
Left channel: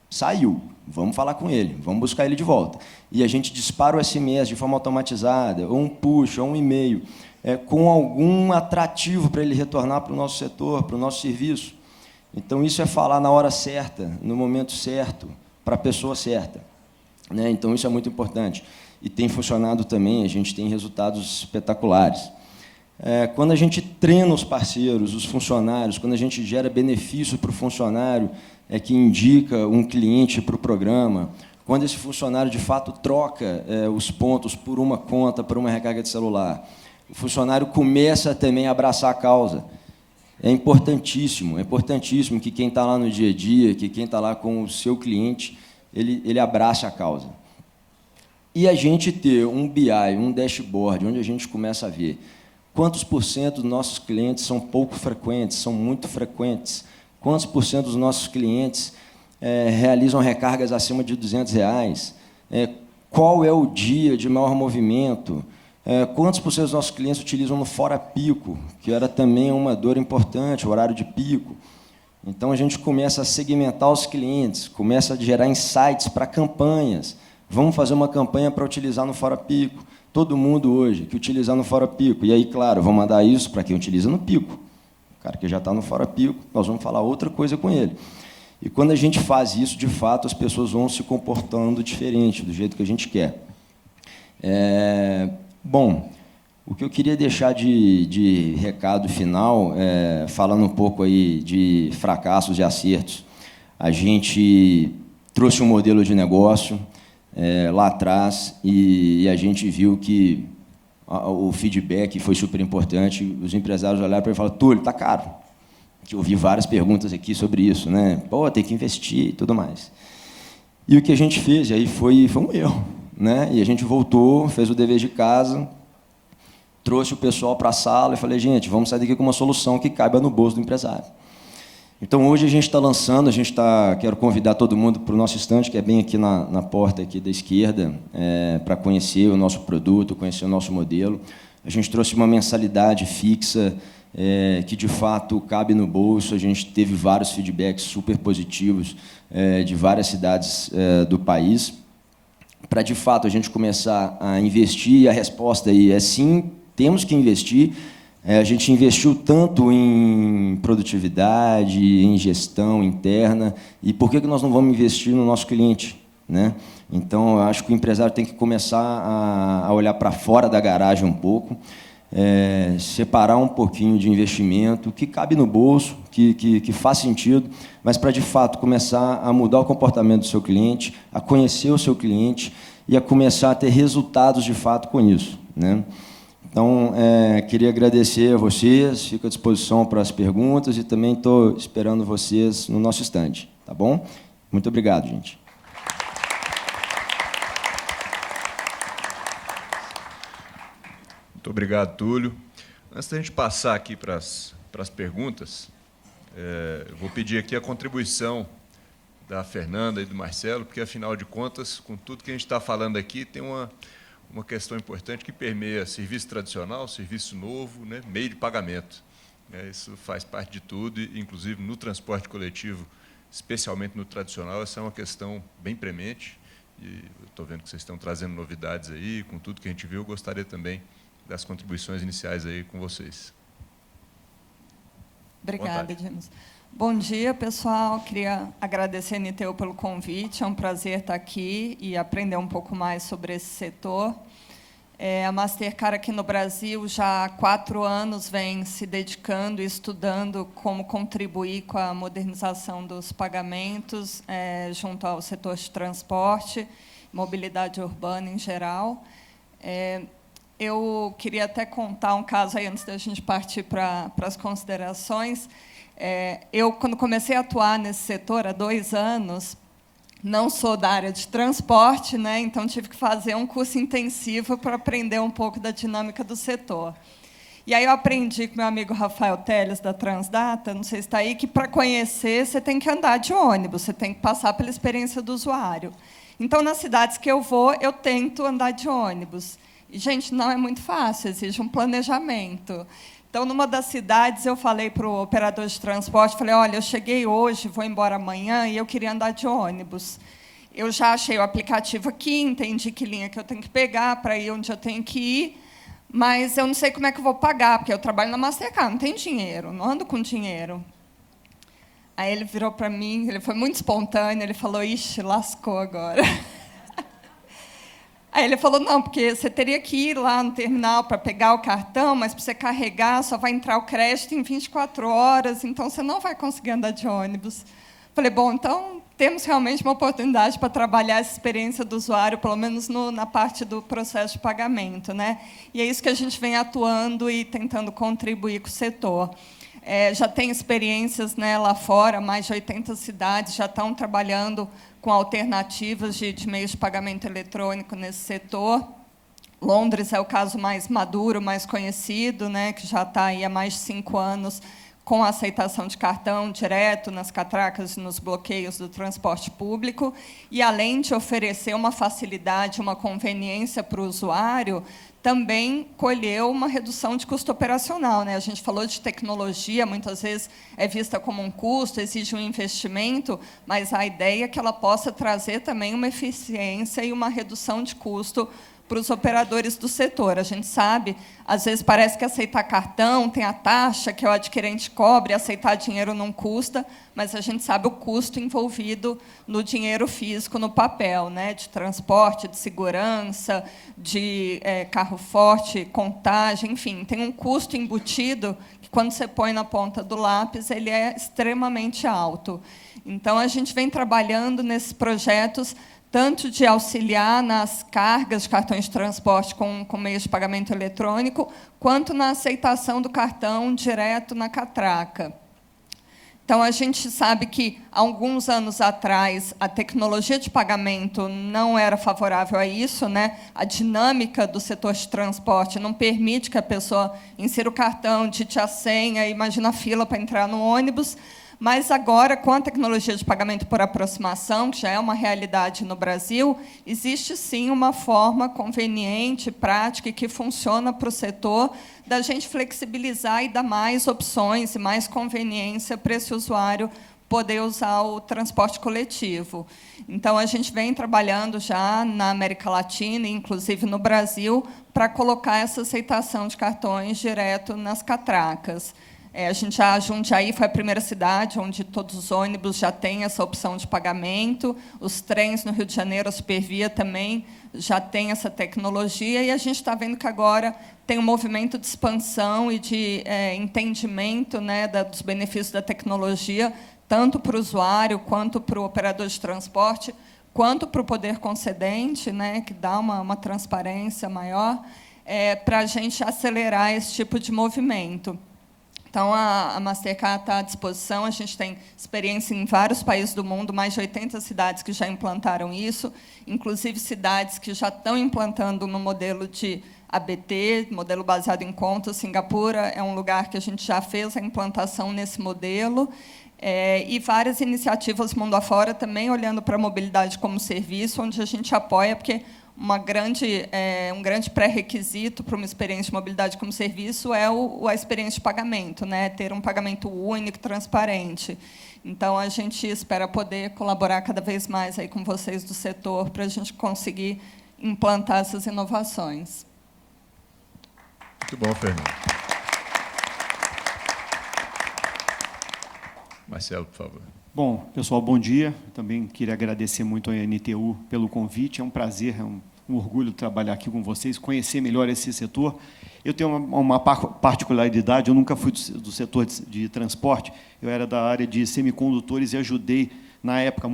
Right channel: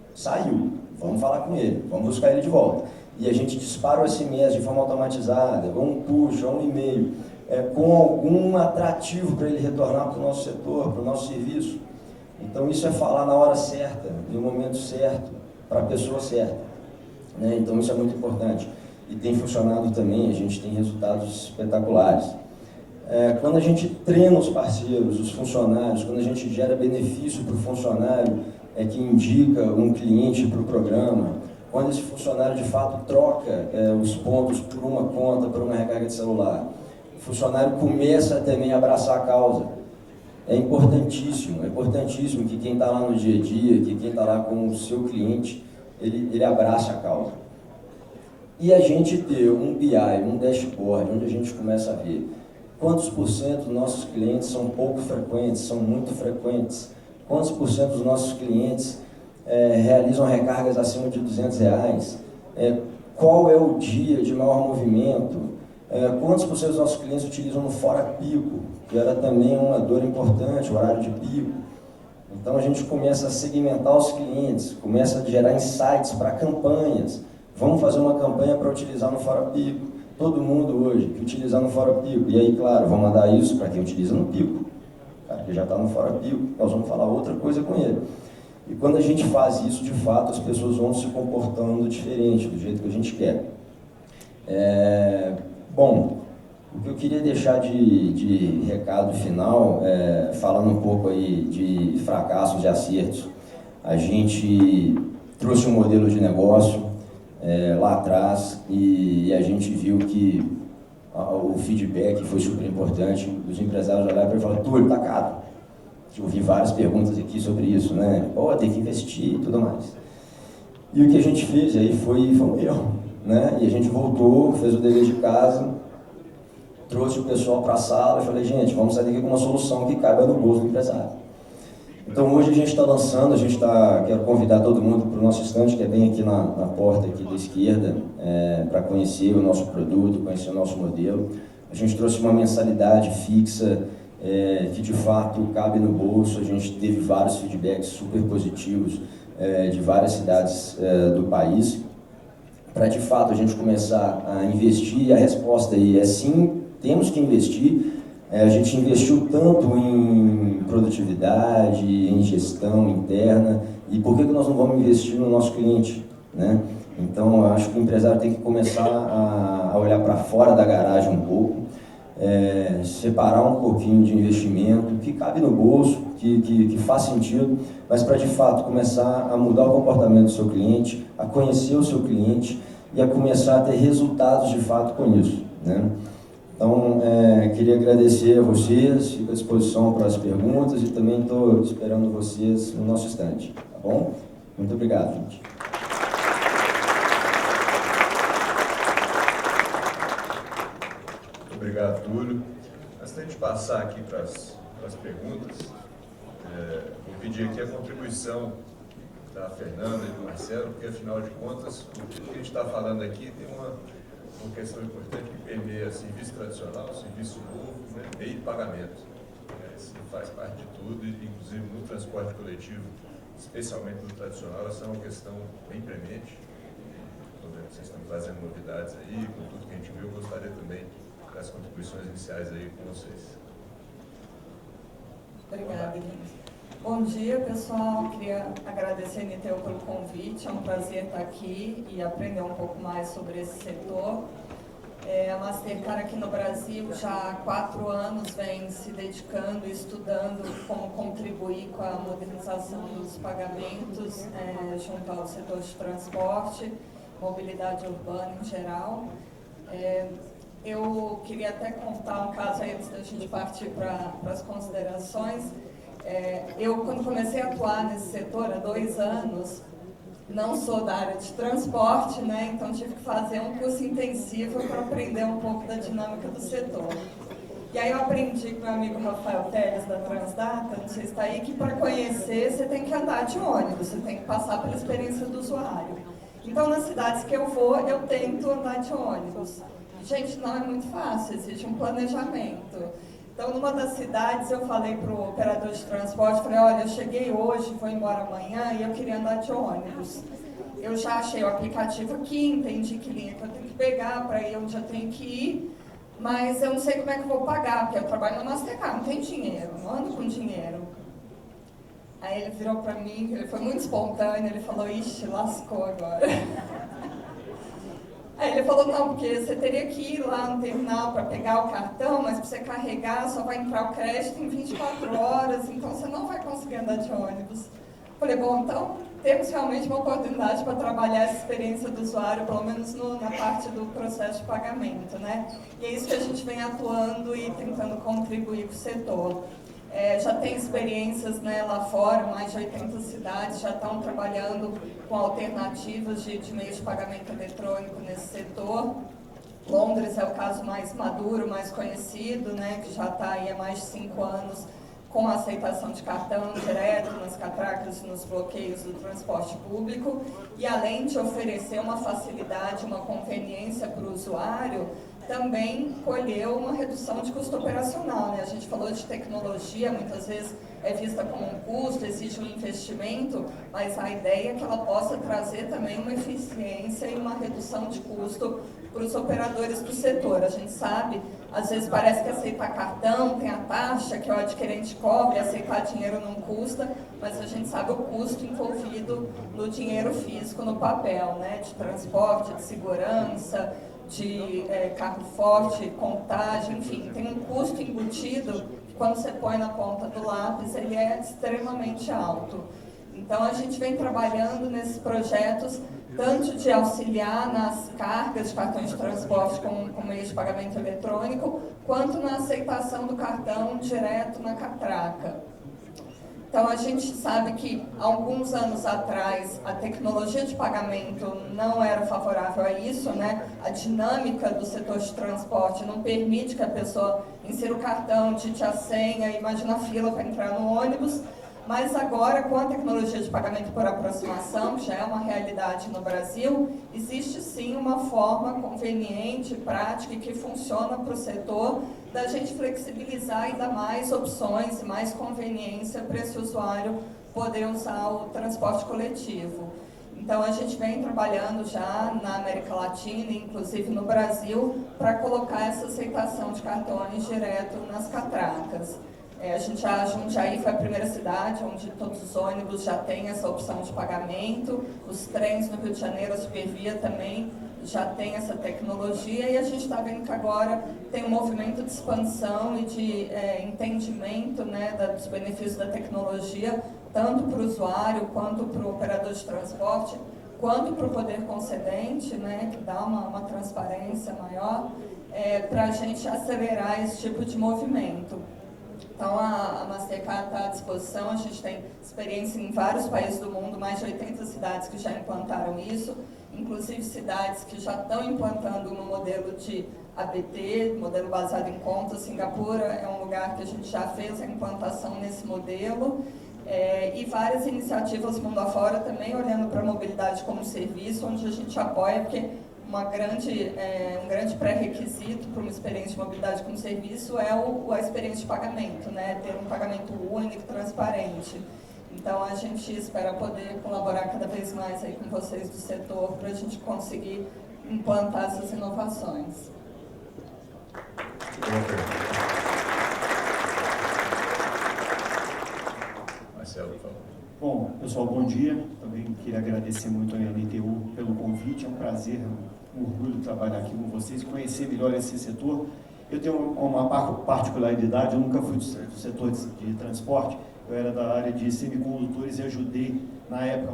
saiu, vamos falar com ele, vamos buscar ele de volta. E a gente dispara o SMS de forma automatizada, ou um push, ou um e-mail, com algum atrativo para ele retornar para o nosso setor, para o nosso serviço. Então, isso é falar na hora certa, no momento certo, para a pessoa certa. Né? Então, isso é muito importante. E tem funcionado também, a gente tem resultados espetaculares. Quando a gente treina os parceiros, os funcionários, quando a gente gera benefício para o funcionário, que indica um cliente para o programa, quando esse funcionário, de fato, troca os pontos por uma conta, para uma recarga de celular, o funcionário começa também a abraçar a causa. É importantíssimo que quem está lá no dia a dia, que quem está lá com o seu cliente, ele abraça a causa. E a gente ter um BI, um dashboard, onde a gente começa a ver quantos por cento dos nossos clientes são pouco frequentes, são muito frequentes, quantos por cento dos nossos clientes realizam recargas acima de R$200, qual é o dia de maior movimento, quantos por cento dos nossos clientes utilizam no fora pico, que era também uma dor importante, o horário de pico. Então, a gente começa a segmentar os clientes, começa a gerar insights para campanhas. Vamos fazer uma campanha para utilizar no fora pico. Todo mundo hoje que utilizar no fora pico. E aí, claro, vamos mandar isso para quem utiliza no pico. O cara que já está no fora pico, nós vamos falar outra coisa com ele. E quando a gente faz isso, de fato, as pessoas vão se comportando diferente, do jeito que a gente quer. Bom, o que eu queria deixar de recado final, falando um pouco aí de fracassos e acertos. A gente trouxe um modelo de negócio lá atrás e a gente viu que o feedback foi super importante. Os empresários olharam para ele e falaram: Túlio, tá caro. Eu ouvi várias perguntas aqui sobre isso, né? Pô, tem que investir e tudo mais. E o que a gente fez aí foi um erro, né? E a gente voltou, fez o dever de casa, trouxe o pessoal para a sala e falei: gente, vamos sair daqui com uma solução que caiba no bolso do empresário. Então, hoje a gente está lançando, quero convidar todo mundo para o nosso estande, que é bem aqui na porta aqui da esquerda, para conhecer o nosso produto, conhecer o nosso modelo. A gente trouxe uma mensalidade fixa, que de fato cabe no bolso. A gente teve vários feedbacks super positivos de várias cidades do país, para de fato a gente começar a investir. E a resposta aí é sim, temos que investir. A gente investiu tanto em produtividade, em gestão interna, e por que nós não vamos investir no nosso cliente, né? Então, eu acho que o empresário tem que começar a olhar para fora da garagem um pouco, separar um pouquinho de investimento que cabe no bolso, que faz sentido, mas para de fato começar a mudar o comportamento do seu cliente, a conhecer o seu cliente e a começar a ter resultados de fato com isso, né? Então, queria agradecer a vocês, fico à disposição para as perguntas e também estou esperando vocês no nosso estande, tá bom? Muito obrigado, gente. Muito obrigado, Túlio. Antes da gente passar aqui para as perguntas, vou pedir aqui a contribuição da Fernanda e do Marcelo, porque, afinal de contas, com tudo que a gente está falando aqui, tem uma questão importante que permeia serviço tradicional, serviço novo, né, meio de pagamento. Isso faz parte de tudo, e, inclusive no transporte coletivo, especialmente no tradicional, essa é uma questão bem premente. Estou vendo que vocês estão trazendo novidades aí, com tudo que a gente viu. Eu gostaria também das contribuições iniciais aí com vocês. Obrigada, gente. Bom dia, pessoal. Queria agradecer a NTU pelo convite. É um prazer estar aqui e aprender um pouco mais sobre esse setor. A Mastercard aqui no Brasil já há 4 anos vem se dedicando e estudando como contribuir com a modernização dos pagamentos junto ao setor de transporte, mobilidade urbana em geral. Eu queria até contar um caso aí antes da gente partir para as considerações. Eu, quando comecei a atuar nesse setor há 2 anos, não sou da área de transporte, né? Então tive que fazer um curso intensivo para aprender um pouco da dinâmica do setor. E aí eu aprendi com meu amigo Rafael Teles, da Transdata, não sei se está aí, que para conhecer você tem que andar de ônibus, você tem que passar pela experiência do usuário. Então, nas cidades que eu vou, eu tento andar de ônibus. E, gente, não é muito fácil, exige um planejamento. Então, numa das cidades, eu falei para o operador de transporte, falei, olha, eu cheguei hoje, vou embora amanhã e eu queria andar de ônibus. Eu já achei o aplicativo aqui, entendi que linha que eu tenho que pegar para ir onde eu tenho que ir, mas eu não sei como é que eu vou pagar, porque eu trabalho na Mastercard, não tenho dinheiro, não ando com dinheiro. Aí ele virou para mim, ele foi muito espontâneo, ele falou, ixi, lascou agora. Aí ele falou, não, porque você teria que ir lá no terminal para pegar o cartão, mas para você carregar só vai entrar o crédito em 24 horas, então você não vai conseguir andar de ônibus. Falei, bom, então temos realmente uma oportunidade para trabalhar essa experiência do usuário, pelo menos na parte do processo de pagamento, né? E é isso que a gente vem atuando e tentando contribuir com o setor. Já tem experiências, né, lá fora, mais de 80 cidades já estão trabalhando com alternativas de meios de pagamento eletrônico nesse setor. Londres é o caso mais maduro, mais conhecido, né, que já está aí há mais de 5 anos com a aceitação de cartão direto nas catracas e nos bloqueios do transporte público. E, além de oferecer uma facilidade, uma conveniência para o usuário, também colheu uma redução de custo operacional, né? A gente falou de tecnologia, muitas vezes é vista como um custo, exige um investimento, mas a ideia é que ela possa trazer também uma eficiência e uma redução de custo para os operadores do setor. A gente sabe, às vezes parece que aceitar cartão tem a taxa que o adquirente cobre, aceitar dinheiro não custa, mas a gente sabe o custo envolvido no dinheiro físico, no papel, né? De transporte, de segurança, de carro forte, contagem, enfim, tem um custo embutido que, quando você põe na ponta do lápis, ele é extremamente alto. Então, a gente vem trabalhando nesses projetos tanto de auxiliar nas cargas de cartões de transporte com meios de pagamento eletrônico, quanto na aceitação do cartão direto na catraca. Então, a gente sabe que, há alguns anos atrás, a tecnologia de pagamento não era favorável a isso, né? A dinâmica do setor de transporte não permite que a pessoa insira o cartão, digite a senha, imagina a fila para entrar no ônibus. Mas agora, com a tecnologia de pagamento por aproximação, que já é uma realidade no Brasil, existe sim uma forma conveniente, prática e que funciona para o setor da gente flexibilizar e dar mais opções e mais conveniência para esse usuário poder usar o transporte coletivo. Então, a gente vem trabalhando já na América Latina, inclusive no Brasil, para colocar essa aceitação de cartões direto nas catracas. A Jundiaí foi a primeira cidade onde todos os ônibus já têm essa opção de pagamento, os trens no Rio de Janeiro, a Supervia também já tem essa tecnologia, e a gente está vendo que agora tem um movimento de expansão e de entendimento, né, dos benefícios da tecnologia, tanto para o usuário, quanto para o operador de transporte, quanto para o poder concedente, né, que dá uma transparência maior, para a gente acelerar esse tipo de movimento. Então, a Mastercard está à disposição, a gente tem experiência em vários países do mundo, mais de 80 cidades que já implantaram isso, inclusive cidades que já estão implantando um modelo de ABT, modelo baseado em contas. Singapura é um lugar que a gente já fez a implantação nesse modelo, e várias iniciativas mundo afora também olhando para a mobilidade como serviço, onde a gente apoia, porque um grande pré-requisito para uma experiência de mobilidade como serviço é a experiência de pagamento, né? Ter um pagamento único, transparente. Então, a gente espera poder colaborar cada vez mais aí com vocês do setor para a gente conseguir implantar essas inovações. Muito bom, Fernando. Marcelo, por favor. Bom, pessoal, bom dia. Também queria agradecer muito à NTU pelo convite. É um prazer, um orgulho trabalhar aqui com vocês, conhecer melhor esse setor. Eu tenho uma particularidade, eu nunca fui do setor de transporte, eu era da área de semicondutores e ajudei, na época,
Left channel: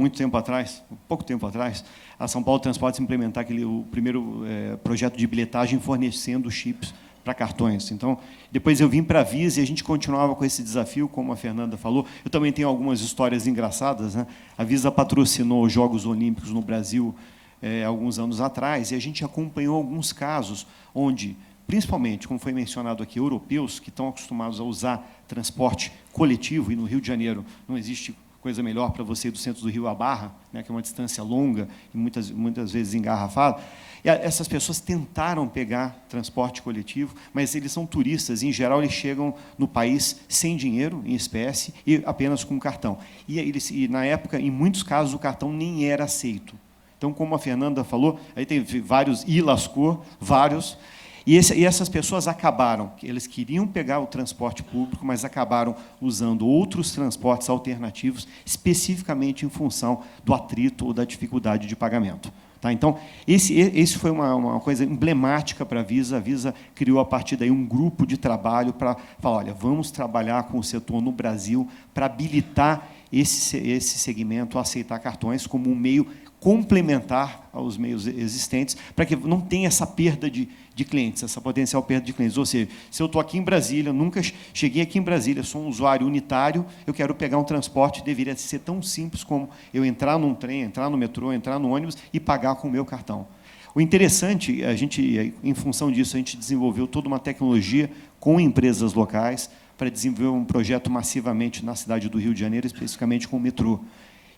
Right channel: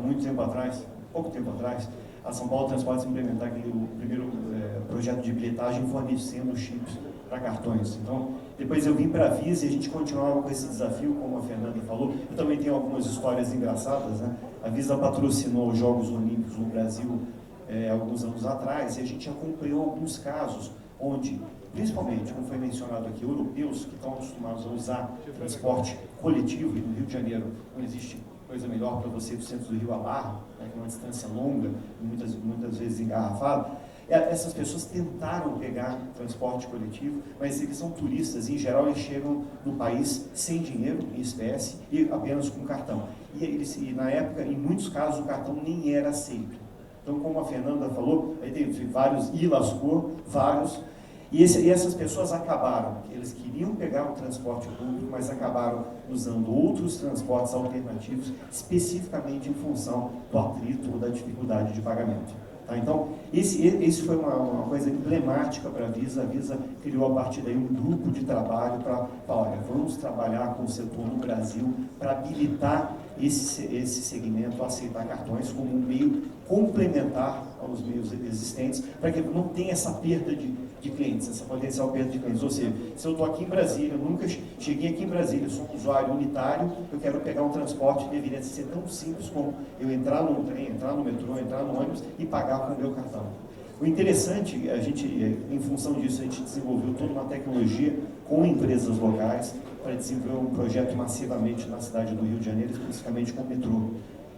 pouco tempo atrás, a São Paulo Transportes implementar o primeiro projeto de bilhetagem fornecendo chips para cartões. Então, depois eu vim para a Visa e a gente continuava com esse desafio, como a Fernanda falou. Eu também tenho algumas histórias engraçadas, né? A Visa patrocinou os Jogos Olímpicos no Brasil alguns anos atrás, e a gente acompanhou alguns casos onde, principalmente, como foi mencionado aqui, europeus que estão acostumados a usar transporte coletivo, e no Rio de Janeiro não existe coisa melhor para você ir do centro do Rio à Barra, né, que é uma distância longa e muitas vezes engarrafada. E essas pessoas tentaram pegar transporte coletivo, mas eles são turistas, e, em geral, eles chegam no país sem dinheiro, em espécie, e apenas com cartão. E na época, em muitos casos, o cartão nem era aceito. Então, como a Fernanda falou, aí tem vários, e lascou, vários, e essas pessoas acabaram, eles queriam pegar o transporte público, mas acabaram usando outros transportes alternativos, especificamente em função do atrito ou da dificuldade de pagamento. Tá? Então, esse foi uma coisa emblemática para a Visa. A Visa criou, a partir daí, um grupo de trabalho para falar, olha, vamos trabalhar com o setor no Brasil para habilitar esse segmento a aceitar cartões como um meio complementar aos meios existentes, para que não tenha essa perda de clientes, essa potencial perda de clientes. Ou seja, se eu estou aqui em Brasília, nunca cheguei aqui em Brasília, sou um usuário unitário, eu quero pegar um transporte, deveria ser tão simples como eu entrar num trem, entrar no metrô, entrar no ônibus e pagar com o meu cartão. O interessante, em função disso, a gente desenvolveu toda uma tecnologia com empresas locais para desenvolver um projeto massivamente na cidade do Rio de Janeiro, especificamente com o metrô.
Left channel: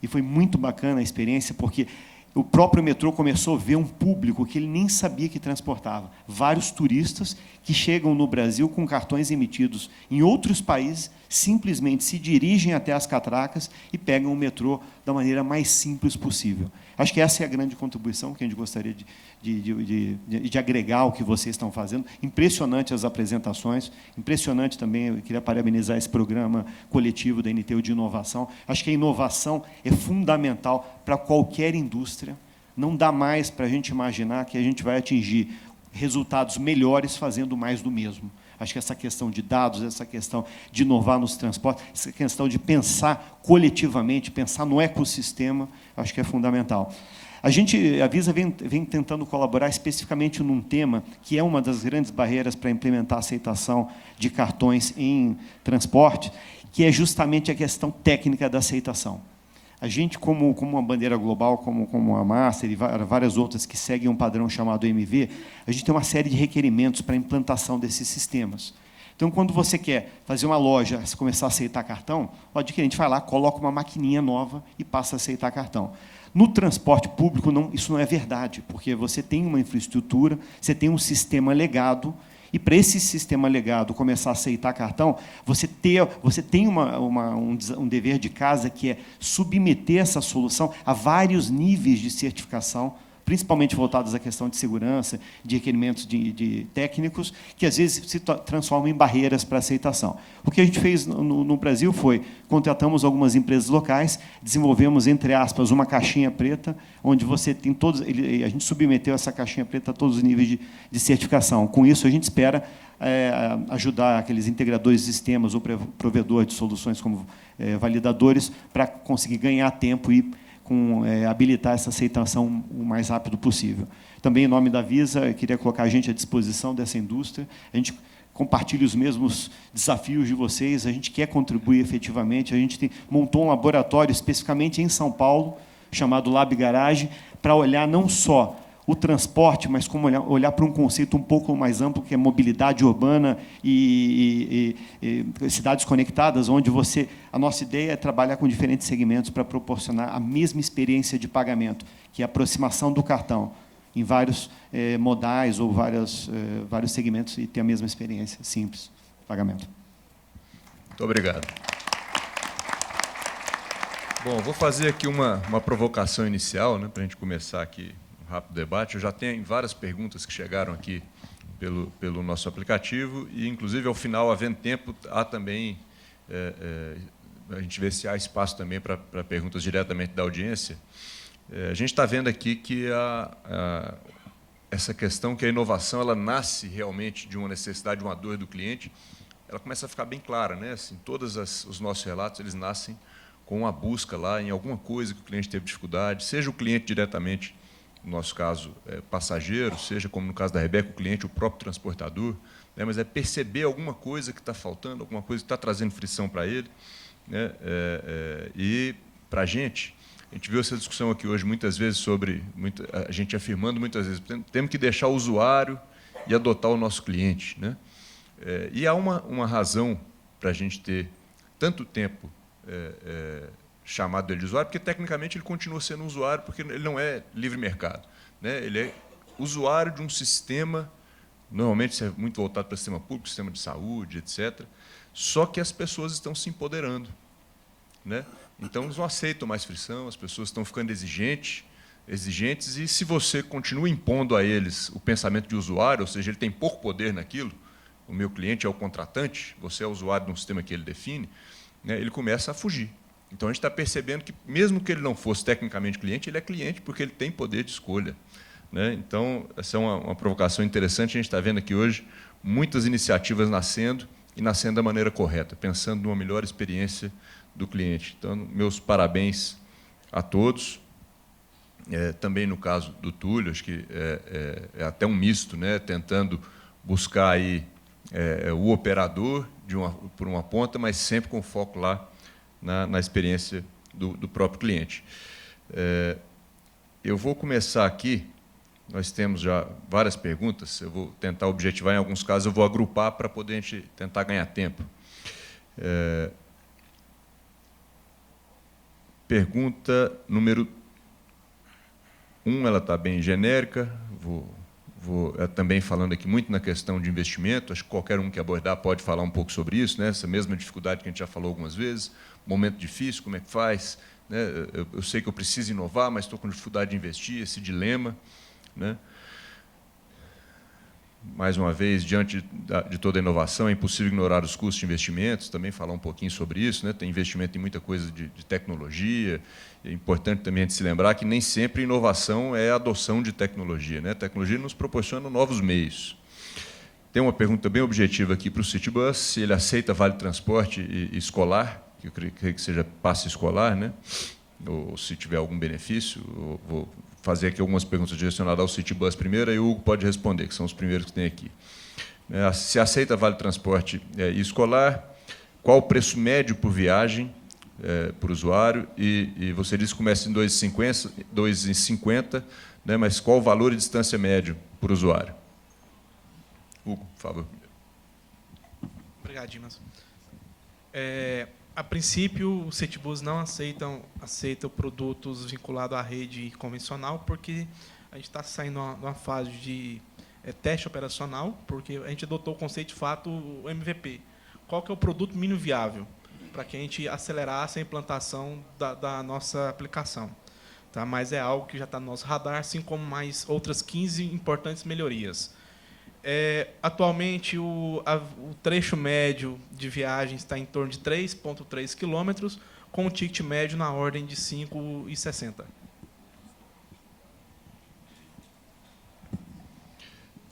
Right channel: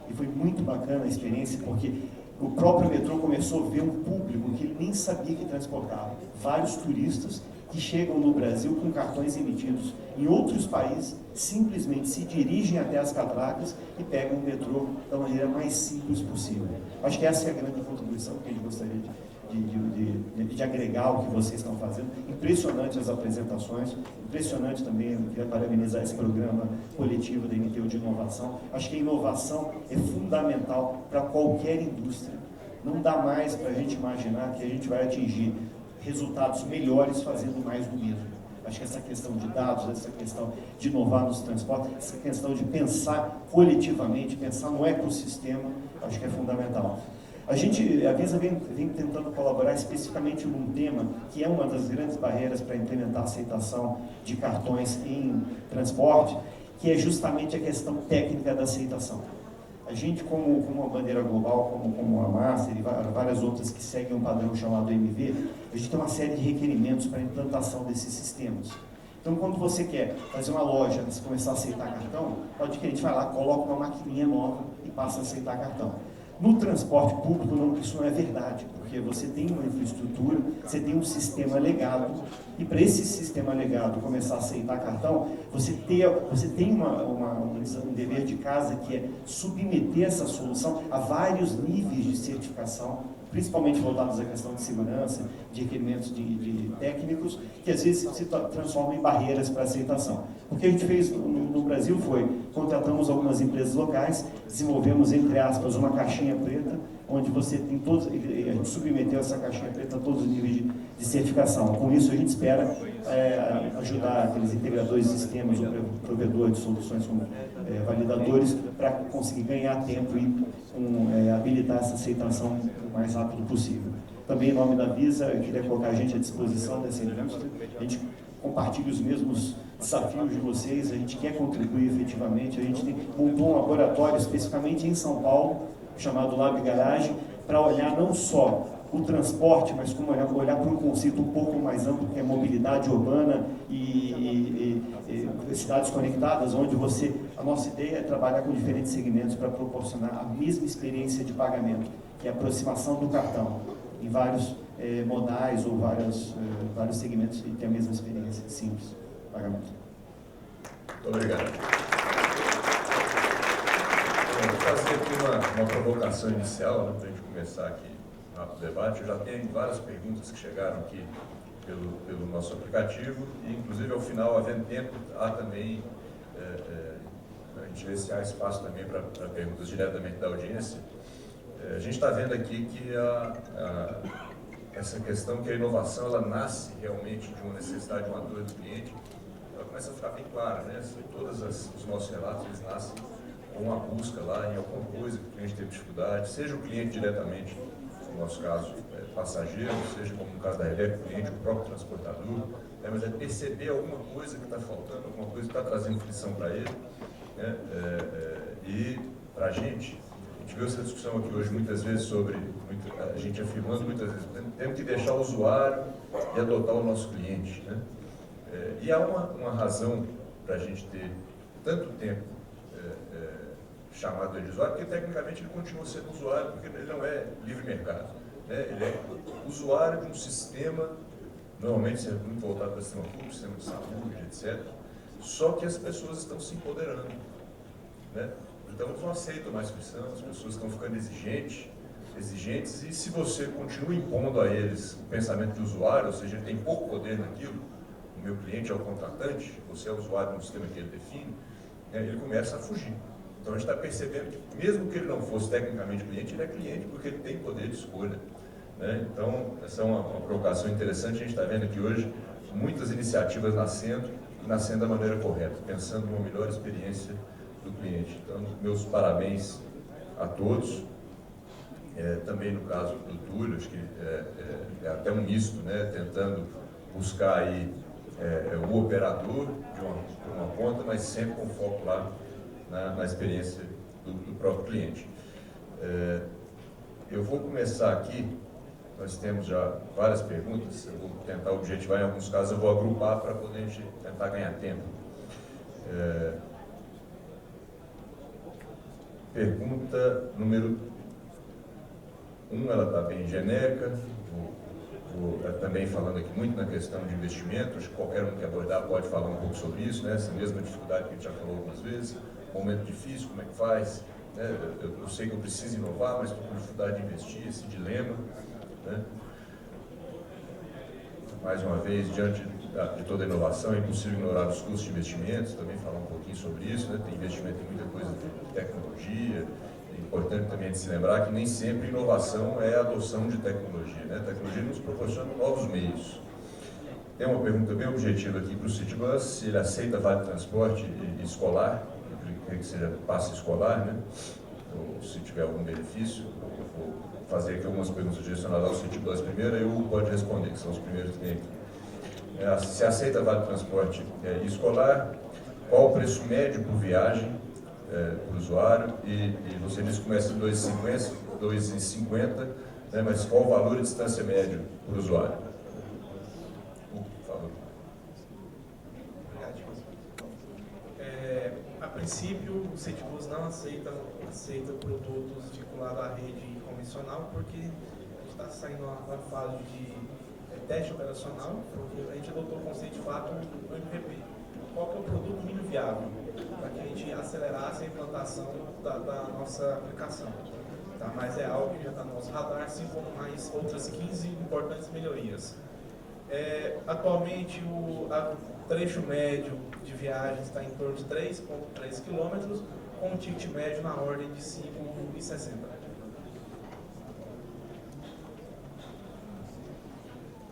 E foi muito bacana a experiência, porque o próprio metrô começou a ver um público que ele nem sabia que transportava. Vários turistas que chegam no Brasil com cartões emitidos em outros países, simplesmente se dirigem até as catracas e pegam o metrô da maneira mais simples possível. Acho que essa é a grande contribuição que a gente gostaria de agregar ao que vocês estão fazendo. Impressionante as apresentações, impressionante também, eu queria parabenizar esse programa coletivo da NTU de inovação. Acho que a inovação é fundamental para qualquer indústria. Não dá mais para a gente imaginar que a gente vai atingir resultados melhores fazendo mais do mesmo. Acho que essa questão de dados, essa questão de inovar nos transportes, essa questão de pensar coletivamente, pensar no ecossistema, acho que é fundamental. A Visa vem tentando colaborar especificamente num tema que é uma das grandes barreiras para implementar a aceitação de cartões em transporte, que é justamente a questão técnica da aceitação. A gente, como uma bandeira global, como a Master e várias outras que seguem um padrão chamado MV, a gente tem uma série de requerimentos para a implantação desses sistemas. Então, quando você quer fazer uma loja, você começar a aceitar cartão, o adquirente vai lá, coloca uma maquininha nova e passa a aceitar cartão. No transporte público, isso não é verdade, porque você tem uma infraestrutura, você tem um sistema legado, e para esse sistema legado começar a aceitar cartão, você tem um dever de casa, que é submeter essa solução a vários níveis de certificação, principalmente voltados à questão de segurança, de requerimentos de técnicos, que às vezes se transformam em barreiras para aceitação. O que a gente fez no Brasil foi, contratamos algumas empresas locais, desenvolvemos, entre aspas, uma caixinha preta, onde você tem todos, a gente submeteu essa caixinha preta a todos os níveis de certificação. Com isso, a gente espera ajudar aqueles integradores de sistemas ou provedores de soluções como validadores para conseguir ganhar tempo e habilitar essa aceitação o mais rápido possível. Também, em nome da Visa, eu queria colocar a gente à disposição dessa indústria. A gente compartilha os mesmos desafios de vocês, a gente quer contribuir efetivamente. A gente montou um laboratório especificamente em São Paulo, chamado Lab Garage, para olhar não só o transporte, mas como olhar para um conceito um pouco mais amplo, que é mobilidade urbana e cidades conectadas, onde a nossa ideia é trabalhar com diferentes segmentos para proporcionar a mesma experiência de pagamento, que é a aproximação do cartão em vários modais ou vários segmentos, e ter a mesma experiência simples de pagamento. Muito obrigado. Bom, vou fazer aqui uma provocação inicial, né, para a gente começar aqui um rápido debate. Eu já tenho várias perguntas que chegaram aqui pelo nosso aplicativo e, inclusive, ao final, havendo tempo, há também, a gente vê se há espaço também para perguntas diretamente da audiência. A gente está vendo aqui que essa questão que a inovação ela nasce realmente de uma necessidade, de uma dor do cliente, ela começa a ficar bem clara, né? Assim, todos os nossos relatos eles nascem com uma busca lá em alguma coisa que o cliente teve dificuldade, seja o cliente diretamente, no nosso caso, passageiro, seja como no caso da Rebeca, o cliente, o próprio transportador, né? Mas é perceber alguma coisa que está faltando, alguma coisa que está trazendo frição para ele, né? E para a gente viu essa discussão aqui hoje muitas vezes sobre, a gente afirmando muitas vezes, temos que deixar o usuário e adotar o nosso cliente, né? E há uma razão para a gente ter tanto tempo chamado ele de usuário, porque tecnicamente ele continua sendo um usuário, porque ele não é livre mercado, né? Ele é usuário de um sistema, normalmente muito voltado para o sistema público, sistema de saúde, etc. Só que as pessoas estão se empoderando, né? Então eles não aceitam mais frição, as pessoas estão ficando exigentes, e se você continua impondo a eles o pensamento de usuário, ou seja, ele tem pouco poder naquilo, o meu cliente é o contratante, você é o usuário de um sistema que ele define, né, ele começa a fugir. Então a gente está percebendo que, mesmo que ele não fosse tecnicamente cliente, ele é cliente porque ele tem poder de escolha, né? Então, essa é uma provocação interessante. A gente está vendo aqui hoje muitas iniciativas nascendo e nascendo da maneira correta, pensando numa melhor experiência do cliente. Então, meus parabéns a todos. Também no caso do Túlio, acho que é até um misto, né? Tentando buscar aí o operador por uma ponta, mas sempre com foco lá na experiência do próprio cliente. Eu vou começar aqui, nós temos já várias perguntas, eu vou tentar objetivar, em alguns casos eu vou agrupar para poder a gente tentar ganhar tempo. Pergunta número 1, ela está bem genérica, vou também falando aqui muito na questão de investimento, acho que qualquer um que abordar pode falar um pouco sobre isso, né? Essa mesma dificuldade que a gente já falou algumas vezes, momento difícil, como é que faz, né? Eu sei que eu preciso inovar, mas estou com dificuldade de investir, esse dilema, né? Mais uma vez, diante de toda a inovação, é impossível ignorar os custos de investimentos, também falar um pouquinho sobre isso, né? Tem investimento em muita coisa de tecnologia. É importante também se lembrar que nem sempre inovação é a adoção de tecnologia, né? A tecnologia nos proporciona novos meios. Tem uma pergunta bem objetiva aqui para o Citibus, se ele aceita vale transporte escolar, que eu creio que seja passe escolar, né? Ou se tiver algum benefício. Vou fazer aqui algumas perguntas direcionadas ao Citibus primeiro, aí o Hugo pode responder, que são os primeiros que tem aqui. Se aceita vale transporte escolar, qual o preço médio por viagem para o usuário? E você disse que começa em 2,50, né, mas qual o valor de distância médio por usuário? Hugo, por favor. Obrigado, Dimas. A princípio, o Citibus não aceita produtos vinculados à rede convencional, porque a gente está saindo de uma fase de teste operacional, porque a gente adotou o conceito de fato, o MVP. Qual que é o produto mínimo viável? Para que a gente acelerasse a implantação da nossa aplicação. Tá? Mas é algo que já está no nosso radar, assim como mais outras 15 importantes melhorias. Atualmente, o trecho médio de viagem está em torno de 3,3 km, com um ticket médio na ordem de 5,60.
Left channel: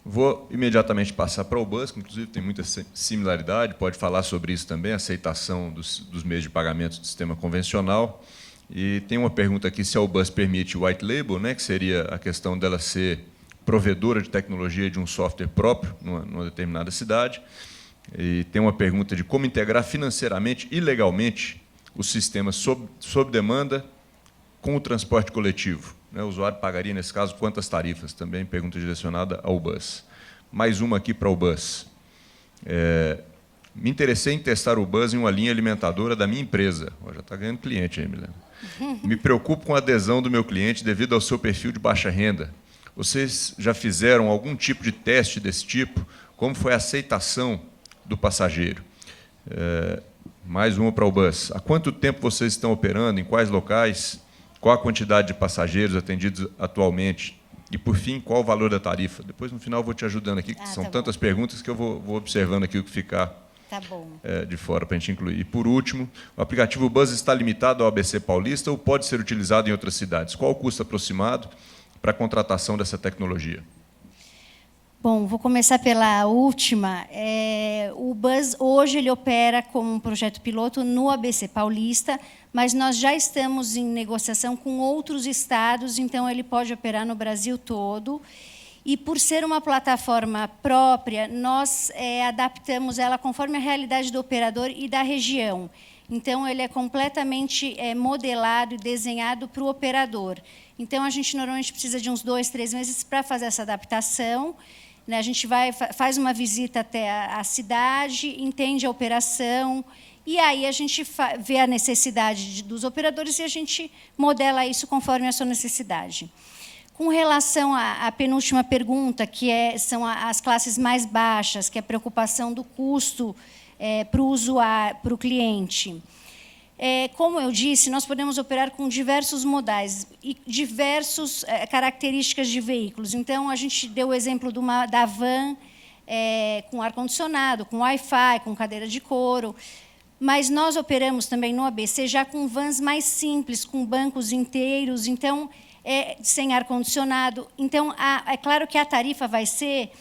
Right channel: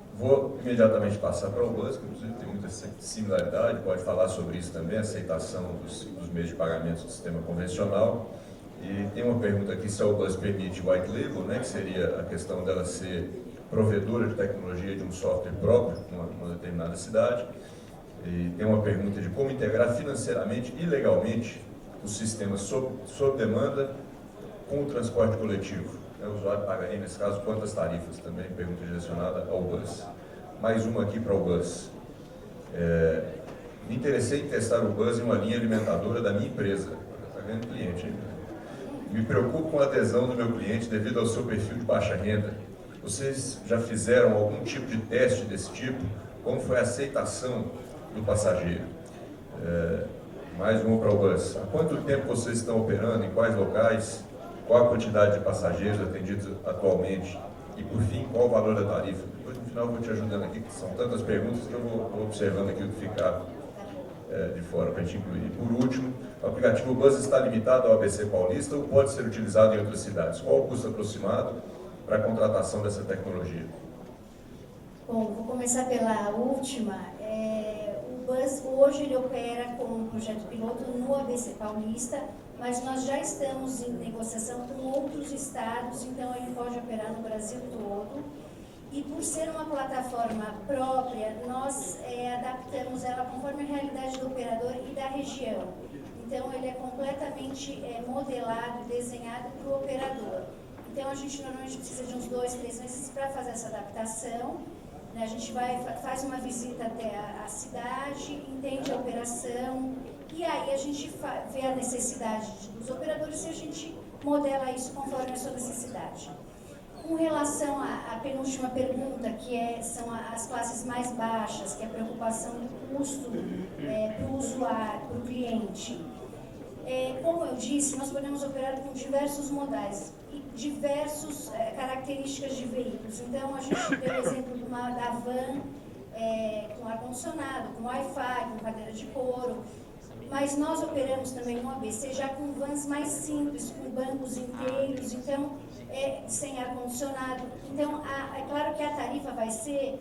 Vou imediatamente passar para o Bus, que inclusive tem muita similaridade, pode falar sobre isso também, a aceitação dos meios de pagamento do sistema convencional. E tem uma pergunta aqui se a Bus permite white label, né, que seria a questão dela ser provedora de tecnologia de um software próprio numa determinada cidade. E tem uma pergunta de como integrar financeiramente e legalmente o sistema sob demanda com o transporte coletivo. O usuário pagaria, nesse caso, quantas tarifas? Também pergunta direcionada ao Bus. Mais uma aqui para o Bus. Me interessei em testar o Bus em uma linha alimentadora da minha empresa. Já está ganhando cliente ainda. Me preocupo com a adesão do meu cliente devido ao seu perfil de baixa renda. Vocês já fizeram algum tipo de teste desse tipo? Como foi a aceitação do passageiro? Mais uma para o Bus. Há quanto tempo vocês estão operando? Em quais locais? Qual a quantidade de passageiros atendidos atualmente? E, por fim, qual o valor da tarifa? Depois, no final, eu vou te ajudando aqui, que são tantas perguntas que eu vou observando aqui o que ficar de fora para a gente incluir. E, por último, o aplicativo Bus está limitado ao ABC Paulista ou pode ser utilizado em outras cidades? Qual o custo aproximado para a contratação dessa tecnologia? Bom, vou começar pela última. O Bus, hoje, ele opera como um projeto piloto no ABC Paulista, mas nós já estamos em negociação com outros estados, então ele pode operar no Brasil todo. E, por ser uma plataforma própria, nós adaptamos ela conforme a realidade do operador e da região. Então, ele é completamente modelado e desenhado para o operador. Então, a gente normalmente precisa de uns 2, 3 meses para fazer essa adaptação. né? A gente faz uma visita até a cidade, entende a operação, e aí a gente vê a necessidade dos operadores e a gente modela isso conforme a sua necessidade. Com relação à penúltima pergunta, que são as classes mais baixas, que é a preocupação do custo para o usuário, para o cliente. Como eu disse, nós podemos operar com diversos modais e diversas características de veículos. Então, a gente deu o exemplo da van com ar-condicionado, com Wi-Fi, com cadeira de couro. Mas nós operamos também no ABC já com vans mais simples, com bancos inteiros, então, sem ar-condicionado. Então, é claro que a tarifa vai ser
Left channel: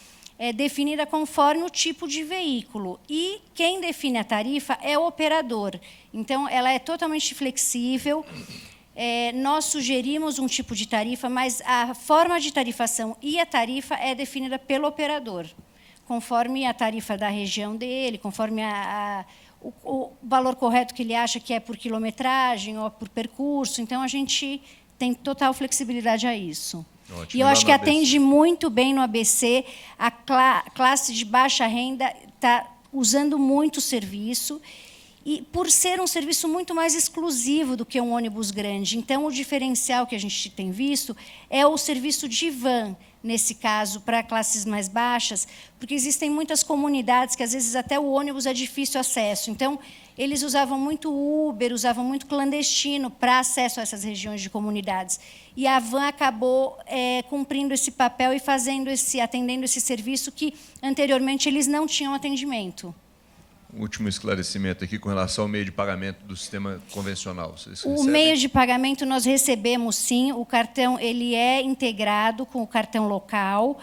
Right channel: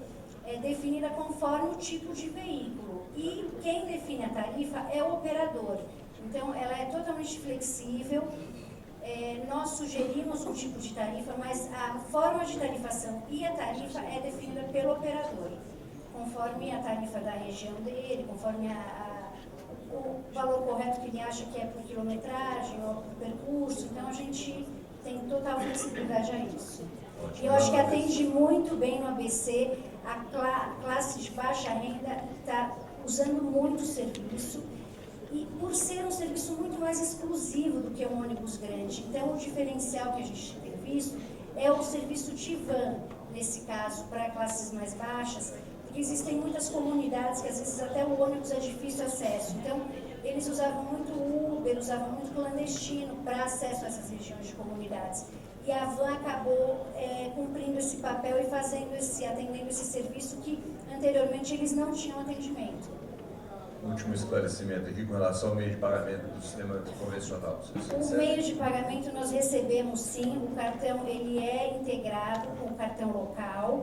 definida conforme o tipo de veículo. E quem define a tarifa é o operador. Então, ela é totalmente flexível. Nós sugerimos um tipo de tarifa, mas a forma de tarifação e a tarifa é definida pelo operador, conforme a tarifa da região dele, conforme o valor correto que ele acha que é por quilometragem ou por percurso. Então, a gente tem total flexibilidade a isso. Ótimo. E eu acho que atende muito bem no ABC. A classe de baixa renda está usando muito o serviço, e por ser um serviço muito mais exclusivo do que um ônibus grande. Então, o diferencial que a gente tem visto é o serviço de van, nesse caso, para classes mais baixas, porque existem muitas comunidades que, às vezes, até o ônibus é difícil acesso. Então, eles usavam muito Uber, usavam muito clandestino para acesso a essas regiões de comunidades. E a van acabou cumprindo esse papel e atendendo esse serviço que, anteriormente, eles não tinham atendimento. Último esclarecimento aqui com relação ao meio de pagamento do sistema convencional. O meio de pagamento nós recebemos, sim. O cartão ele é integrado com o cartão local,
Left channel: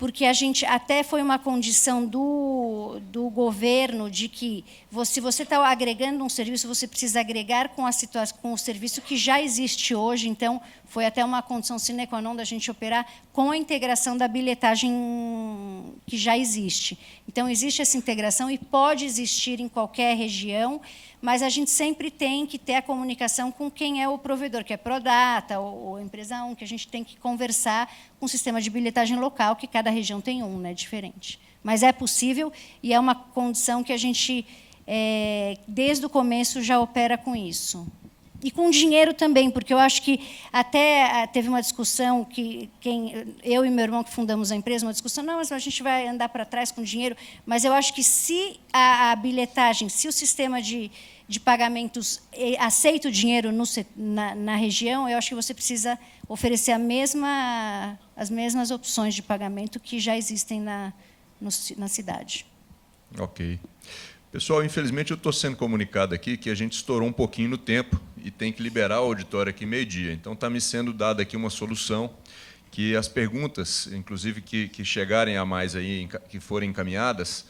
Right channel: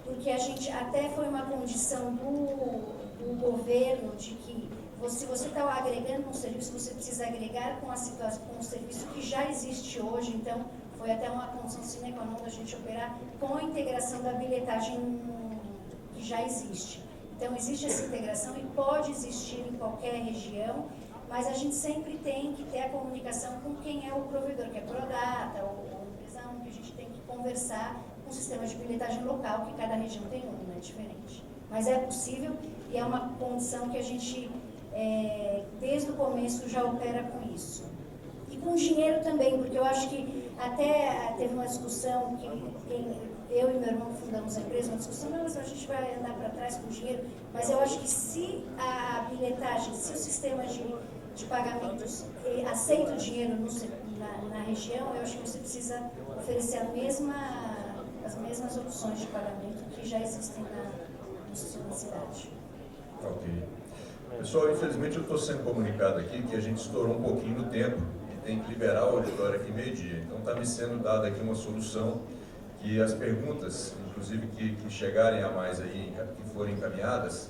porque a gente até foi uma condição do governo de que se você está agregando um serviço, você precisa agregar com o serviço que já existe hoje. Então, foi até uma condição sine qua non da gente operar com a integração da bilhetagem que já existe. Então, existe essa integração e pode existir em qualquer região, mas a gente sempre tem que ter a comunicação com quem é o provedor, que é Prodata ou Empresa 1, que a gente tem que conversar com o sistema de bilhetagem local, que cada região tem um, né, diferente. Mas é possível e é uma condição que a gente, desde o começo, já opera com isso. E com dinheiro também, porque eu acho que até teve uma discussão que eu e meu irmão que fundamos a empresa, uma discussão, não, mas a gente vai andar para trás com dinheiro, mas eu acho que se a bilhetagem, se o sistema de pagamentos aceita o dinheiro na região, eu acho que você precisa oferecer as mesmas opções de pagamento que já existem na cidade. Ok. Pessoal, infelizmente eu estou sendo comunicado aqui que a gente estourou um pouquinho no tempo e tem que liberar o auditório aqui meio-dia. Então está me sendo dada aqui uma solução que as perguntas, inclusive que chegarem a mais aí, que forem encaminhadas,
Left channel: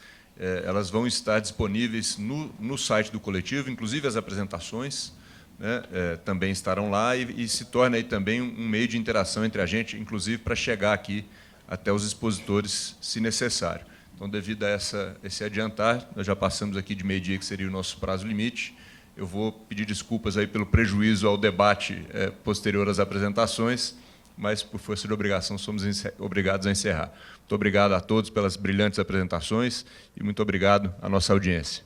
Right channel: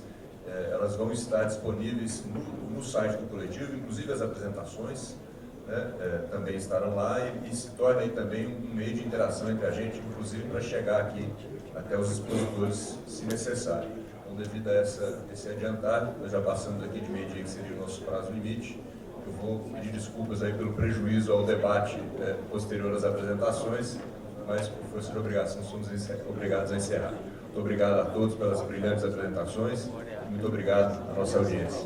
elas vão estar disponíveis no site do coletivo, inclusive as apresentações, né, também estarão lá e se torna aí também um meio de interação entre a gente, inclusive para chegar aqui até os expositores, se necessário. Então, devido a esse adiantar, nós já passamos aqui de meio-dia, que seria o nosso prazo limite. Eu vou pedir desculpas aí pelo prejuízo ao debate posterior às apresentações, mas, por força de obrigação, somos obrigados a encerrar. Muito obrigado a todos pelas brilhantes apresentações e muito obrigado à nossa audiência.